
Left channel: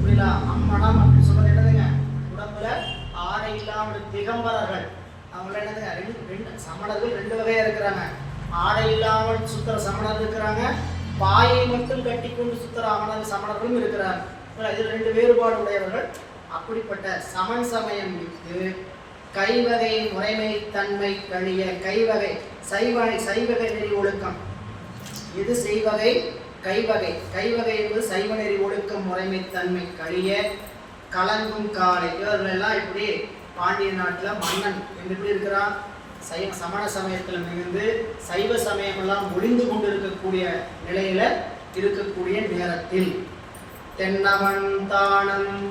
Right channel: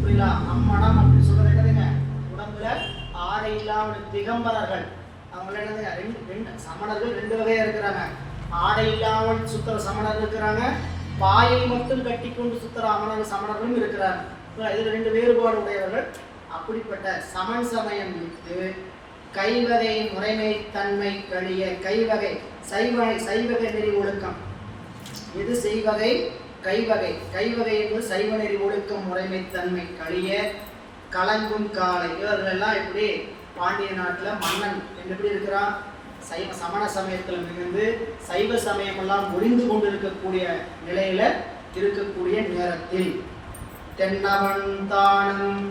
புரியல, அம்மனம் அப்படின்னு சொல்றது என்னதுங்க, உடம்புல ஆடை இல்லாமல் திகம்பரர்கள். அவங்க என்னதுங்க, ரெண்டு சமணர்கள் 2 வகையா இருக்கிறாங்க. ஆடை இல்லாமல் சுத்துற சமணர் இருக்கிறாங்க, பாயை மட்டும் கட்டி கொண்டு சுத்துற சமணர்களும் இருக்கிறாங்க. இதுல 2 வேறுபாடு உடையவர்கள். அப்படிப்பட்ட சமன் சமயம் விட்டு கைவகை முறைமை தன்மை கழிய. கைவகை சைவகை நெறி ஒழுக்கம். இது செய்வகை கைவகை. கைவகை என்பது சைவ நெறி ஒழுக்கம் முறைமை தன்மை கழிய கலங்கும் காலை. இவர்கள் எல்லாம் இப்படி பாண்டிய நாட்டுல மன்னன் எப்படி இருக்கிறான், சமண சமயத்துல மிகுந்து சைவ சமயம் எல்லாம் ஒளிந்து கொண்டு இருக்கக்கூடிய நிலையில இருக்கக்கூடிய நேரத்தில் தென்னவன் தானும்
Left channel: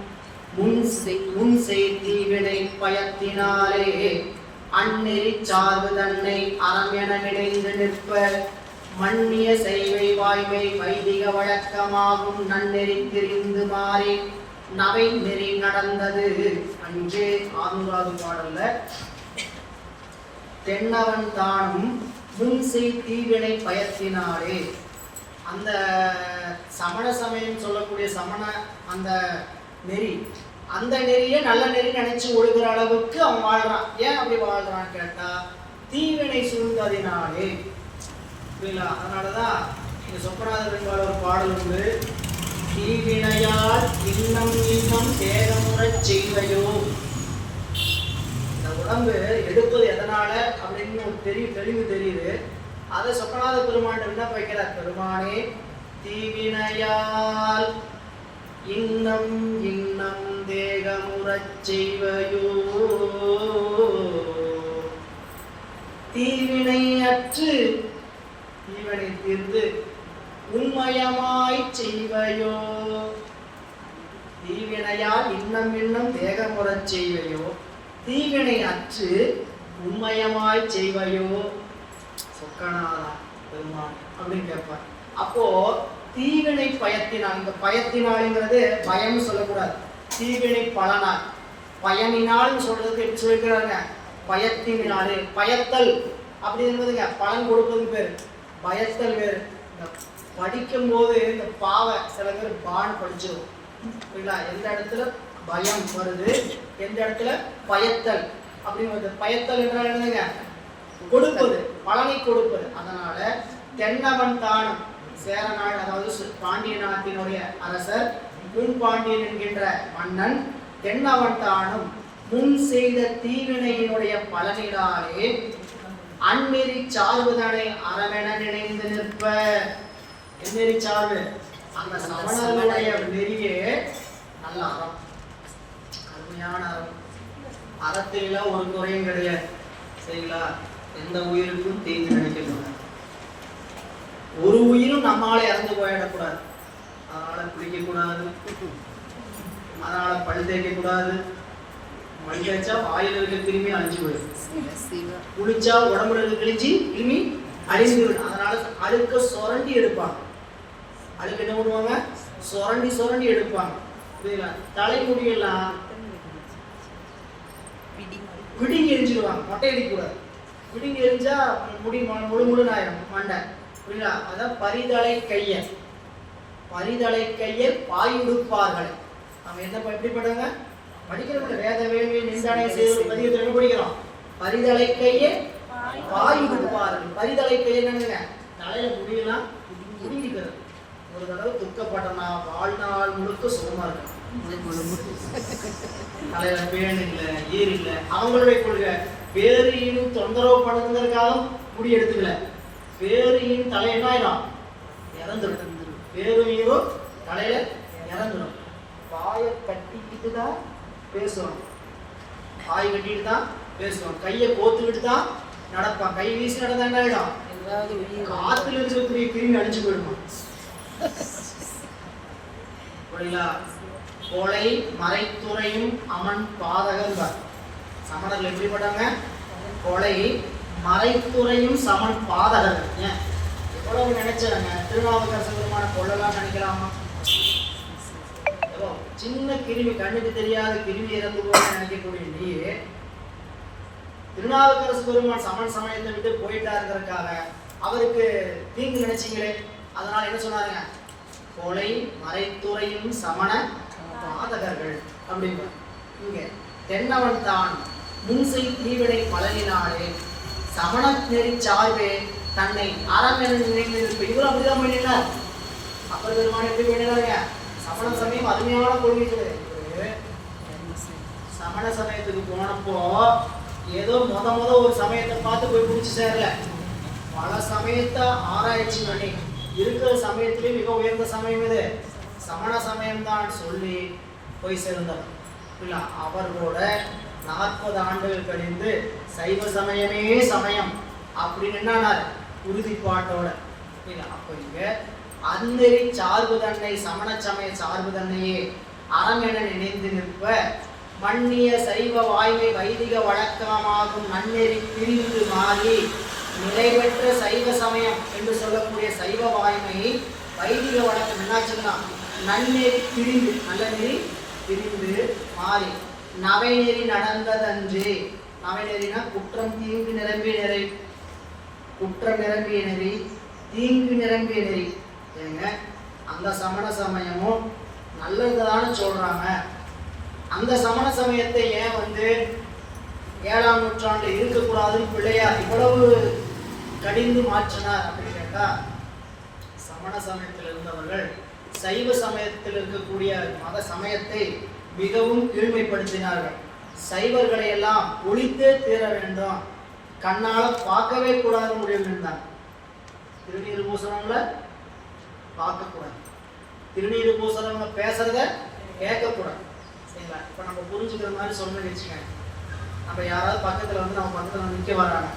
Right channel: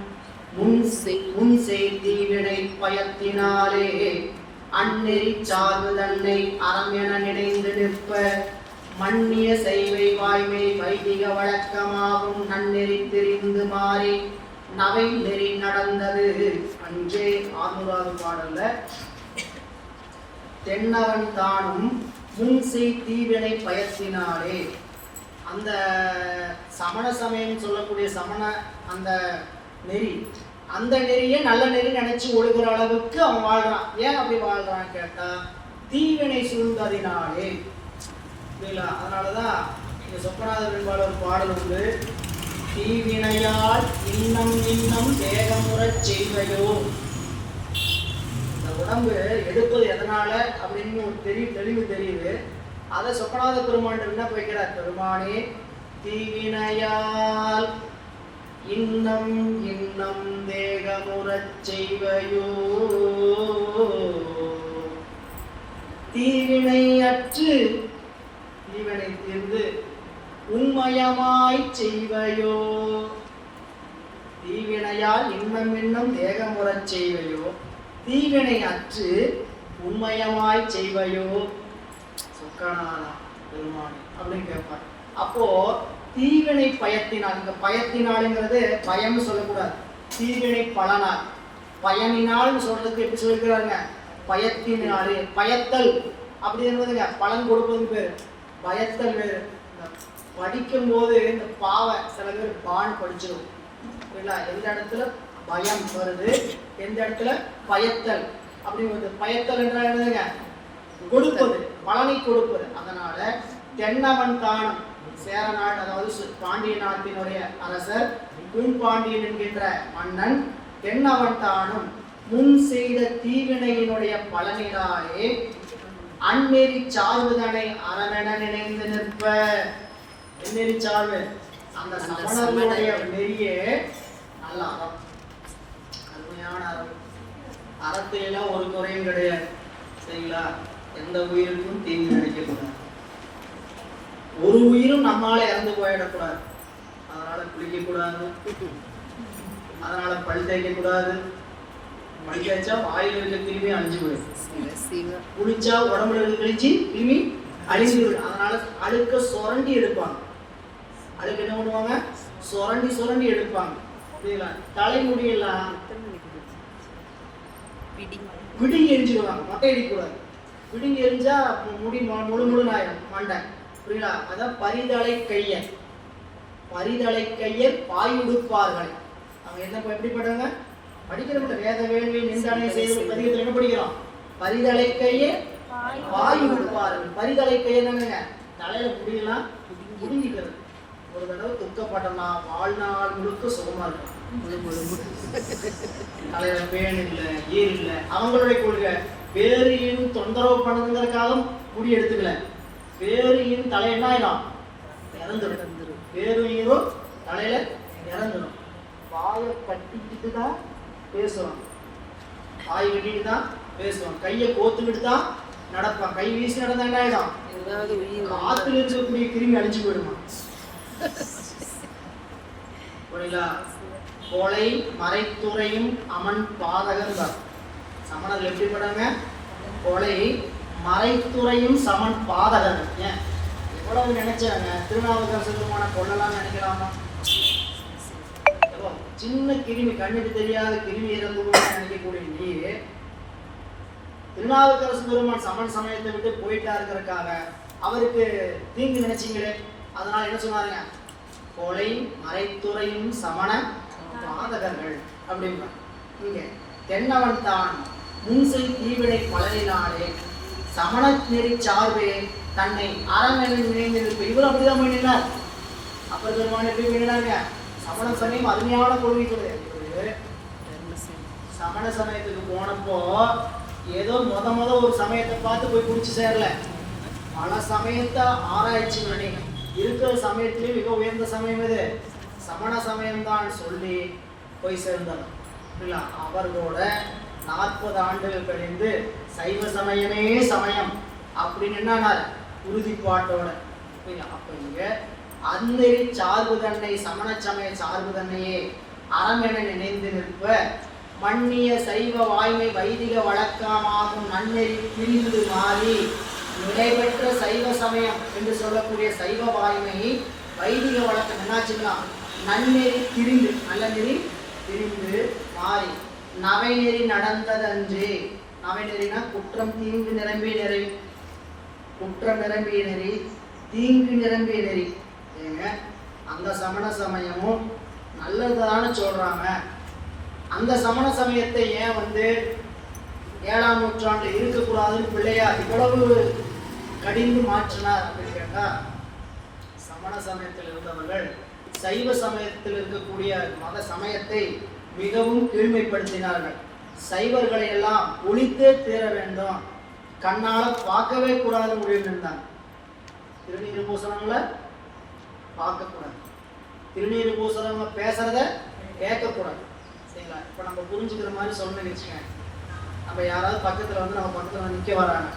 முன் செய்தீவினை பயத்தினாலே அந்நெறி சார்பு தன்னை அறம் என நினைந்து நிற்ப மன்னிய செய்வை வாய்மை வைதிக வழக்கமாகும் நன்னெறி திரிந்து மாறி நவை நெறி நடந்தது. அன்றே 6வது பாடல்ல தென்னவன் தானும் முன் செய்தீவினை பயத்தினாலே, அந்த சமண சமயம் சொல்லக்கூடிய சமண அந்த நெறி, அந்த நெறியை நல்ல நெறி நினைச்சு ஒழுகிற அளவுக்கு அவன் வாழ்றான். ஏன் அப்படி வாழ்றான்னு கேட்டா, தீவினை சூழ்ந்ததினாலே. புரியல, அதனாலதான் இந்த சொப்பநாத பெண்பாள் ஒரு பாடல் உண்டு. தீவினையால் இன்னம் இன்னம் தேகமுறச் செய்வையோ. இந்த உடம்பு எடுப்பது எதனால அப்படின்னு தெளிவு தெரியுது. அதை சொப்பநாத பெருமான் விண்ணப்ப வைக்கிறார். பெருமானே, தீவினையால் இன்னம் இன்னம் தேகமுறச் செய்வையோ. தீவினை அற்று தீவினை தீர்ந்து உண்மயமாய் செய்வையோ. தீவினையால் இன்னம் இன்னம் தேகமுறச் செய்வையோ. தீவினை அற்று உண்மயமாய் செய்வையோ. சொக்கநாதா பெருமான் அப்படின்னு கேட்பார். அப்போ தீவினை பயத்தினால், இந்த பயத்தினாலுங்கிறது பயம் சொல்லக்கூடாது, தீவினை பலனால். பயனினால் சொல்றதுக்கு எப்படி சொல்லிக்கிறாங்க? பயத்தினாலே. பயத்தல் அப்படி என்பதுங்க பலன் கொடுப்பது பேர். பயத்தல் வேறு. படிக்கும் போது இந்த பாவை சில பேர் பான் படிச்சிடும் இல்லைங்களா? எந்த இடத்துல பயம் வருது, எந்த இடத்துல பயத்தல் அப்படின்னு வருது. பயத்தல் என்றால் என்னதுங்க? கொடுப்பது, பலனை கொடுப்பது. அதனால தென்னவன் தானம் சேரநாடு, அதாவது பாண்டிய நாட்டினுடைய அரசர் பாண்டியன் என்கின்ற மன்னன் தென்னவன் தானும் முன் செய்த தீவினையினுடைய பலனினாலே அந்நெறி சார்புதனை அறவென நினைந்து நிற்ப. எந்நெறி சார்பு? அந்த சமணனுடைய நெறியே நல்ல அறம், அருமையான அறம். அறத்தில ஒரு குறையும் கிடையாது. சரிங்களா? எந்த உயிருக்கும் தீங்கு நினைக்கக்கூடாது. ஒரு உயிரும் நம்மளால இறந்து போயிடக்கூடாது. அதனால குளிக்க கூடாது, அதனால பல் தேய்க்க கூடாது. பல் தேய்ச்சா வாயில் இருக்க கிருமி அழிஞ்சு போயிடும். குளிச்சா உடம்புல இருக்க கிழிச்சு கிருமி அழிஞ்சு போயிடும். அதனால அழுக்க சுரண்டி எடுப்பாங்க. அழுக்க என்ன பண்ணுவாங்க? சுரண்டி சுரண்டி எடுப்பாங்க. தலைமுடியெல்லாம் பிடிங்கி எரிஞ்சிடுவாங்க. மொட்டை அடிக்கூடாது. பிடிங்கி எரிஞ்சா முடி முழு முழுன்னு ஆயிடும் மண்டை. புரியுங்களா? அதான் பரிதலை கையர். பரிதலை கையர் பாயுடுப்பார்கள். அவங்க என்ன எப்படிப்பட்டவங்க? படிக்கிறவங்க வேத வேள்வி நின்றானே செய்வது பதிகத்தில் என்ன படிக்கிறோம்? பரிதலை கையர் பாயுடுப்பார்கள். பரிதலை கையர் என்னங்க? தலையில முடியெல்லாம் முடிங்கிக்கிறது. ஒரு தடவை துக்கப்பட்டனா வாழ்நாள் முழுக்க சுகமா இருக்கு. தலையில பேன் இல்லை, ஈர் இல்லை. அவங்களுடைய கொள்கை பேரியின் தொந்தரவு பண்ணுறதுக்காக முடி எடுத்துக்கல. பேரியின் தலை என்ன ஆயிடும்? இறந்துடும். பேரும் தலையில இறந்துடும். வாயை கட்டிக்கிட்டு தான் பேசுவான். வாய் கட்டிட்டு தான் பேசுவான். கையை கோத்துக்கிட்டு தான் நடப்பான். கை வீசி நடந்தா என்ன ஆயிடும்? ஆத்துல இருக்கக்கூடிய கிருமி அழிஞ்சு போயிடுமா? கொலை மறைத்துறையும் அமன் பாதகன். சமணர்கள் எப்படிப்பட்டாங்க? கொலை மறைத்துறையும் சமன் பாதகன். ஏன் எவ்வளவு நினைச்சாங்க? திருநாவுக்கரசு பெருமான கொள்ளலாம் நினைக்கலாமா? சின்ன கிருமி, கண்ணுக்கு தெரியாத கிருமி இறந்து போக நினைக்கக்கூடிய நீ திருநாவுக்கரசு பெருமான் சமன் சமயத்தை விட்டு போயிட்டாருங்கிறதுக்காக அவருக்கு தீங்கு நினைச்சீங்களே. அதனால என்ன சொன்னாருங்க? கொலை மறைத்துறையும் சமண பாதகர்கள் அப்படிங்க. இங்க தென்னவன் தான் முன்செய் தீவினை பலனினாலே சமண நெறி சார்பே தன்னை அறமென நினைந்திருப்ப. இவரும் அப்படிதான் பண்ணினார். அப்பர் பெருமான் எப்படி பண்ணினாருங்க? சமண சமயம் அருமையான கொள்கை கிடையாது. சமண சமயத்துக்கு போனப்போ ஏதோ முத ஒரு சமயத்தை பார்த்து போய் பிடிச்சி சேரல. பல சமயத்தை ஆராய்ச்சி பண்ணி இருக்கிற சமயத்திலே மிக உயர்ந்த சமயம் இது சமண சமயம் தான் சொல்லி போய் சேர்ந்தார். அவர்களோட 40 ஆண்டுகள் கழிந்து சைவ சமயமே சமயம் அப்படின்னு என்னானார்? உறுதிப்பாட்டோட. அப்ப இங்க அந்நெறி சார்பு தன்னை சமண சமய சார்பு தன்னையே அறம் என நினைந்து நிற்ப மன்னிய சைவ வாய்மை வைதிக வழக்கமாகும் நன்னெறி பிரிந்து மாறி நிலை பெற்ற சைவ சமயம் என்று சொல்லக்கூடிய சைவ வாய்மை வைதிக வழக்கம் என்னாச்சுன்னா நன்னெறி பிரிந்து, நல்ல நெறி பிரிந்து மாறி நவை நெறி நடந்ததன்றே. நவை நெறினா குற்றம் தீங்கு நிரம்பிய நெறி, குற்றம் நிரம்பிய நெறி, தீங்கு நிரம்பிய நெறி. ஏங்க அந்த சமண சமயமும் நல்லதுதானே சொல்றாங்க. அந்த சமண சமயத்தை ஏன் 7ஆம் நூற்றாண்டு இருக்கக்கூடாதுன்னு பிள்ளையார் இவ்வளவு கடிந்து மாற்றினார் அப்படின்னு கேட்டா, சமண சமயத்தில் இருந்தவர்கள் சைவ சமயத்தில் இருக்கக்கூடிய மத சமயத்தை மிகவும் கீழ்மைப்படுத்தினார்கள். சைவர்களை எல்லாம் ஒழித்தே தீர வேண்டும், கண்ணால பார்க்கவே கூடாது முடிவு இருந்தாங்க. திருநீர் பூசணவங்கள பார்க்கக்கூடாது, திருநீர் பூசணவங்க பேசுறத கேட்கக்கூடாது. சரிங்களா? இப்போ நம்ம புரிஞ்சுக்கிற மாதிரி சொல்லணும்னு வச்சுக்கோங்க. நம்ம யாராவது பக்கத்தில் வந்து நம்ம பக்கத்தில் நிற்க வராங்க,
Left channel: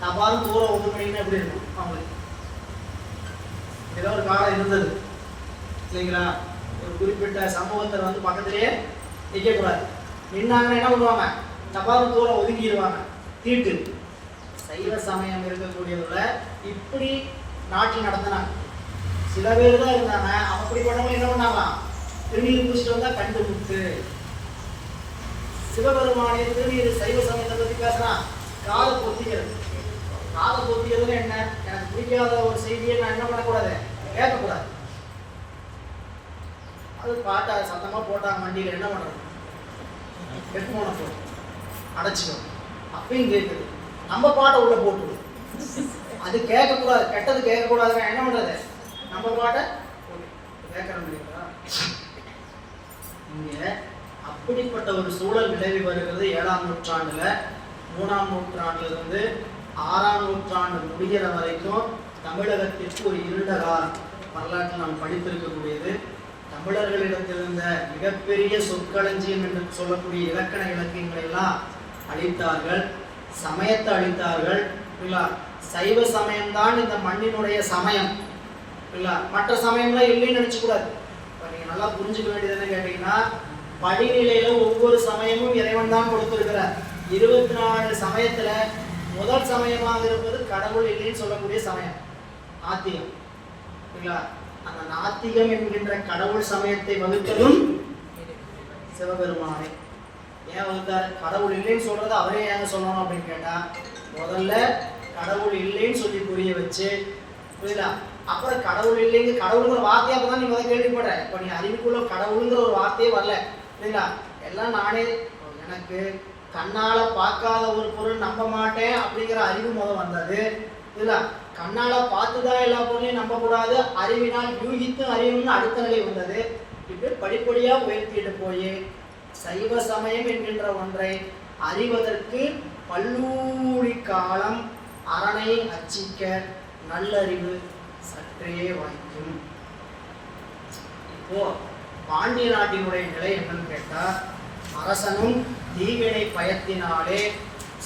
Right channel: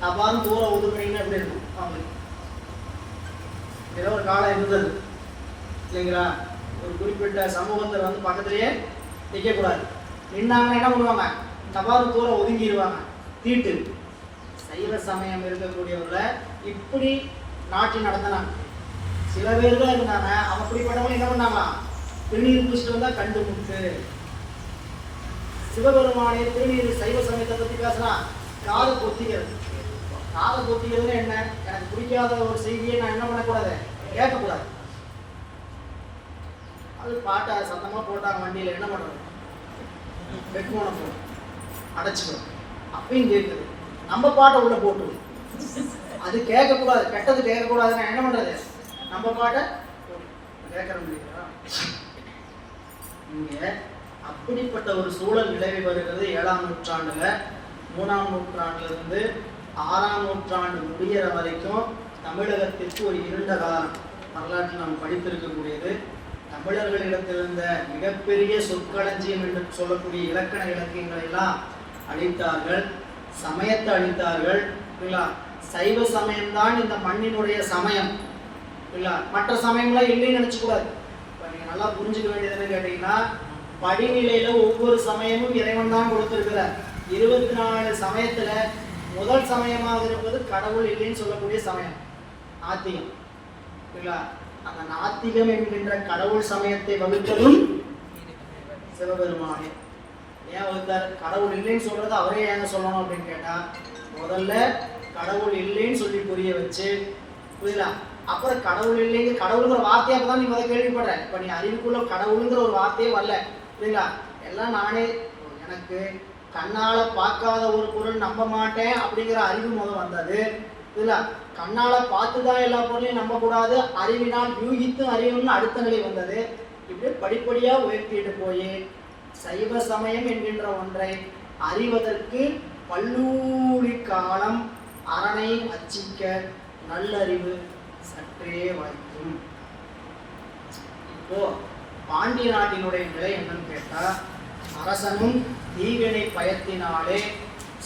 நான் பாருங்க தூரம் ஒதுக்குறீங்கன்னு எப்படி இருக்கும் அவங்களுக்கு. ஏதோ ஒரு காலம் இருந்தது இல்லைங்களா, ஒரு குறிப்பிட்ட சமூகத்தில் வந்து பக்கத்திலேயே நிற்கக்கூடாது. நின்னாங்கன்னா என்ன பண்ணுவாங்க, தபால் தூரம் ஒதுங்கிடுவாங்க. தீட்டு சைவ சமயம் இருக்கக்கூடியவர்களை இப்படி நாட்டில் நடத்தினாங்க. சில பேர் தான் இருந்தாங்க, அப்படிப்பட்டவங்க என்ன பண்ணாங்களாம், திருநீர் பூசிட்டு வந்தா கண்டு முட்டு. சிவபெருமானே திருநீர் சைவ சமயத்தை பற்றி பேசலாம். காதை பொத்திக்கிறது, காதை பொத்திக்கிறதுன்னு என்ன, எனக்கு பிடிக்காத ஒரு செய்தியை நான் என்ன பண்ணக்கூடாது, கேட்கக்கூடாது. அது பாட்டா சத்தமாக போட்டாங்க வண்டியில், என்ன பண்ணுறது, ஹெட்ஃபோனை போட்டு அடைச்சிக்கணும். அப்பயும் கேட்குது, நம்ம பாட்டை உள்ள போட்டுவோம். அது கேட்கக்கூடாது, கெட்டது கேட்கக்கூடாதுன்னா என்ன பண்ணுறது, நம்ம பாட்டை கேட்கறது. இங்கே அப்படிப்பட்ட ஒரு சூழல் நிலவி வருகிறது 7ஆம் நூற்றாண்டுல. 3ஆம் நூற்றாண்டுல இருந்து 6ஆம் நூற்றாண்டு முடிகிற வரைக்கும் தமிழகத்திற்கு ஒரு இருண்ட காலம் வரலாற்றில் நாம் படித்திருக்கக்கூடியது. தமிழர்களிடத்திலிருந்த மிகப்பெரிய சொற்களஞ்சியம் என்று சொல்லக்கூடிய இலக்கண இலக்கியங்களை எல்லாம் அழித்தார்கள், சமயத்தை அழித்தார்கள். சைவ சமயம்தான் இந்த மண்ணினுடைய சமயம். மற்ற சமயம்லாம் இல்லைன்னு நினைச்சக்கூடாது. இப்போ நீங்கள் நல்லா புரிஞ்சுக்க வேண்டியதுன்னு கேட்டீங்கன்னா, படிநிலையில ஒவ்வொரு சமயமும் இறைவன் தான் கொடுத்திருக்கிறார். 24 சமயத்துல முதல் சமயமாக இருப்பது கடவுள் இல்லைன்னு சொல்லக்கூடிய சமயம் நாத்திகம். அந்த நாத்திகம் என்கின்ற கடவுள் சமயத்தை வகுத்ததும் சிவபெருமானே. ஏன் வகுத்தார், கடவுள் இல்லைன்னு சொல்றது அவரே ஏங்க சொல்லணும் அப்படின்னு கேட்டா, முதல்ல கடவுள் இல்லைன்னு சொல்லி புரிய வச்சு, புரியல, அப்புறம் கடவுள் இல்லைங்க, கடவுளுங்கிற வார்த்தையை அப்பதான் நீ முதல் கேள்விப்படுற. இப்ப நீ அறிவுக்குள்ள கடவுளுங்கிற ஒரு வார்த்தையே வரல, புரியல, எல்லாம் நானே, எனக்கு கண்ணால பார்க்காத ஒரு பொருள் நம்ப மாட்டேன் அப்படிங்கிற அறிவு முதல் வந்தது. இதுல கண்ணால பார்த்துதான் எல்லா பொருளையும் நம்ப கூடாது, அறிவினால் யூகித்து அறிவுன்னு அடுத்த நிலை வந்தது. இப்படி படிப்படியா உயர்த்திட்டு போய் சைவ சமயம் என்கின்ற ஒன்றை அறிவதற்கு பல்லூரி காலம் அரணை அச்சிக்க நல்லறிவு சற்றே வாய்க்கும். இப்போ பாண்டிய நாட்டினுடைய நிலை என்னன்னு கேட்டா, அரசனும் தீவினை பயத்தினாலே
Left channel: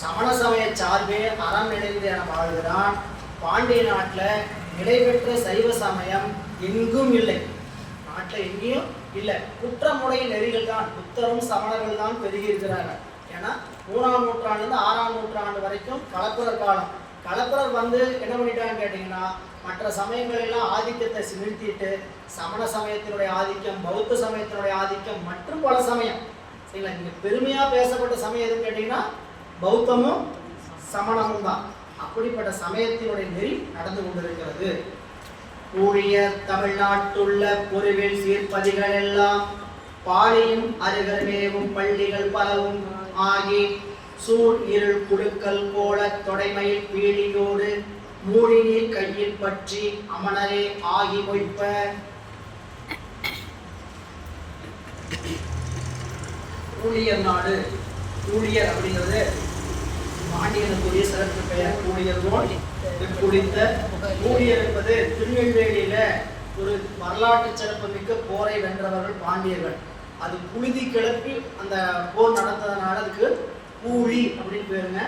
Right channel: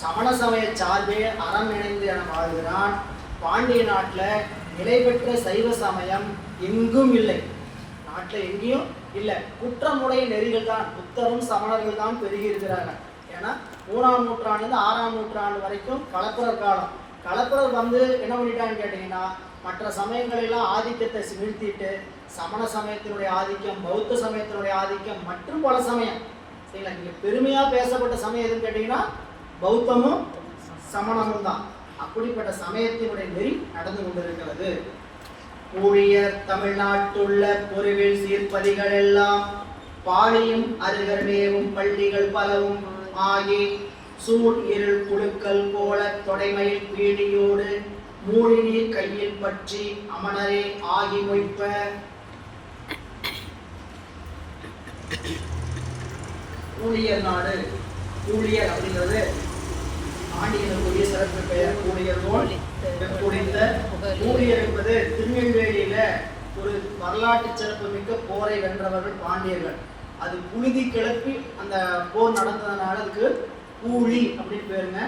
சமண சமய சார்பே அறம் நினைந்து என வாழ்கிறான். பாண்டிய நாட்டில் நிலை பெற்ற சைவ சமயம் எங்கும் இல்லை, நாட்டில் எங்கேயும் இல்லை. குற்றமுடைய நெறிகள் தான், புத்தரும் சமணர்கள் தான் பெருகி இருக்கிறாங்க. ஏன்னா 3ஆம் நூற்றாண்டு 6ஆம் நூற்றாண்டு வரைக்கும் கலப்பரர் காலம். கலப்பரர் வந்து என்ன பண்ணிட்டான்னு கேட்டீங்கன்னா, மற்ற சமயங்களெல்லாம் ஆதிக்கத்தை நிறுத்திட்டு சமண சமயத்தினுடைய ஆதிக்கம், பௌத்த சமயத்தினுடைய ஆதிக்கம் மற்றும் பல சமயம், சரிங்களா, இங்கே பெருமையாக பேசப்பட்ட சமயம் எதுன்னு கேட்டிங்கன்னா பௌத்தமும் சமணமும் தான். அப்படிப்பட்ட சமயத்தினுடைய நெறி நடந்து கொண்டிருக்கிறது. ஊழிய தமிழ்நாட்டுள்ள பொருவில் சீர்பதிகள் எல்லாம் பாலியும் அருகர்மேவும் பள்ளிகள் பலவும் ஆகி சூழ் இருள் குழுக்கள் போல தொடைமையில் பீடியோடு மூடி நீர் கையில் பற்றி அமனரே ஆகி வைப்ப. ஊழியர் நாடு, ஊழியர் அப்படிங்கிறது பாண்டியனுக்குரிய சிறப்பு பெயர். ஊழியர் நூல் குடித்த ஊழியர் என்பது திருநெல்வேலியில ஒரு வரலாற்று சிறப்பு மிக்க போரை வென்றவர்கள் பாண்டியர்கள். அது புழுதி கிளப்பி அந்த போர் நடந்ததுனால அதுக்கு கூலி அப்படின்னு பேருங்க.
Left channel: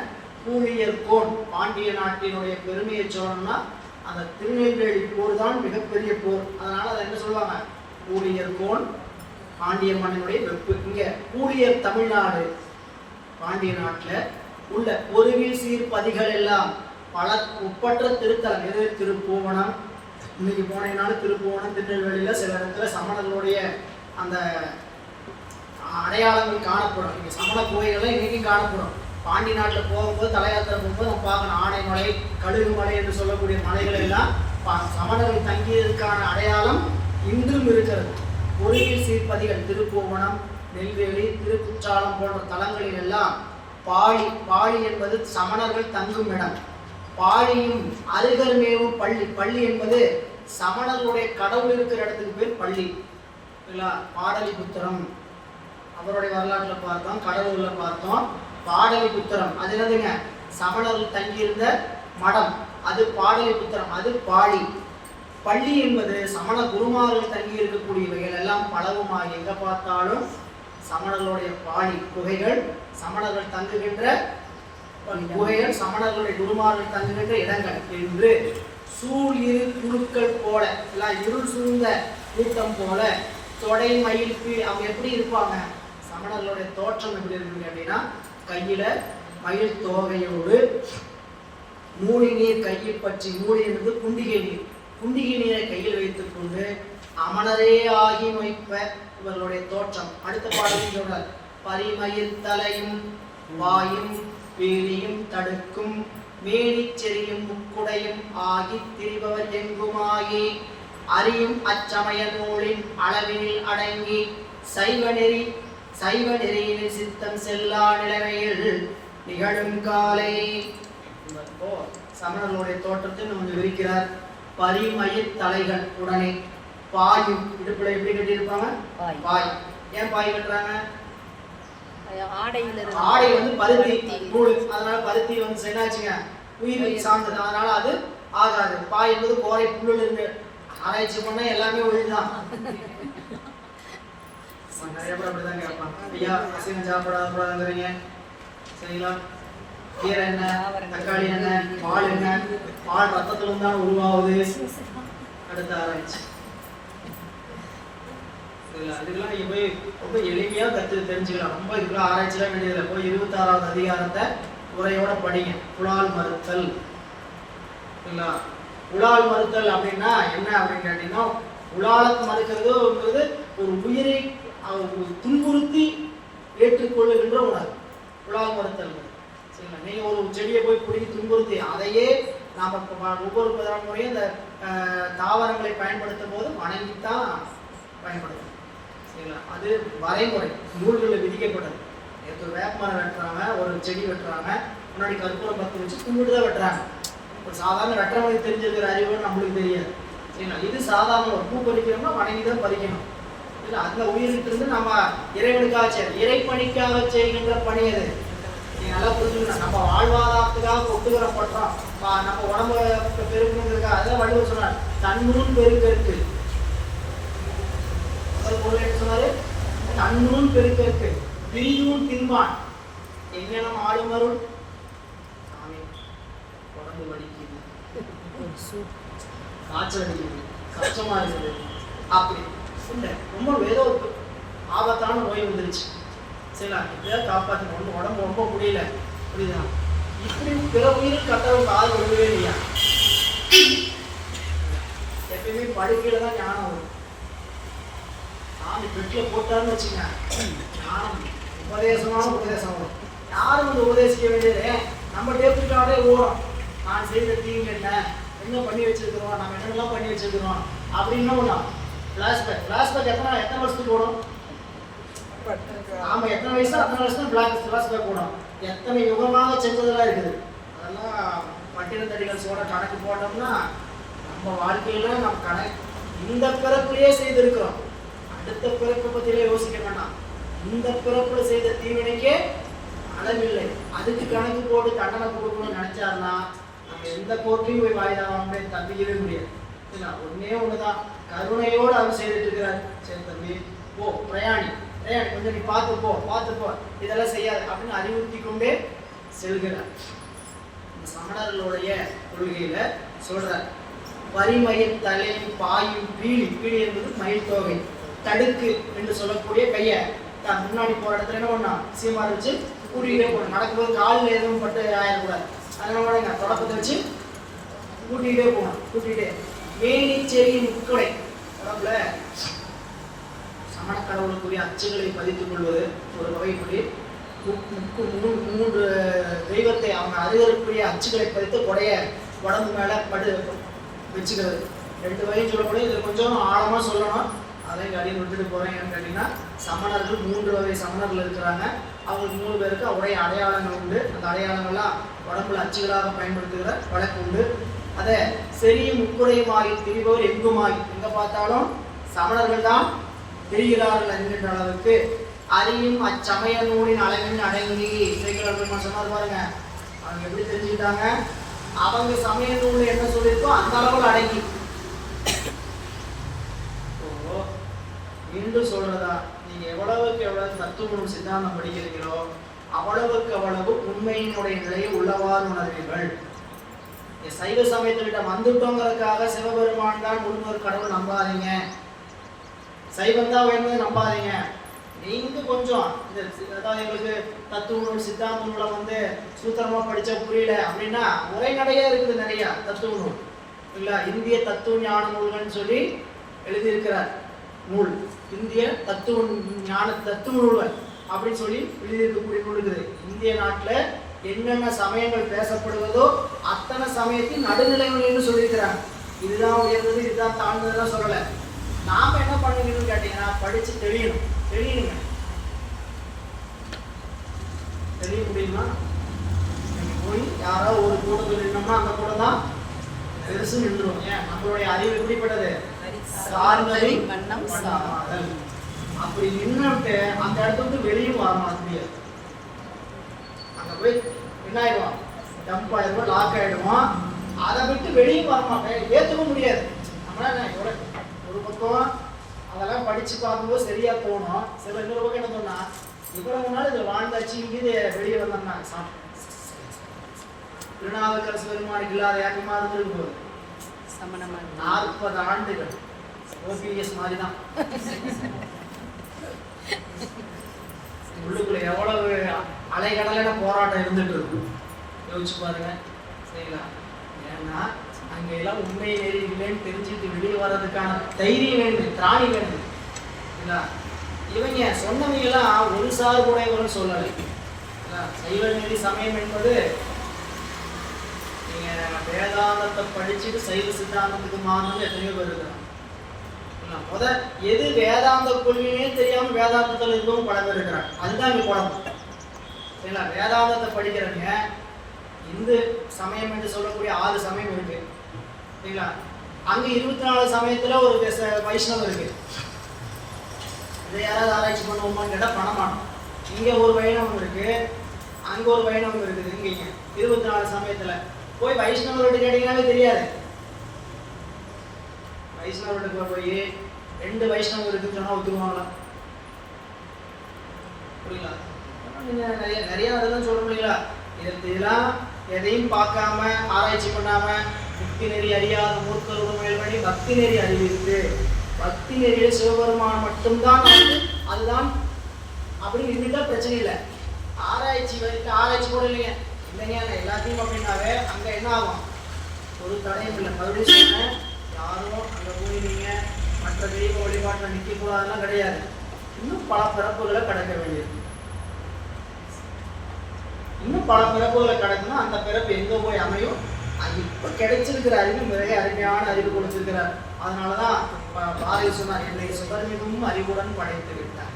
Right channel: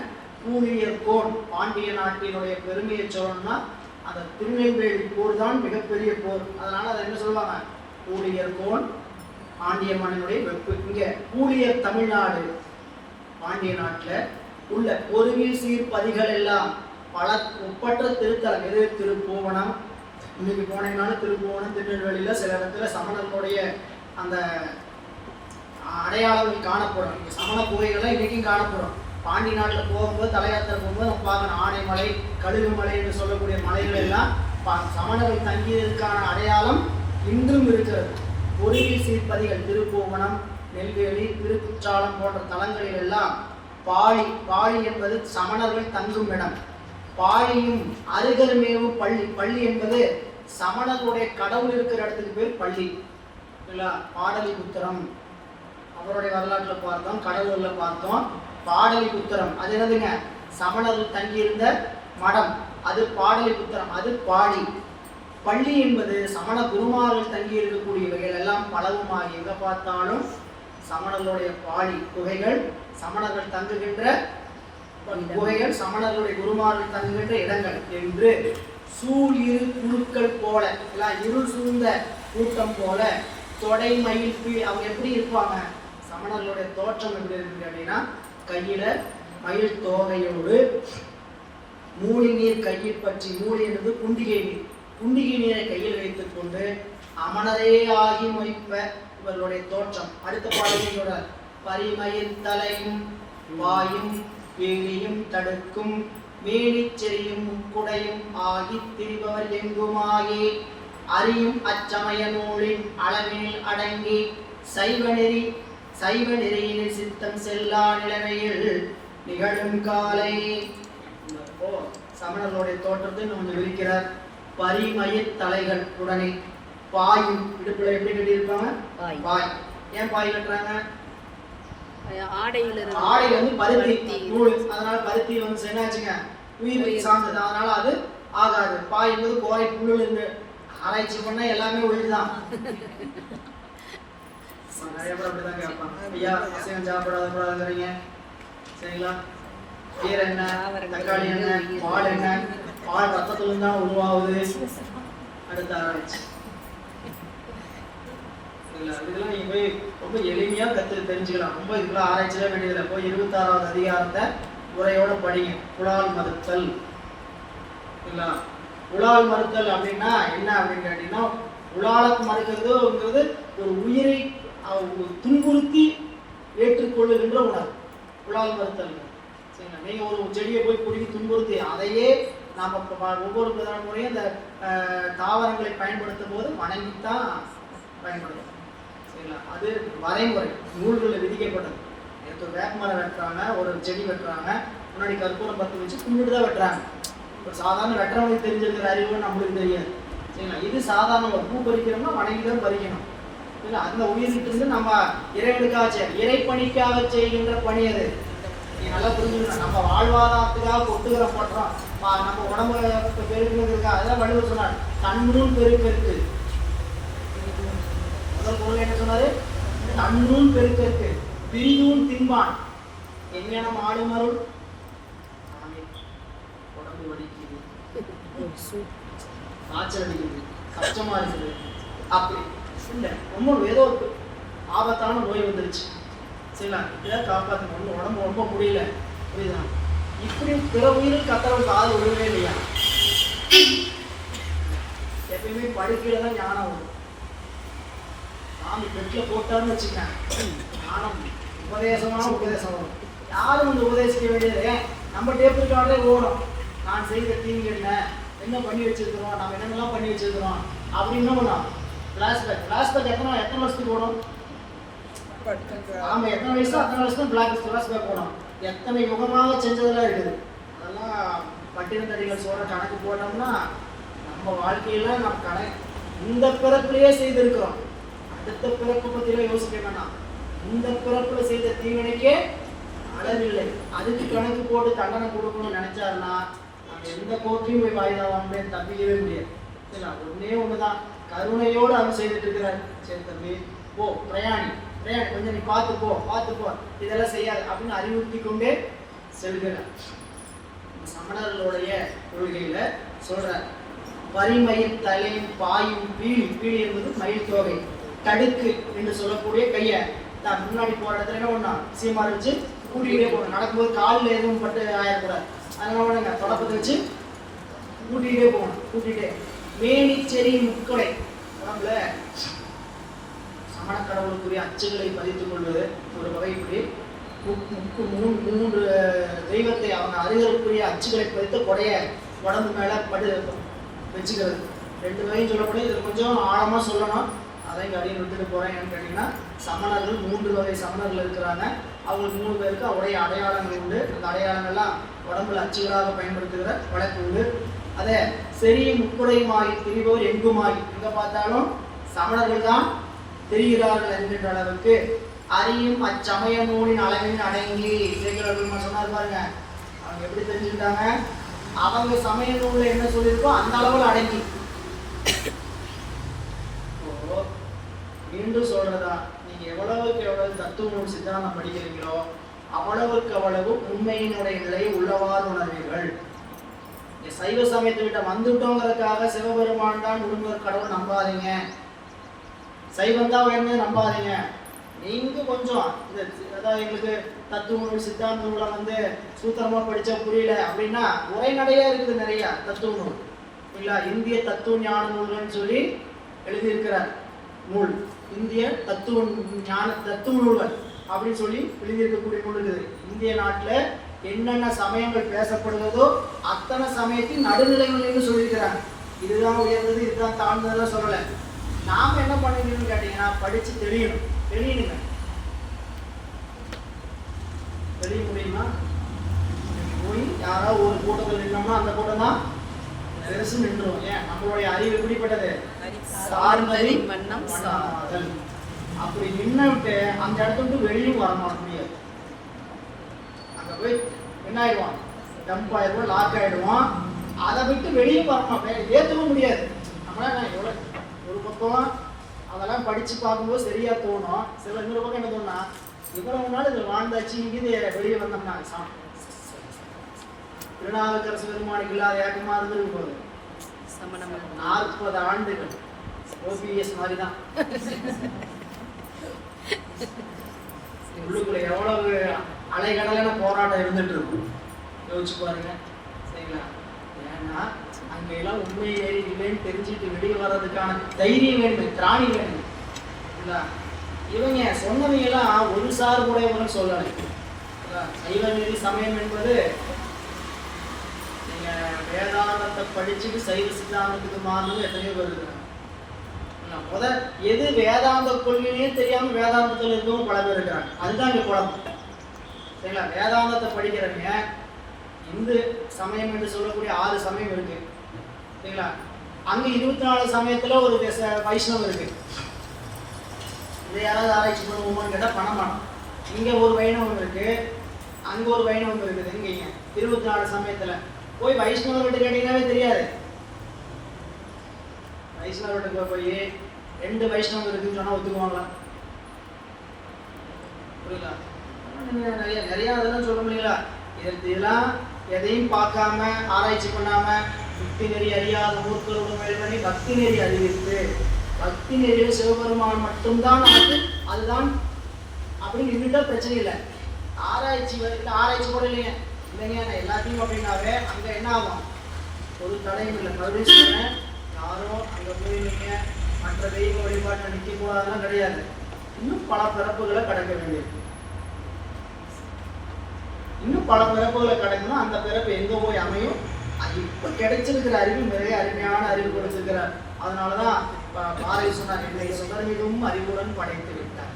கூலியர் கோன் பாண்டிய நாட்டினுடைய பெருமையை சொல்லணும்னா அந்த திருநெல்வேலி போர் தான் மிகப்பெரிய போர். அதனால அதை என்ன சொல்லுவாங்க, கூலியர் கோன் பாண்டிய மண்ணினுடைய வெப்பு. இங்க கூலியர் தமிழ்நாடு பாண்டிய நாட்டில் உள்ள பொருவில் சீர்பதிகள் எல்லாம் பல ஒப்பற்ற திருத்தலம். எது, திருப்பூவனம். இன்னைக்கு போனீங்கன்னாலும் திருப்பூவனம், திருநெல்வேலியில சில இடத்துல சமணர்களுடைய அந்த அடையாளங்கள் காணப்படும். இங்கே சமண கோயில்கள் இன்னைக்கும் காணப்படும். பாண்டி நாட்டில் போகும்போது தலையாத்திரை போகும்போது நம்ம பார்க்கணும், ஆனைமலை, கழுகுமலை என்று சொல்லக்கூடிய மலைகள் எல்லாம் சமணர்கள் தங்கியதற்கான அடையாளம் இன்றும் இருக்கிறது. பொருளில் சீர்பதிகள் திருப்பூவனம், நெல்வேலி, திருக்குற்றாலம் போன்ற தலங்களில் எல்லாம் பாழி, பாழி என்பது சமணர்கள் தங்கும் இடம். பாழியும் அருகர்மேவும் பள்ளி, பள்ளி என்பது சமணர்களுடைய கடவுள் இருக்கிற இடத்துக்கு பேர் பள்ளி. பாடலிபுத்திரம் அவருடைய வரலாற்றில் பார்த்தோம், கடவுள்ல பார்த்தோம். பாடலிபுத்திரம் அது என்னதுங்க? சமணர்கள் தங்கியிருந்த மடம், அது பாடலிபுத்திரம், அது பாடி. பள்ளி என்பது சமண குருமார்கள் தங்கி இருக்கக்கூடியவைகள் எல்லாம் பலவுமாகி எங்க பார்த்தாலும் சமணர்களுடைய பாடி குகைகள், சமணர்கள் தங்குகின்ற குகைகள், சமணர்களுடைய குருமார்கள் தங்குகின்ற இடங்கள் என்று சூழ் இரு குழுக்கள் போல, இருள் சூழ்ந்த கூட்டம் போல தொடை மயில் அவங்க எப்படி இருப்பாங்க? சமணர்களுடைய தோற்றம் எப்படி இருக்கு அப்படின்னா, கையில மயில் தோகையோடு மூலி நீர் கையில் பற்றி, மூலி என்பது குண்டிகை நீர், குண்டிகை நீரை கையில் வைத்துக் கொண்டு அமணரே ஆகி மொய்ப்ப இவர்களுடைய தோற்றம். அடுத்த பாடல் பரிமயில் தலையும் வாயும் வேலியும் தடுக்கும் மேலிச்செறியும் முக்குடையும் ஆகி திரிபவர் எங்குமாகி அறியும் அச்சமய நூலின் அளவினில் அடங்கி சைவ நெறியில் சித்தம் செல்லா நிலைமையில் நிகழும் காலை. சமணர்களுடைய தோற்றத்தை நம்ம விரிக்கிறார். பரிமயில் தலைகள் உடனே பாயும், இடுப்புல எப்படி கட்டியிருப்பாங்க? பாய். ஏன் பாய் கட்டுறாங்க? ஆடை வந்து பருத்தி நூல், அதனால பருத்தி வந்து என்னாச்சுங்க? உயிர் சார்ந்தது, அதனால அது ஆகாது. பாய் என்பது கோரை புல்லுல இருந்து ஆராய்ச்சி பண்ண எல்லாமே ஒழிதான். நிறைய பேர் அப்படிதான் கேட்பான், ஐயா அசைவம் சாப்பிடாதீங்க சரிங்களா? கீரை என்ன, தக்காளி என்ன, பால் என்ன, பால் ரத்தத்துல இருந்தாலும் உருவாகுது. அடுத்த ஆராய்ச்சி இதெல்லாம் நீங்க போய் ரொம்ப எளிமையா தெரிஞ்சுக்கலாம். ரொம்ப இதுக்கெல்லாம் ஆராய்ச்சிலாம் வேண்டியதில்லை. போய் 26வது அதிகாரத்தை உரையோட படிங்க. உலால் மறுத்தல். சரிங்களா? உலால் மறுத்தல் அப்படின்னா என்ன அப்படின்னு கேட்டீங்கன்னா, உலாலத்து மறுக்கிறதுங்கிறது ஒரு உயிரை துன்புறுத்தி ஏற்றுக்கொள்ளுகின்ற உணர்வு. உலால் மறுத்தல். சரிங்களா? நீங்க ஒரு செடியை போய் பிடிக்கி துன்புறுத்தி அதையே நாம ஒவ்வொரு முறையும் இந்த தாவரங்களை பயன்படுத்தும் போது வணங்கித்தான் பயன்படுத்தும். சரிங்களா? அது வரைமுறை நூல்களில் விதிக்கப்பட்டது. ஒரு வேப்பமரம் வெட்டுறாங்க, ஒரு செடி வெட்டுறாங்க, முன்னாடி கற்பூரம் பற்ற வச்சு கும்பிட்டு தான் வெட்டுறாங்க. ஒரு சாதாரண வெட்டுறவங்களுக்கு தெரிஞ்சிருக்கிற அறிவு நம்மளுக்கு தெரியாது. சரிங்களா? இது சாதாரண ஒரு பூ பறிக்கிறோம்னா வணங்கி தான் பறிக்கணும். இல்லை, அந்த உயிரிட்டு இருந்து நம்ம இறைவனுக்காக இறைப்பணிக்காக செய்கின்ற பணி அது. நீங்க நல்லா புரிஞ்சுக்கணும். நம்ம வாழ்வாதாரத்துக்காக கொட்டுகிற படுறோம், நம்ம உடம்பு பெருக்குங்கிறதுக்காக. அதெல்லாம் வள்ளுவர் சொன்னார், தன்னுள் பெருக்கெருக்கு. முதல் பொருள் என்ன சொன்னாரு? தன்னுள் பெருக்கெருக்கு பிரிதூன் தின்பான். எங்க நம்ம ஆளுமருள் உடம்பு வலிக்குது, காய்ச்சல் அடிக்குது, கஷ்டமா இருக்குது, அப்படி ரொம்ப ஏதோ ஆபத்தான நோய் வந்துருச்சு. சரிங்களா? இதை காப்பாற்றிக்கணும், உடம்பு ரொம்ப முடியல, புரியுதா? இப்படி பிற உயிருக்கு கத்தவும் காது விடவே இல்லையா? எப்பயுமே படுக்கையில தான் ஞானம் வரும். சாமி பெட்டில் போட்டாருன்னு வச்சுக்கேன், ஞானம் உபதேசமான உபதேசம் வரும். யாரும் வந்து உபதேசிக்க வேண்டியது நம்ம டேப்புக்காக ஓடும். நான் செய்த தீங்கு என்ன பண்ணி வச்சிருக்கிறோம், நம்ம என்னென்னலாம் பண்ணி வச்சிருக்கிறோம் அப்படின்னு ஒன்றா ஃபிளாஷ்பேக் எத்தனை வருஷத்துக்கு ஓடும்? நாம எத்தனை வயசு அத்தனை வருஷம் ஃபிளாஷ்பேக் ஓடும். எத்தனை யுகமாக செஞ்சதெல்லாம் இருக்குது. அதெல்லாம் பட்டினத்தடிகள் சோழ கணக்கு போட்டோம்னா நம்ம வாழ்க்கையில நம்ம கணக்கு இந்த பிறப்புலயே செய்திருக்கிறோம். அடுத்த பிறப்பை பத்திலாம் யோசிக்க வேண்டாம். இந்த பிறப்புல செய்த தீவினைக்கே அளவில்லை. அதுக்கு கணக்கு போட்டு தண்டனை கொடுக்கணும்னு நினைச்சாருன்னா நம்ம எந்த கோர்ட்டையும் போய் வாய்தாவாங்க தப்பிக்கவே முடியாது. இல்லை, ஒன்னே ஒண்ணுதான், கருணையோடு அவர் செய்துட்டு இருக்கிறார். சரி தம்பி போ, பிரயாணி கொஞ்சம் நீ பார்த்துப்போ இதெல்லாம் செய்யாது அப்படின்னு அறிவுறுத்தி கொண்டே செல்கிறார். சமணர்களுடைய கொள்கையில சொல்ற பரிமயில் தலையும் பாயும் பீலி என்பது மயில் தோகை, தடுக்கு என்று சொல்லக்கூடிய கையை தான் முன்னாடி போற இடத்துல என்ன ஒண்ணா சீமா வச்சு கூட்டிகிட்டே போகணும். நடக்கும்போது காலில் எதுவும் பட்டு ஆயிடக்கூடாது. அதனால தொடப்பத்தை வச்சு கூட்டிகிட்டே போகணும். கூட்டிகிட்டே மேனிச்செறி முக்கொடை, உடம்புல சமண கடவுளுக்குரிய அச்சுகளை பதித்துக் கொள்வது ஒரு வகைக்குரிய மூன்று தெய்வத்தை அவங்க அறிவதற்குரிய அச்சுகளை பதித்து கொடைய உடம்பு மேல படு வச்சுக்கிறது. 2 வகையும் சொல்லக்கூடிய இதில் கொஞ்சம் ஆழமா சொல்லணும். அதை அடியில் விட்டுட்டு போறேன். ஏன்னு கேட்டீங்கன்னா, சமணர்கள் 3 வகை சமணர்கள் இருக்கிறாங்க. அவங்களுக்கு 3 பேருக்கு அவருடைய அடையாளங்கள் உண்டு. அந்த அடையாளங்கள்லாம் உடம்புல அச்சுகளாக பயன்படுத்துகிற வழக்கு உண்டு. அதே செரியும் முக்குறையுமாகி திரிவோர் எங்குமாகி, எங்க பார்த்தாலும் சமணர்கள் தான் தெரிகிறார்கள் என்கின்ற அளவுக்கு அறியும் அச்சமய நூலின் அளவின் அடங்கி சேக்கிழார் சொன்னார் பாருங்க. அவங்க எப்படி தெரிஞ்சுக்கிட்டாங்க? அவங்க சமய நூல் என்ன சொல்லியிருக்கோ அந்த அளவில் அடங்கி. மீண்டும் சொல்றதா, நீங்க எவ்வளவுக்கு எவ்வளவு தத்துவ நூல் சித்தாந்தம் படிக்கிறீங்களோ அவ்வளவுக்கு அவ்வளவு உண்மையினுடைய நிலையை உள்ளவாறு உணர்வீர்கள். சைவ சமயத்துக்கிட்ட வந்துட்டோங்கிறதுக்காக சிவபெருமான் தான் முருகர் கடவுள் நம்பாதீங்க, சைவம் தான் வேணும்னு நம்பாதீங்க. நீங்க கொஞ்சம் அதாவது எங்களுக்கு தத்துவ நூல் சித்தாந்த நூலை வந்து சூத்திரமா படிச்சா புரியல அப்படின்னா உரைநடையா இருக்குது நிறைய தத்துவ நூல் இல்ல. இந்திய தத்துவ ஞான நூல்னு சொல்லி எழுதியிருக்கிறார் நூல், இந்திய தத்துவ ஞான தத்துவ நூல்கள் அப்படின்னு சொல்லி எழுதியிருக்கக்கூடிய நூல் இருக்குது. இந்திய நாட்டுல என்னென்ன சமயங்கள் பேசப்படுவதோ அத்தனை சமயத்தின் நடுநிலைமைன்னு சொல்லியிருக்கிறாங்க. இதுதான் உயர்ந்தது, இதுதான் தாழ்ந்ததுதான் சொல்லலை. நாம என்ன பண்ணுவீங்கன்னு கேட்டீங்கன்னா படிச்சு தெரியணுங்க. தெரிய முடியுமா? போய் யாராவது ஒரு கூட்டத்தில் நின்னோம்னா அந்த கூட்டம் தான் பெருசு நின்றுடும். ஏன்? நம்மளுடைய அறிவு எப்படிப்பட்டது? சார்ந்ததை மன்னம் சாதல். அப்படி நின்னுட்டு அந்த இடத்த விட்டு வெளியும் வரமா முடியாது. அங்க போய் என்ன ஆயிடுவோம்? டம்ப் ஆயிடுவோம், லாக் ஆயிடுவோம். அதை விட்டு வெளியும் வரமா ஏற்றவும் முடியாது. நம்மளால எவ்வளவு ஒரு பக்கம் அதெல்லாம் படிச்சு பார்க்கும்போது சரியா தோணும். சில இன்னொரு பக்கம் என்ன தோணுனா இவ்வளவு நாள் இதில் வாழ்ந்தாச்சு, இங்கிருந்து வெளியே வந்தோம்னா திருநாவுக்கரசு பெருமானுக்கு இல்லாத யாருமா அது இருக்கும் போது 40 ஆண்டுகள் ஓபிஎஸ் மாதிரி தான். உள்ளுக்குள்ள எவ்வளவு அலைகடலான போராட்டம் இருந்துட்டு இருக்கும் யோசிச்சு பாருங்க. சரிங்களா? ஏன்னா அங்க எல்லாம் உண்மை நெறி இல்லைன்னு தெரிஞ்சுட்டு வெளியே வர்றதுக்கான தைரியம் வேண்டும், திராணி வேண்டும். இவங்க சொன்னவங்க எல்லாம் ஒரு சார்புடையவங்க சொல்லலை. சைவ நெறி சமயம் என்பது நீங்க வேதாந்தத்தை படிச்சுட்டு சைவ சித்தாந்தத்துக்கு மாறுறது எத்தனையோ பேர் இருக்கிறாங்க. எது வேதாந்த கொள்கையே தெரியாம வேதாந்தத்துல இருக்கவும் பல பேர் இருக்கிறாங்க. அதுதான் இங்க குழப்பம். சரிங்களா? வேதாந்தத்தை படிக்கிறவங்க இந்து சமயம் என்று சொல்லக்கூடிய 6 சமயம் இருக்கு. சரிங்களா? அங்க 24 சமயத்துல ஒரு வைஷ்ணவம் இருக்கு. இதை யாராவது ஆராய்ச்சி பண்ணுவோமான்னு கேட்டா பண்ண மாட்டோம். இங்க ஒரு வைணவம் இருக்கு, அங்க ஒரு வைணவம் இருக்குது. இங்க 24 சமயத்துல போய் வைஷ்ணவர்கிட்ட கேட்டீங்கன்னாவே தெரியாது. வைஷ்ணவர்கிட்ட போய் 2 வைஷ்ணவம் இருக்குன்னு சொன்னா ஒத்துக்குவாங்களா? புரியல? நிறைய அதெல்லாம் சொல்ல முடியல. இதெல்லாம் எதையும் பார்க்காம ஆராய்ச்சி பண்ணாம பக்தி நெறி அறியாத மூர்த்தர்கள் மேல்படி பக்தி நெறி அறிவித்து பக்தி நெறியில் சிவபெருமான் மட்டும்தான் அதுதான் அப்படின்னு இருந்துட்டா பிரச்சனை இல்லை. ஆராய்ச்சி கூட இல்லைங்க எல்லாத்தையும் அப்படின்னாவே அங்க என்ன ஆகும்? ஒரு தடையும் இல்லை. மறுபடியும் சொன்னேன், யாரும் அங்க போய் நீங்க மற்ற தெய்வ வழிபாட்டில் நிற்க போறதெல்லாம் கிடையாது. இன்னும் பல பிறப்புகளை கடக்க வேண்டியிருக்கு. இன்னும் பல பிறப்புகளை கடக்கணும். அந்த பிறப்பு எங்க போய் அமையும்? இப்ப கிடைச்சிருக்கிற அறிவு நிறைய அருமையான அறிவு கொடுத்திருக்கிறார். அதனாலதான் பாரதி சொன்னார், என்னை சுதர்மிகும் அறிவுடன் படைத்து விட்டார்.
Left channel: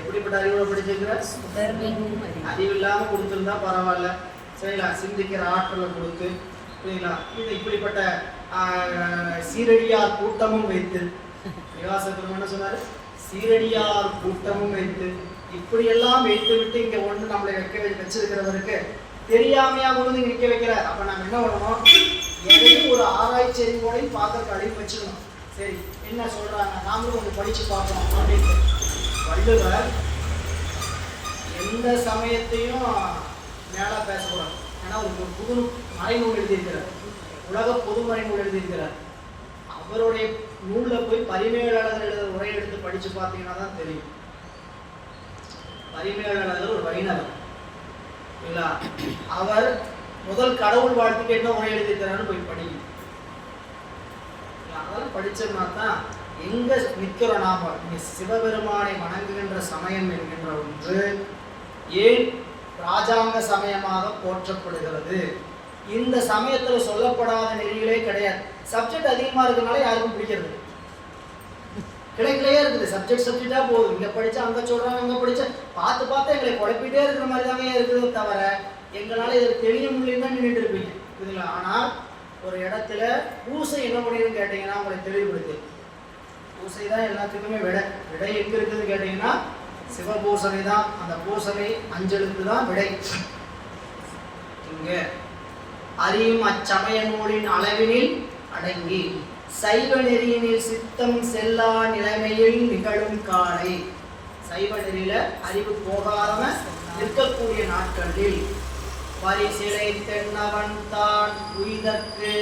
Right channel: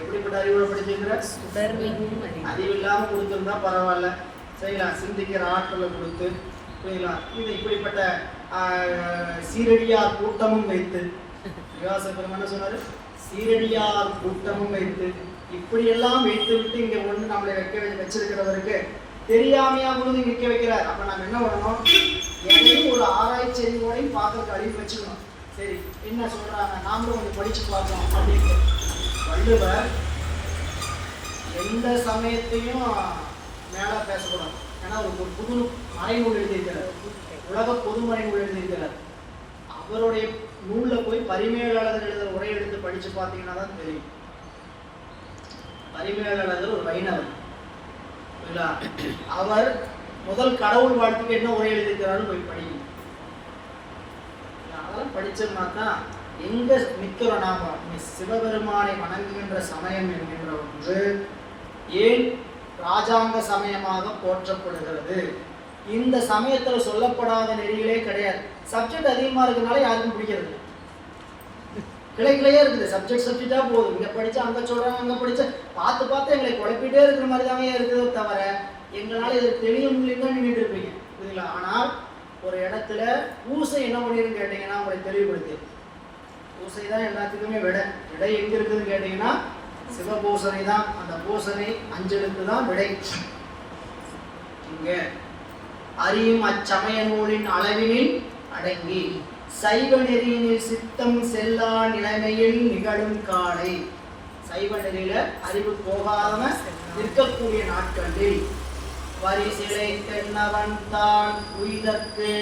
எப்படிப்பட்ட அறிவுடன் படிச்சிருக்கிறார்? அறிவு இல்லாம கொடுத்திருந்தா பரவாயில்ல. சரிங்களா? சிந்திக்கிற ஆற்றலை கொடுத்து, சரிங்களா? இது இப்படிப்பட்ட சீரடியார் கூட்டமும் வைத்து, விவாச பெருமான் சொன்னாரு, சீரடியார் கூட்டமும் வைத்து இப்படியெல்லாம் வைத்து விட்டு இங்க ஒண்ணு நம்மளை வச்சிருக்கிறவருக்கு தெரியாமையா கொண்டு நிற்க வைக்கிறார். அப்ப நம்ம என்ன பண்ணணும்? எதையும் ஒரு ஆராய்ச்சி அறிவோடையும் பார்க்கறதுக்கு அறிவு வச்சுக்கணும். சரி, என்ன சொல்றாங்க, நாமளும் கொஞ்சம் படிச்சு பார்ப்போம் அப்படின்னு. வள்ளுவர் எந்த சமயத்தையும் மேல பேசக்கூடாது. ஏன்னா ஒரு புது மறைநூல் எழுதியிருக்கிறார், உலக பொது மறைநூல் எழுதியிருக்கிறார். அவருடைய நூல்ல போய் பரிமேலாளர் எழுதுற உரை எடுத்து படிச்சு பார்த்தீங்கன்னா தான் தெரியும். பரிமேலாளர் ஒரு வைணவர். அவர் முதல் கடவுள் வாழ்த்துக்கு என்ன உரை எழுதியிருக்கிறான்னு போய் படிக்கணும். அதெல்லாம் படிச்சோம்னா தான் எங்க நிற்கிறோம் நாம. சிவபெருமானை வணங்குகின்ற சமயம் என்கின்ற ஒன்று ஏன் ராஜாங்க சமயமாக போற்றப்படுகிறது? இந்த சமயத்துல சொல்லப்படாத நெறிகளே கிடையாது. சப்ஜெக்ட் அதிகமா இருக்கிறதுனால யாருக்கும் பிடிக்கிறது. கிளைக்கிளையே இருக்குது. சப்ஜெக்டா போகுது. இங்க படிச்சா அங்க சொல்றாங்க, அங்க படிச்சா பார்த்து எங்களை குழப்பிட்டே இருக்கிற மாதிரி தாங்க இருக்குது. தவிர எங்களால இது தெளிய முடியும் தான் நின்றுட்டு இருப்பீங்க. புரியுதுங்களா? ஆனால் ஒரு இடத்துல பூசை என்ன பண்ணிருன்னு கேட்டீங்கன்னா உங்களை தெளிவுபடுத்தி, பூசை தான் எல்லாத்துக்குமே விடை எங்க இருக்குதுன்னு கேட்டீங்கன்னா சிவபூசனை தான். அந்த பூசனை அஞ்சலுக்கு தான் விடை. இங்க அறியும் அச்சமய நூலின் அளவினில் அடங்கி சைவ நெறியினில் சித்தம் செல்லா நிலைமையில் நிகழும் காலை. சைவ நெறியில அறிவு போகாம நிற்கக்கூடிய நாட்களில் வரிசிலை தென்னவன் தான் உயிர்க்கு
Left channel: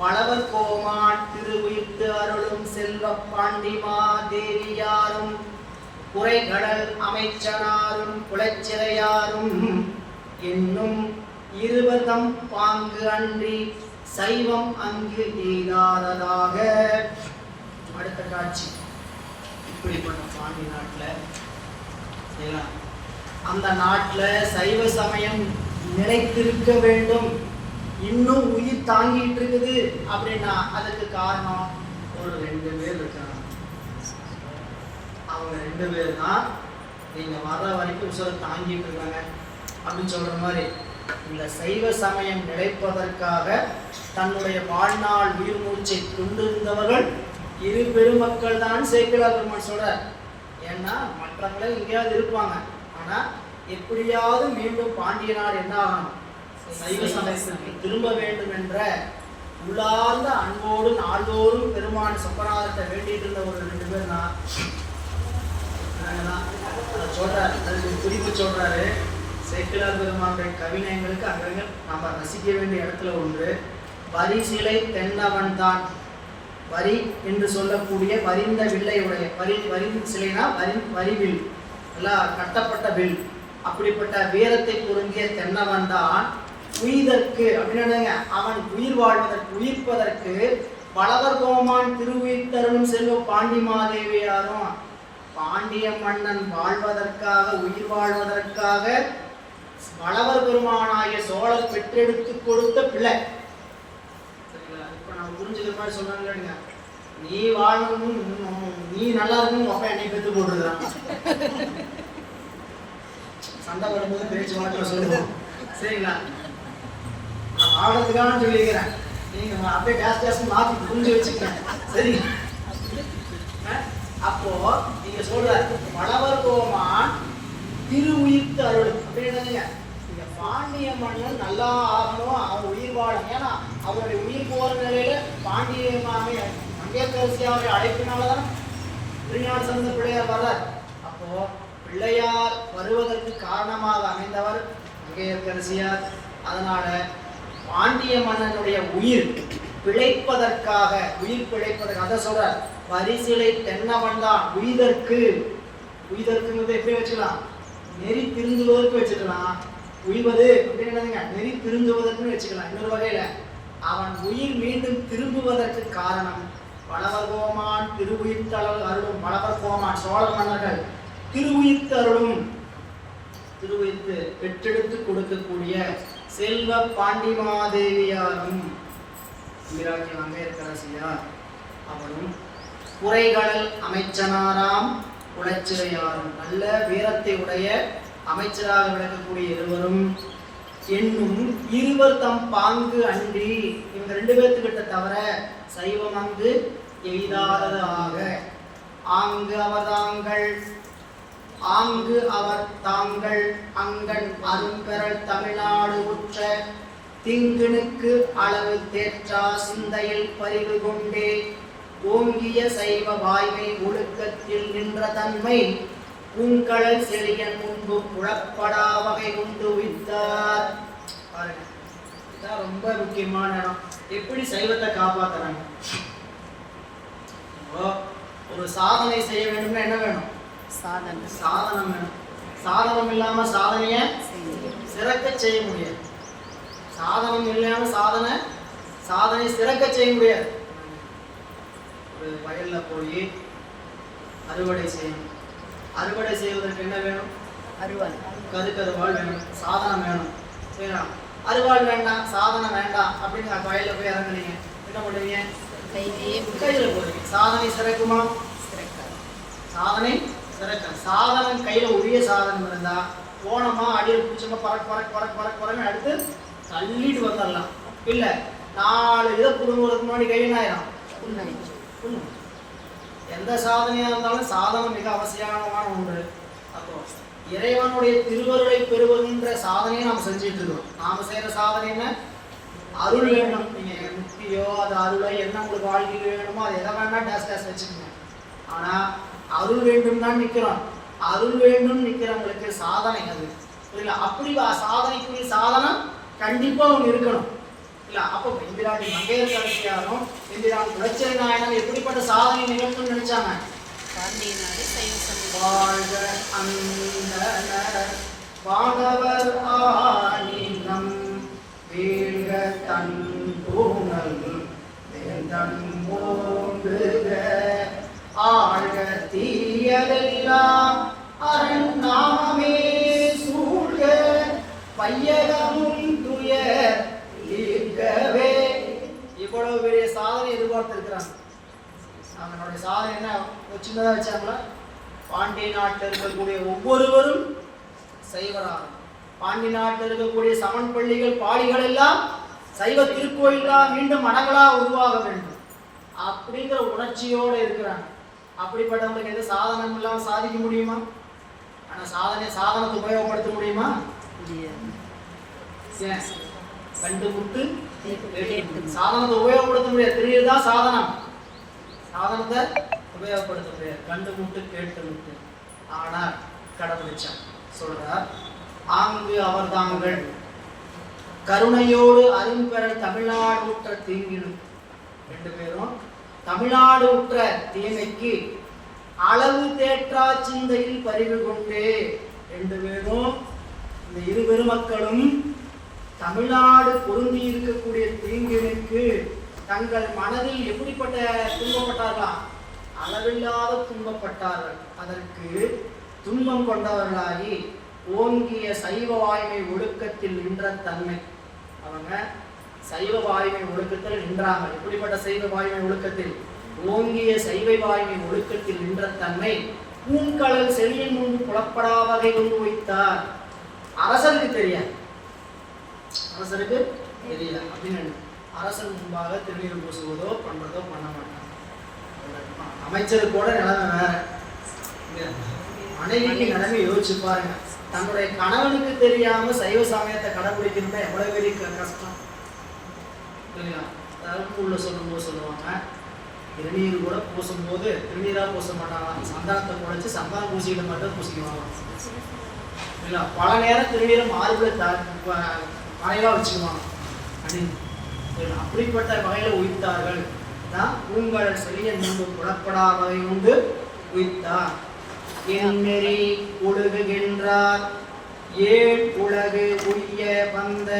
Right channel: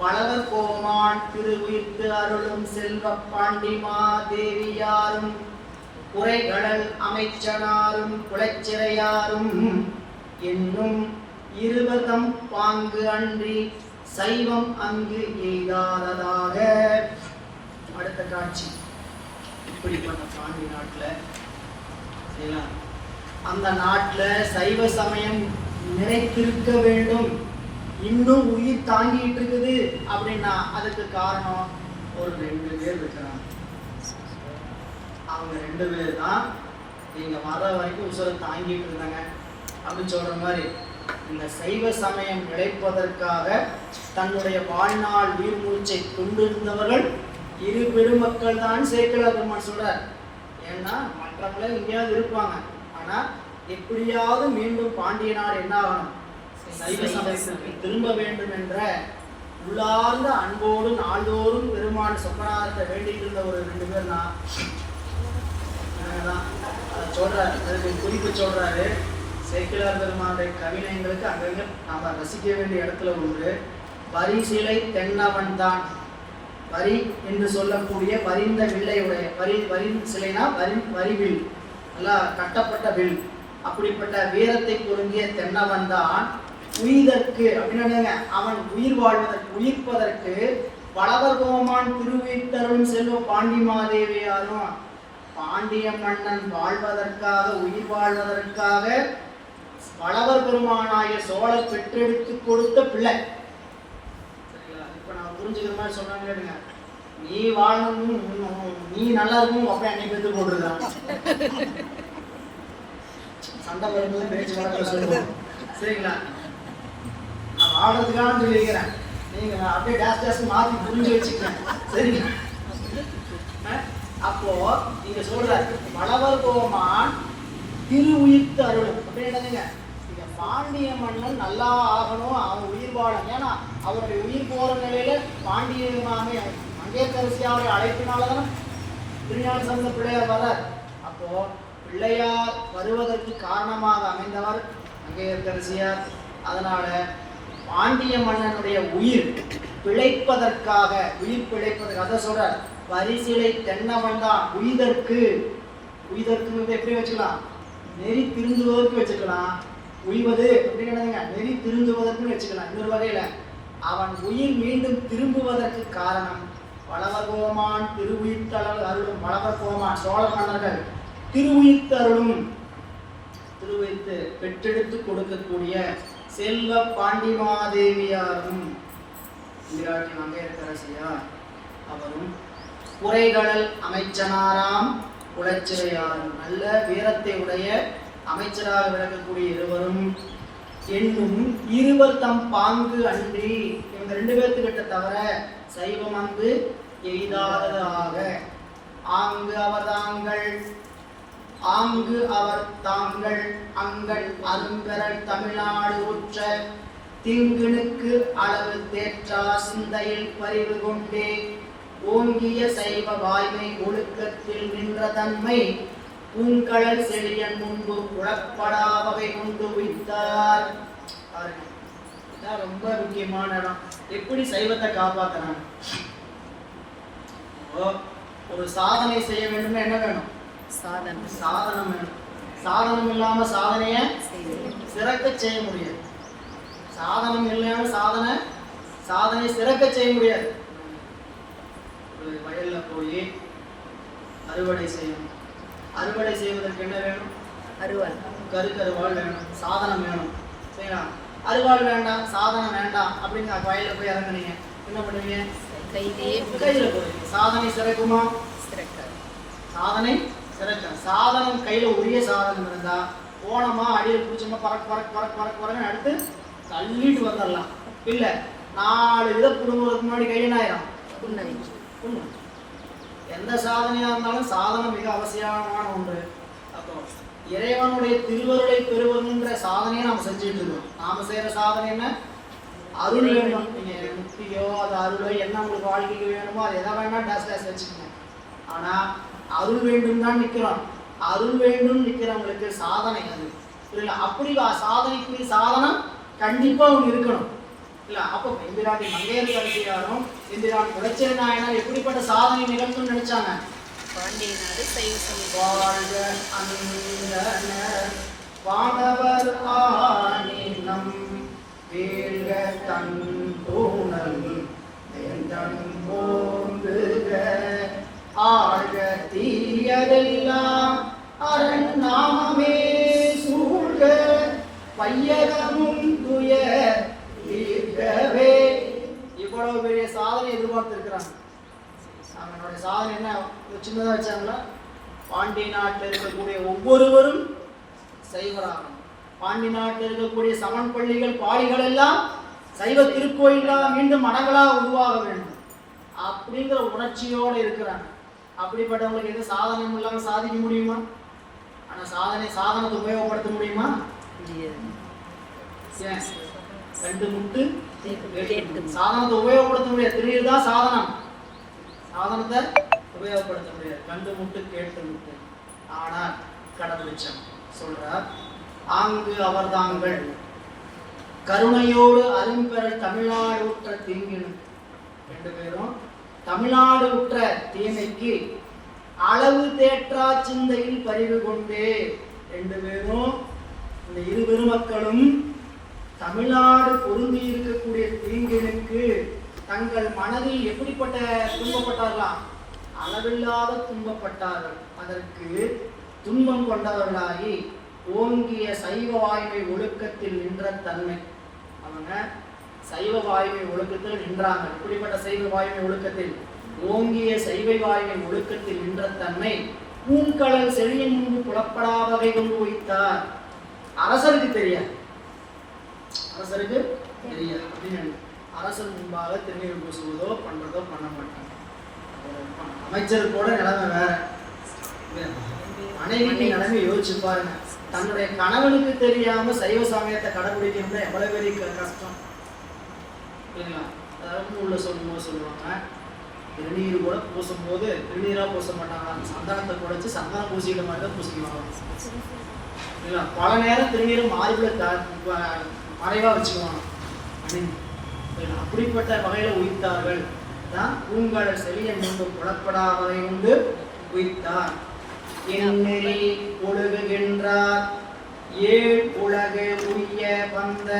வளவர் கோமான் திருவுயிர்த்து அருளும் செல்வ பாண்டிமா தேவியாரும் குறைகடல் அமைச்சனாரும் குலச்சிறையாரும் என்னும் இருவதம் பாங்கு அன்றி சைவம் அங்கு எய்தாததாக. அடுத்த காட்சி இப்படிப்பட்ட பாண்டி நாட்டில் அந்த நாட்டில் சைவ சமயம் நிலைத்திருக்க வேண்டும், இன்னும் உயிர் தாங்கிட்டு இருக்குது அப்படின்னா அதுக்கு காரணம் ஒரு 2 பேர் இருக்கிறாங்க. அவங்க 2 பேர் தான் நீங்க வர வரைக்கும் உசுரை தாங்கிட்டு இருக்காங்க அப்படின்னு சொல்ற மாதிரி இந்த சைவ சமயம் நிலைப்பதற்காக தன்னுடைய வாழ்நாள் உயிர் மூச்சை கொண்டிருந்தவர்கள் 2 பெருமக்கள் தான் சேக்கிழார் பெருமான் சொல்றார். ஏன்னா மற்றவங்களே எங்கேயாவது இருப்பாங்க, ஆனா எப்படியாவது மீண்டும் பாண்டிய நாடு என்ன ஆகணும், சைவ சமயத்திற்கு திரும்ப வேண்டும் என்ற உள்ளார்ந்த அன்போடு நாள்தோறும் பெருமான் சொப்பனாரத்தை வேண்டிட்டு இருந்த ஒரு 2 பேர் தான் சொல்றாரு. அதுக்கு குறிப்பு சொல்றாரு. சேக்கிழார் பெருமானுடைய கவிஞர்களுக்கு அங்கங்க நாம ரசிக்க வேண்டிய இடத்துல ஒன்று, வரிசிலை தென்னவன் தான். வரி என்று சொல்லக்கூடிய வரிந்த வில்லையுடைய வரி சிலைனா வரிவில் எல்லாம் கட்டப்பட்ட வில், அப்படிப்பட்ட வீரத்தை பொருந்திய தென்னவன் தான் உயிர்க்கு அப்படின்னு அவன் உயிர் வாழ்வதற்கு உயிர்ப்பதற்கு வளவர் கோமான் திருவுயிர்த்தருளும் செல்வ பாண்டிமாதேவியாரும் பாண்டிய மன்னன் வாழ்வதற்காக உயிர் வாழ்வதற்காக வளவர் பெருமானாய சோழர் பெற்றெடுத்து கொடுத்த பிள்ளை. சரிங்களா? இப்ப நான் புரிஞ்சுக்கிற மாதிரி சொன்னாங்க, நீ வாழணும், நீ நல்லா இருக்கணும், அப்ப என்னை பெற்று போட்டுருதான் சண்டை படத்துல பேச்சு வார்த்தை சொல்லுவோம். சரிங்களா? நான் வாழறதுக்கான சொல்லிக்கிறேன், நீங்க அப்படியே ஜாஸ்தி மாத்தி புரிஞ்சு வச்சுக்கிறேன். சரி, அப்போ நீங்க சொல்ற வளவர் கோமான் திருவுயிர்த்து அருள் அப்படின்றதுங்க, இங்க பாண்டிய மன்னன் நல்லா ஆகணும், அவன் உயிர் வாழும். ஏன்னா அவருடைய உயிர் போற நிலையில பாண்டிய மாமே மங்கையரசியாருடைய அழைப்பினால்தான் திருஞான சம்பந்த பிள்ளையார் வர்றார். அப்போ பிள்ளையார் வருவதற்கு காரணமாக அமைந்தவர் மங்கையரசியார். அதனால பாண்டிய மன்னனுடைய உயிர் பிழைப்பதற்காக அதை சொல்றார். வரிசிலை தென்னவன் தான் உயிர்க்கு எப்படி வச்சுக்கலாம், நெறி திருந்துவதற்கு வச்சுக்கலாம். உய்வது அப்படின்னு நெறி திருந்துவதற்கு வச்சுக்கலாம். இன்னொரு வகையில அவன் உயிர் மீண்டும் திரும்புவதற்கு காரணம் வளவர் கோமான் திருவுயிர்த்தருள் அருளும். வளவர் கோமான் சோழ மன்னர்கள் திருவுயிர்த்து அருளும், திருவுயிர்த்து பெற்றெடுத்து கொடுக்கக்கூடிய செல்வ பாண்டிமாதேவியாரும் மங்கையரசியார் அவரும் குறைகடல் அமைச்சனாராம் குலச்சிறையாரும் நல்ல வீரத்தை உடைய அமைச்சராக விளக்கக்கூடிய இருவரும் என்னும் இருவர் தம் பாங்கு அன்றி, இவங்க 2 பேர்த்துக்கிட்ட தவிர சைவம் அங்கு எய்தாததாக. ஆங்கு அவர் தாங்கள் அங்கன் அரும்பெறல் தமிழ்நாடு உற்ற திங்கினுக்கு அளவு தேற்றா சிந்தையில் பறிவு கொண்டே ஓங்கிய சைவ வாய்மை ஒழுக்கத்தில் நின்ற தன்மை பூங்கடல் செழியன் முன்பு புலப்படா வகை கொண்டு வித்தார். இதான் ரொம்ப முக்கியமான இடம். எப்படி சைவத்தை காப்பாத்துறாங்க? ஒரு சாதனை செய்ய வேண்டும்னா என்ன வேணும்? சாதனம் வேணும். சாதனம் இல்லாம சாதனைய சிறக்க செய்ய முடியாது. சாதனம் இல்லாம சாதனை சிறக்க செய்ய முடியாது. ஒரு வயல்ல போய் அறுவடை செய்யணும். அறுவடை செய்வதற்கு என்ன வேணும்? அறுவாள், கருவாள் வேணும், சாதனம் வேணும். சரிங்களா? அறுவாள் வேண்டாம், சாதனம் வேண்டாம் அப்படிங்கிற வயல்ல போய் இறங்குனீங்க, என்ன பண்ணுவீங்க? கையில போடுவீங்க. சாதனை சிறக்குமா? சாதனை சிறக்க. சாதனம் கையில உரிய சாதனம் இருந்தா போனோமா அடியில் பிடிச்சோமா பறக்க அடுத்து தள்ளிட்டு வந்துடலாம். இல்ல 4 இதை புடுங்குறதுக்கு முன்னாடி கை என்ன ஆயிரும்? புண்ணாயிரும். புண்ணு. எந்த சாதனையா இருந்தாலும் சாதனம் மிக அவசியமான ஒன்று. அப்போ இறைவனுடைய திருவருளை பெறுவதுன்ற சாதனையை நாம் செஞ்சுட்டு இருக்கோம். நாம செய்யற சாதனை என்ன? அருள் வேண்டும். நீங்க முக்தியோ அது அருளோ என்ன உங்களுக்கு வாழ்க்கைக்கு வேணுமோ அது எதை வேணா டேஸ் டேஸ் வச்சுக்கோங்க. ஆனா அருள் வேண்டும் தான் நிக்கிறோம். அருள் வேண்டும் நிக்கிறவங்களுக்கு சாதனை அது புரியல. அப்படி சாதனைக்குரிய சாதனம் கண்டிப்பா ஒன்று இருக்கணும் இல்ல. அப்போ எம்பிராட்டி மங்கையர்க்கரசியாரும் எம்பிரான் குலச்சிறை நாயனார் எப்படிப்பட்ட சாதனை நிகழ்த்துன்னு நினைச்சாங்க? பாண்டிய நாடு சைவ சமயம் வாழ்க அந்தணர் வானவர் ஆனினம் வீழ்க தன் தூணல் தேர்தன் மோங்குக ஆழ்க தீயதெல்லாம் அரண் நாமமே சூழ்க பையகமும் துயர் தீர்க்கவே. இவ்வளவு பெரிய சாதனை எதிர்பார்த்திருக்கிறாங்க. அவனுடைய சாதனை என்ன சின்னதா வச்சாங்களா? பாண்டிய நாட்டில் இருக்கக்கூடிய ஒவ்வொருவரும் சைவராகும். பாண்டி நாட்டில் இருக்கக்கூடிய சமன் பள்ளிகள் பாடிகள் எல்லாம் சைவ திருக்கோயிலா மீண்டும் மனங்களா உருவாக வேண்டும் அப்படிங்கிற உணர்ச்சியோடு இருக்கிறாங்க. அப்படிப்பட்டவங்களுக்கு எது சாதனம் இல்லாம சாதிக்க முடியுமா? ஆனா சாதனத்தை உபயோகப்படுத்த முடியுமா? கண்டு முட்டு சாதனத்தை உபயோகப்படுத்த முடியாது. தெரியுதுதான் சாதனம். சாதனத்தை உபயோகப்படுத்த முடியாது. கண்டு முட்டு கேட்டு முட்டு. ஆனா கடைபிடிச்சோம் சொல்றார். ஆங்கு அவர் தாங்கள் கருணையோடு அரும்பெறல் தமிழ்நாடு உற்ற தீங்கினும். 2 பேரும் தமிழ்நாடு உற்ற தீமைக்கு அளவு தேற்றா சிந்தையில் பறிவு கொண்டே. 2 பேரும் இந்த இரு பெருமக்களும் தமிழ்நாடு பொருந்தி இருக்கக்கூடிய தீங்கினுக்கு தங்கள் மனதில் எப்படிப்பட்ட துன்பப்பட்டார்களாம்? அளவில்லாத துன்பப்பட்டார்கள். அதற்கு துன்பம் கொண்டவர்களாகி ஓங்கிய சைவ வாய்மை ஒழுக்கத்தில் நின்ற தன்மை. அவங்க சைவ வாய்மை ஒழுக்கத்தில் நின்றாங்க. எப்படிப்பட்ட சைவ வாய்மை ஒழுக்கத்தில்? ஓங்கிய சைவ வாய்மை ஒழுக்கத்தில் நின்ற தன்மை பூங்கடல் செழியின் முன்பு புலப்படா வகை கொண்டு வைத்தார். அரசருக்கு தெரியாது. அரசருக்கு தெரியாது அப்படின்னு அரசர் முன்பாக திருநீர் பூசுவதோ பண்றதோ பண்ண மாட்டாங்க. அமைச்சருக்கோட நிலைமை வேற. மனைவிக்கு நிலைமை யோசிச்சு பாருங்க. தன்னுடைய கணவனுக்கு தெரியாம சைவ சமயத்தை கடைபிடிக்கணும்னா எவ்வளவு பெரிய கஷ்டம் இல்லையா? அதாவது உள்ள சொல்லுவாங்க திருநீர் கூட பூசும்போது திருநீரா பூச மாட்டாங்க. சந்தானத்தை குறைச்சி சந்தானம் பூசிக்கிற மாதிரி தான் பூசிக்குவாங்க இல்ல. பல நேரம் திருநீரை மார்புல மறைவா வச்சுக்குவாங்க அப்படின்னு. அப்படிப்பட்ட வகையில உயிர்த்தார்கள் தான். பூங்கடல் செழிய முன்பு புலப்படா வகை உண்டு உயிர்த்தார். எண்ணெறி ஒழுகுகின்றார் ஏழ் உலகு உய்ய வந்த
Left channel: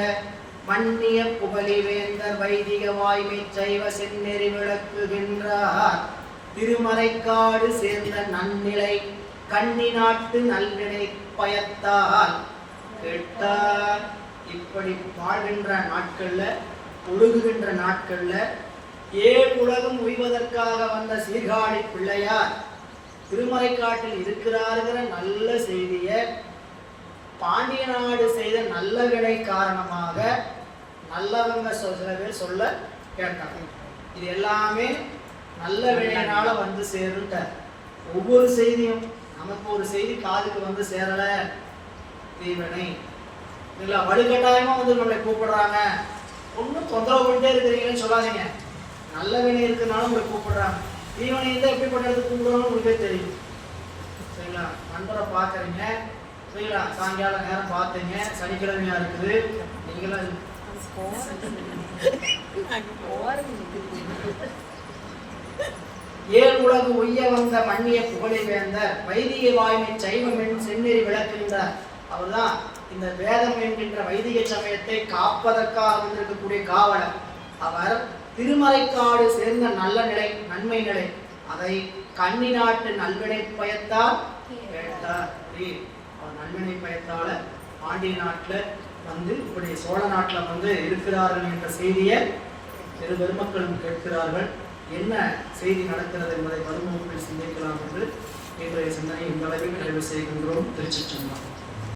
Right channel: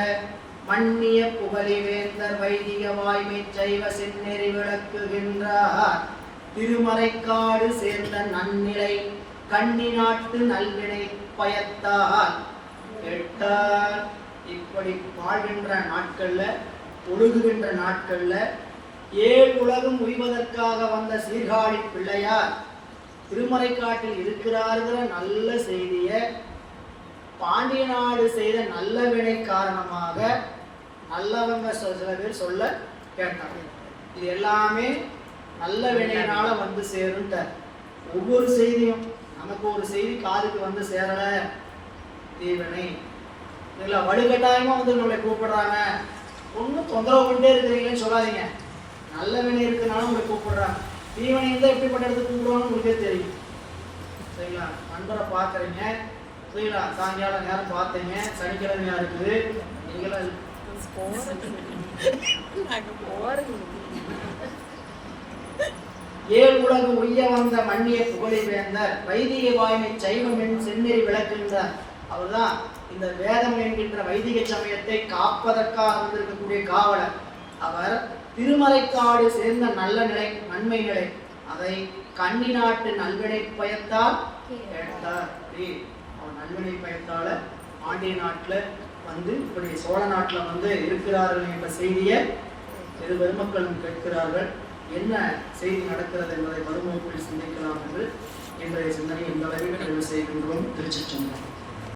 மன்னிய புகழி வேந்தர் வைதிக வாய்மை சைவ செந்நெறி விளக்குகின்றார். திருமறைக்காடு சேர்ந்த நன்னிலை கண்ணி நாட்டு நல்வினை பயத்தால் கேட்டார். இப்படி வாழ்கின்ற நாட்கள்ல ஒழுகுகின்ற நாட்கள்ல ஏழு உலகம் உய்வதற்காக வந்த சீர்காழி பிள்ளையார் திருமறைக்காட்டில் இருக்கிறாருங்கிற நல்ல செய்திய பாண்டிய நாடு செய்த நல்ல வினை காரணமாக நல்லவங்க சில பேர் சொல்ல கேட்டாங்க. இது எல்லாமே நல்ல வினையினால வந்து சேருன்ற ஒவ்வொரு செய்தியும் நமக்கு ஒரு செய்தி காதுக்கு வந்து சேரல தீவனை இல்ல வலுக்கட்டாயமா வந்து நம்மளை கூப்பிடுறாங்க. ஒன்றும் தொந்தரவு பண்ணிட்டே இருக்கிறீங்கன்னு சொல்லாதீங்க. நல்ல வினை இருக்குனாலும் உங்களை கூப்பிடுறாங்க. தீவனை இருந்தால் எப்படி பண்ணுறதுக்கு கூப்பிடுவாங்க உங்களுக்கே தெரியும். சரிங்களா? நண்பரை பார்க்குறீங்க சரிங்களா? சாயங்காலம் நேரம் பார்த்தீங்க, சனிக்கிழமையா இருக்குது, நீங்களாம் ஏழு உலகு உய்ய வந்த மன்னிய புகழை வேந்தர் வைதிக வாய்மை சைவம் என் செந்நெறி விளக்குகின்றார். அவர்தான் இந்த வேதம் என்கின்ற வைதிக சமயத்தை காப்பதற்காக வந்திருக்கக்கூடிய காவலர். அவர் திருமறைக்காடு சேர்ந்த நல்ல நிலை நன்மை நிலை அதை கன்னி நாட்டு நல்வினை பயத்தால் கேட்டார். அவர் நல்வினை பயத்தால பாண்டிய நாட்டுல வந்து இப்படி சோழ நாட்டுல வந்து இருக்கிறார்கள் என்ற செய்தியை சிறு பெருமக்களும் கேட்கிறார்கள். என்ன செய்தி நடக்கிறது என்பதை மறுமுகத்தில் சிந்திக்கலாம் என்று இன்றைய சிந்தனை இந்த அளவில் நிறைவு செய்கின்றோம். திருச்சிற்றம்பலம்.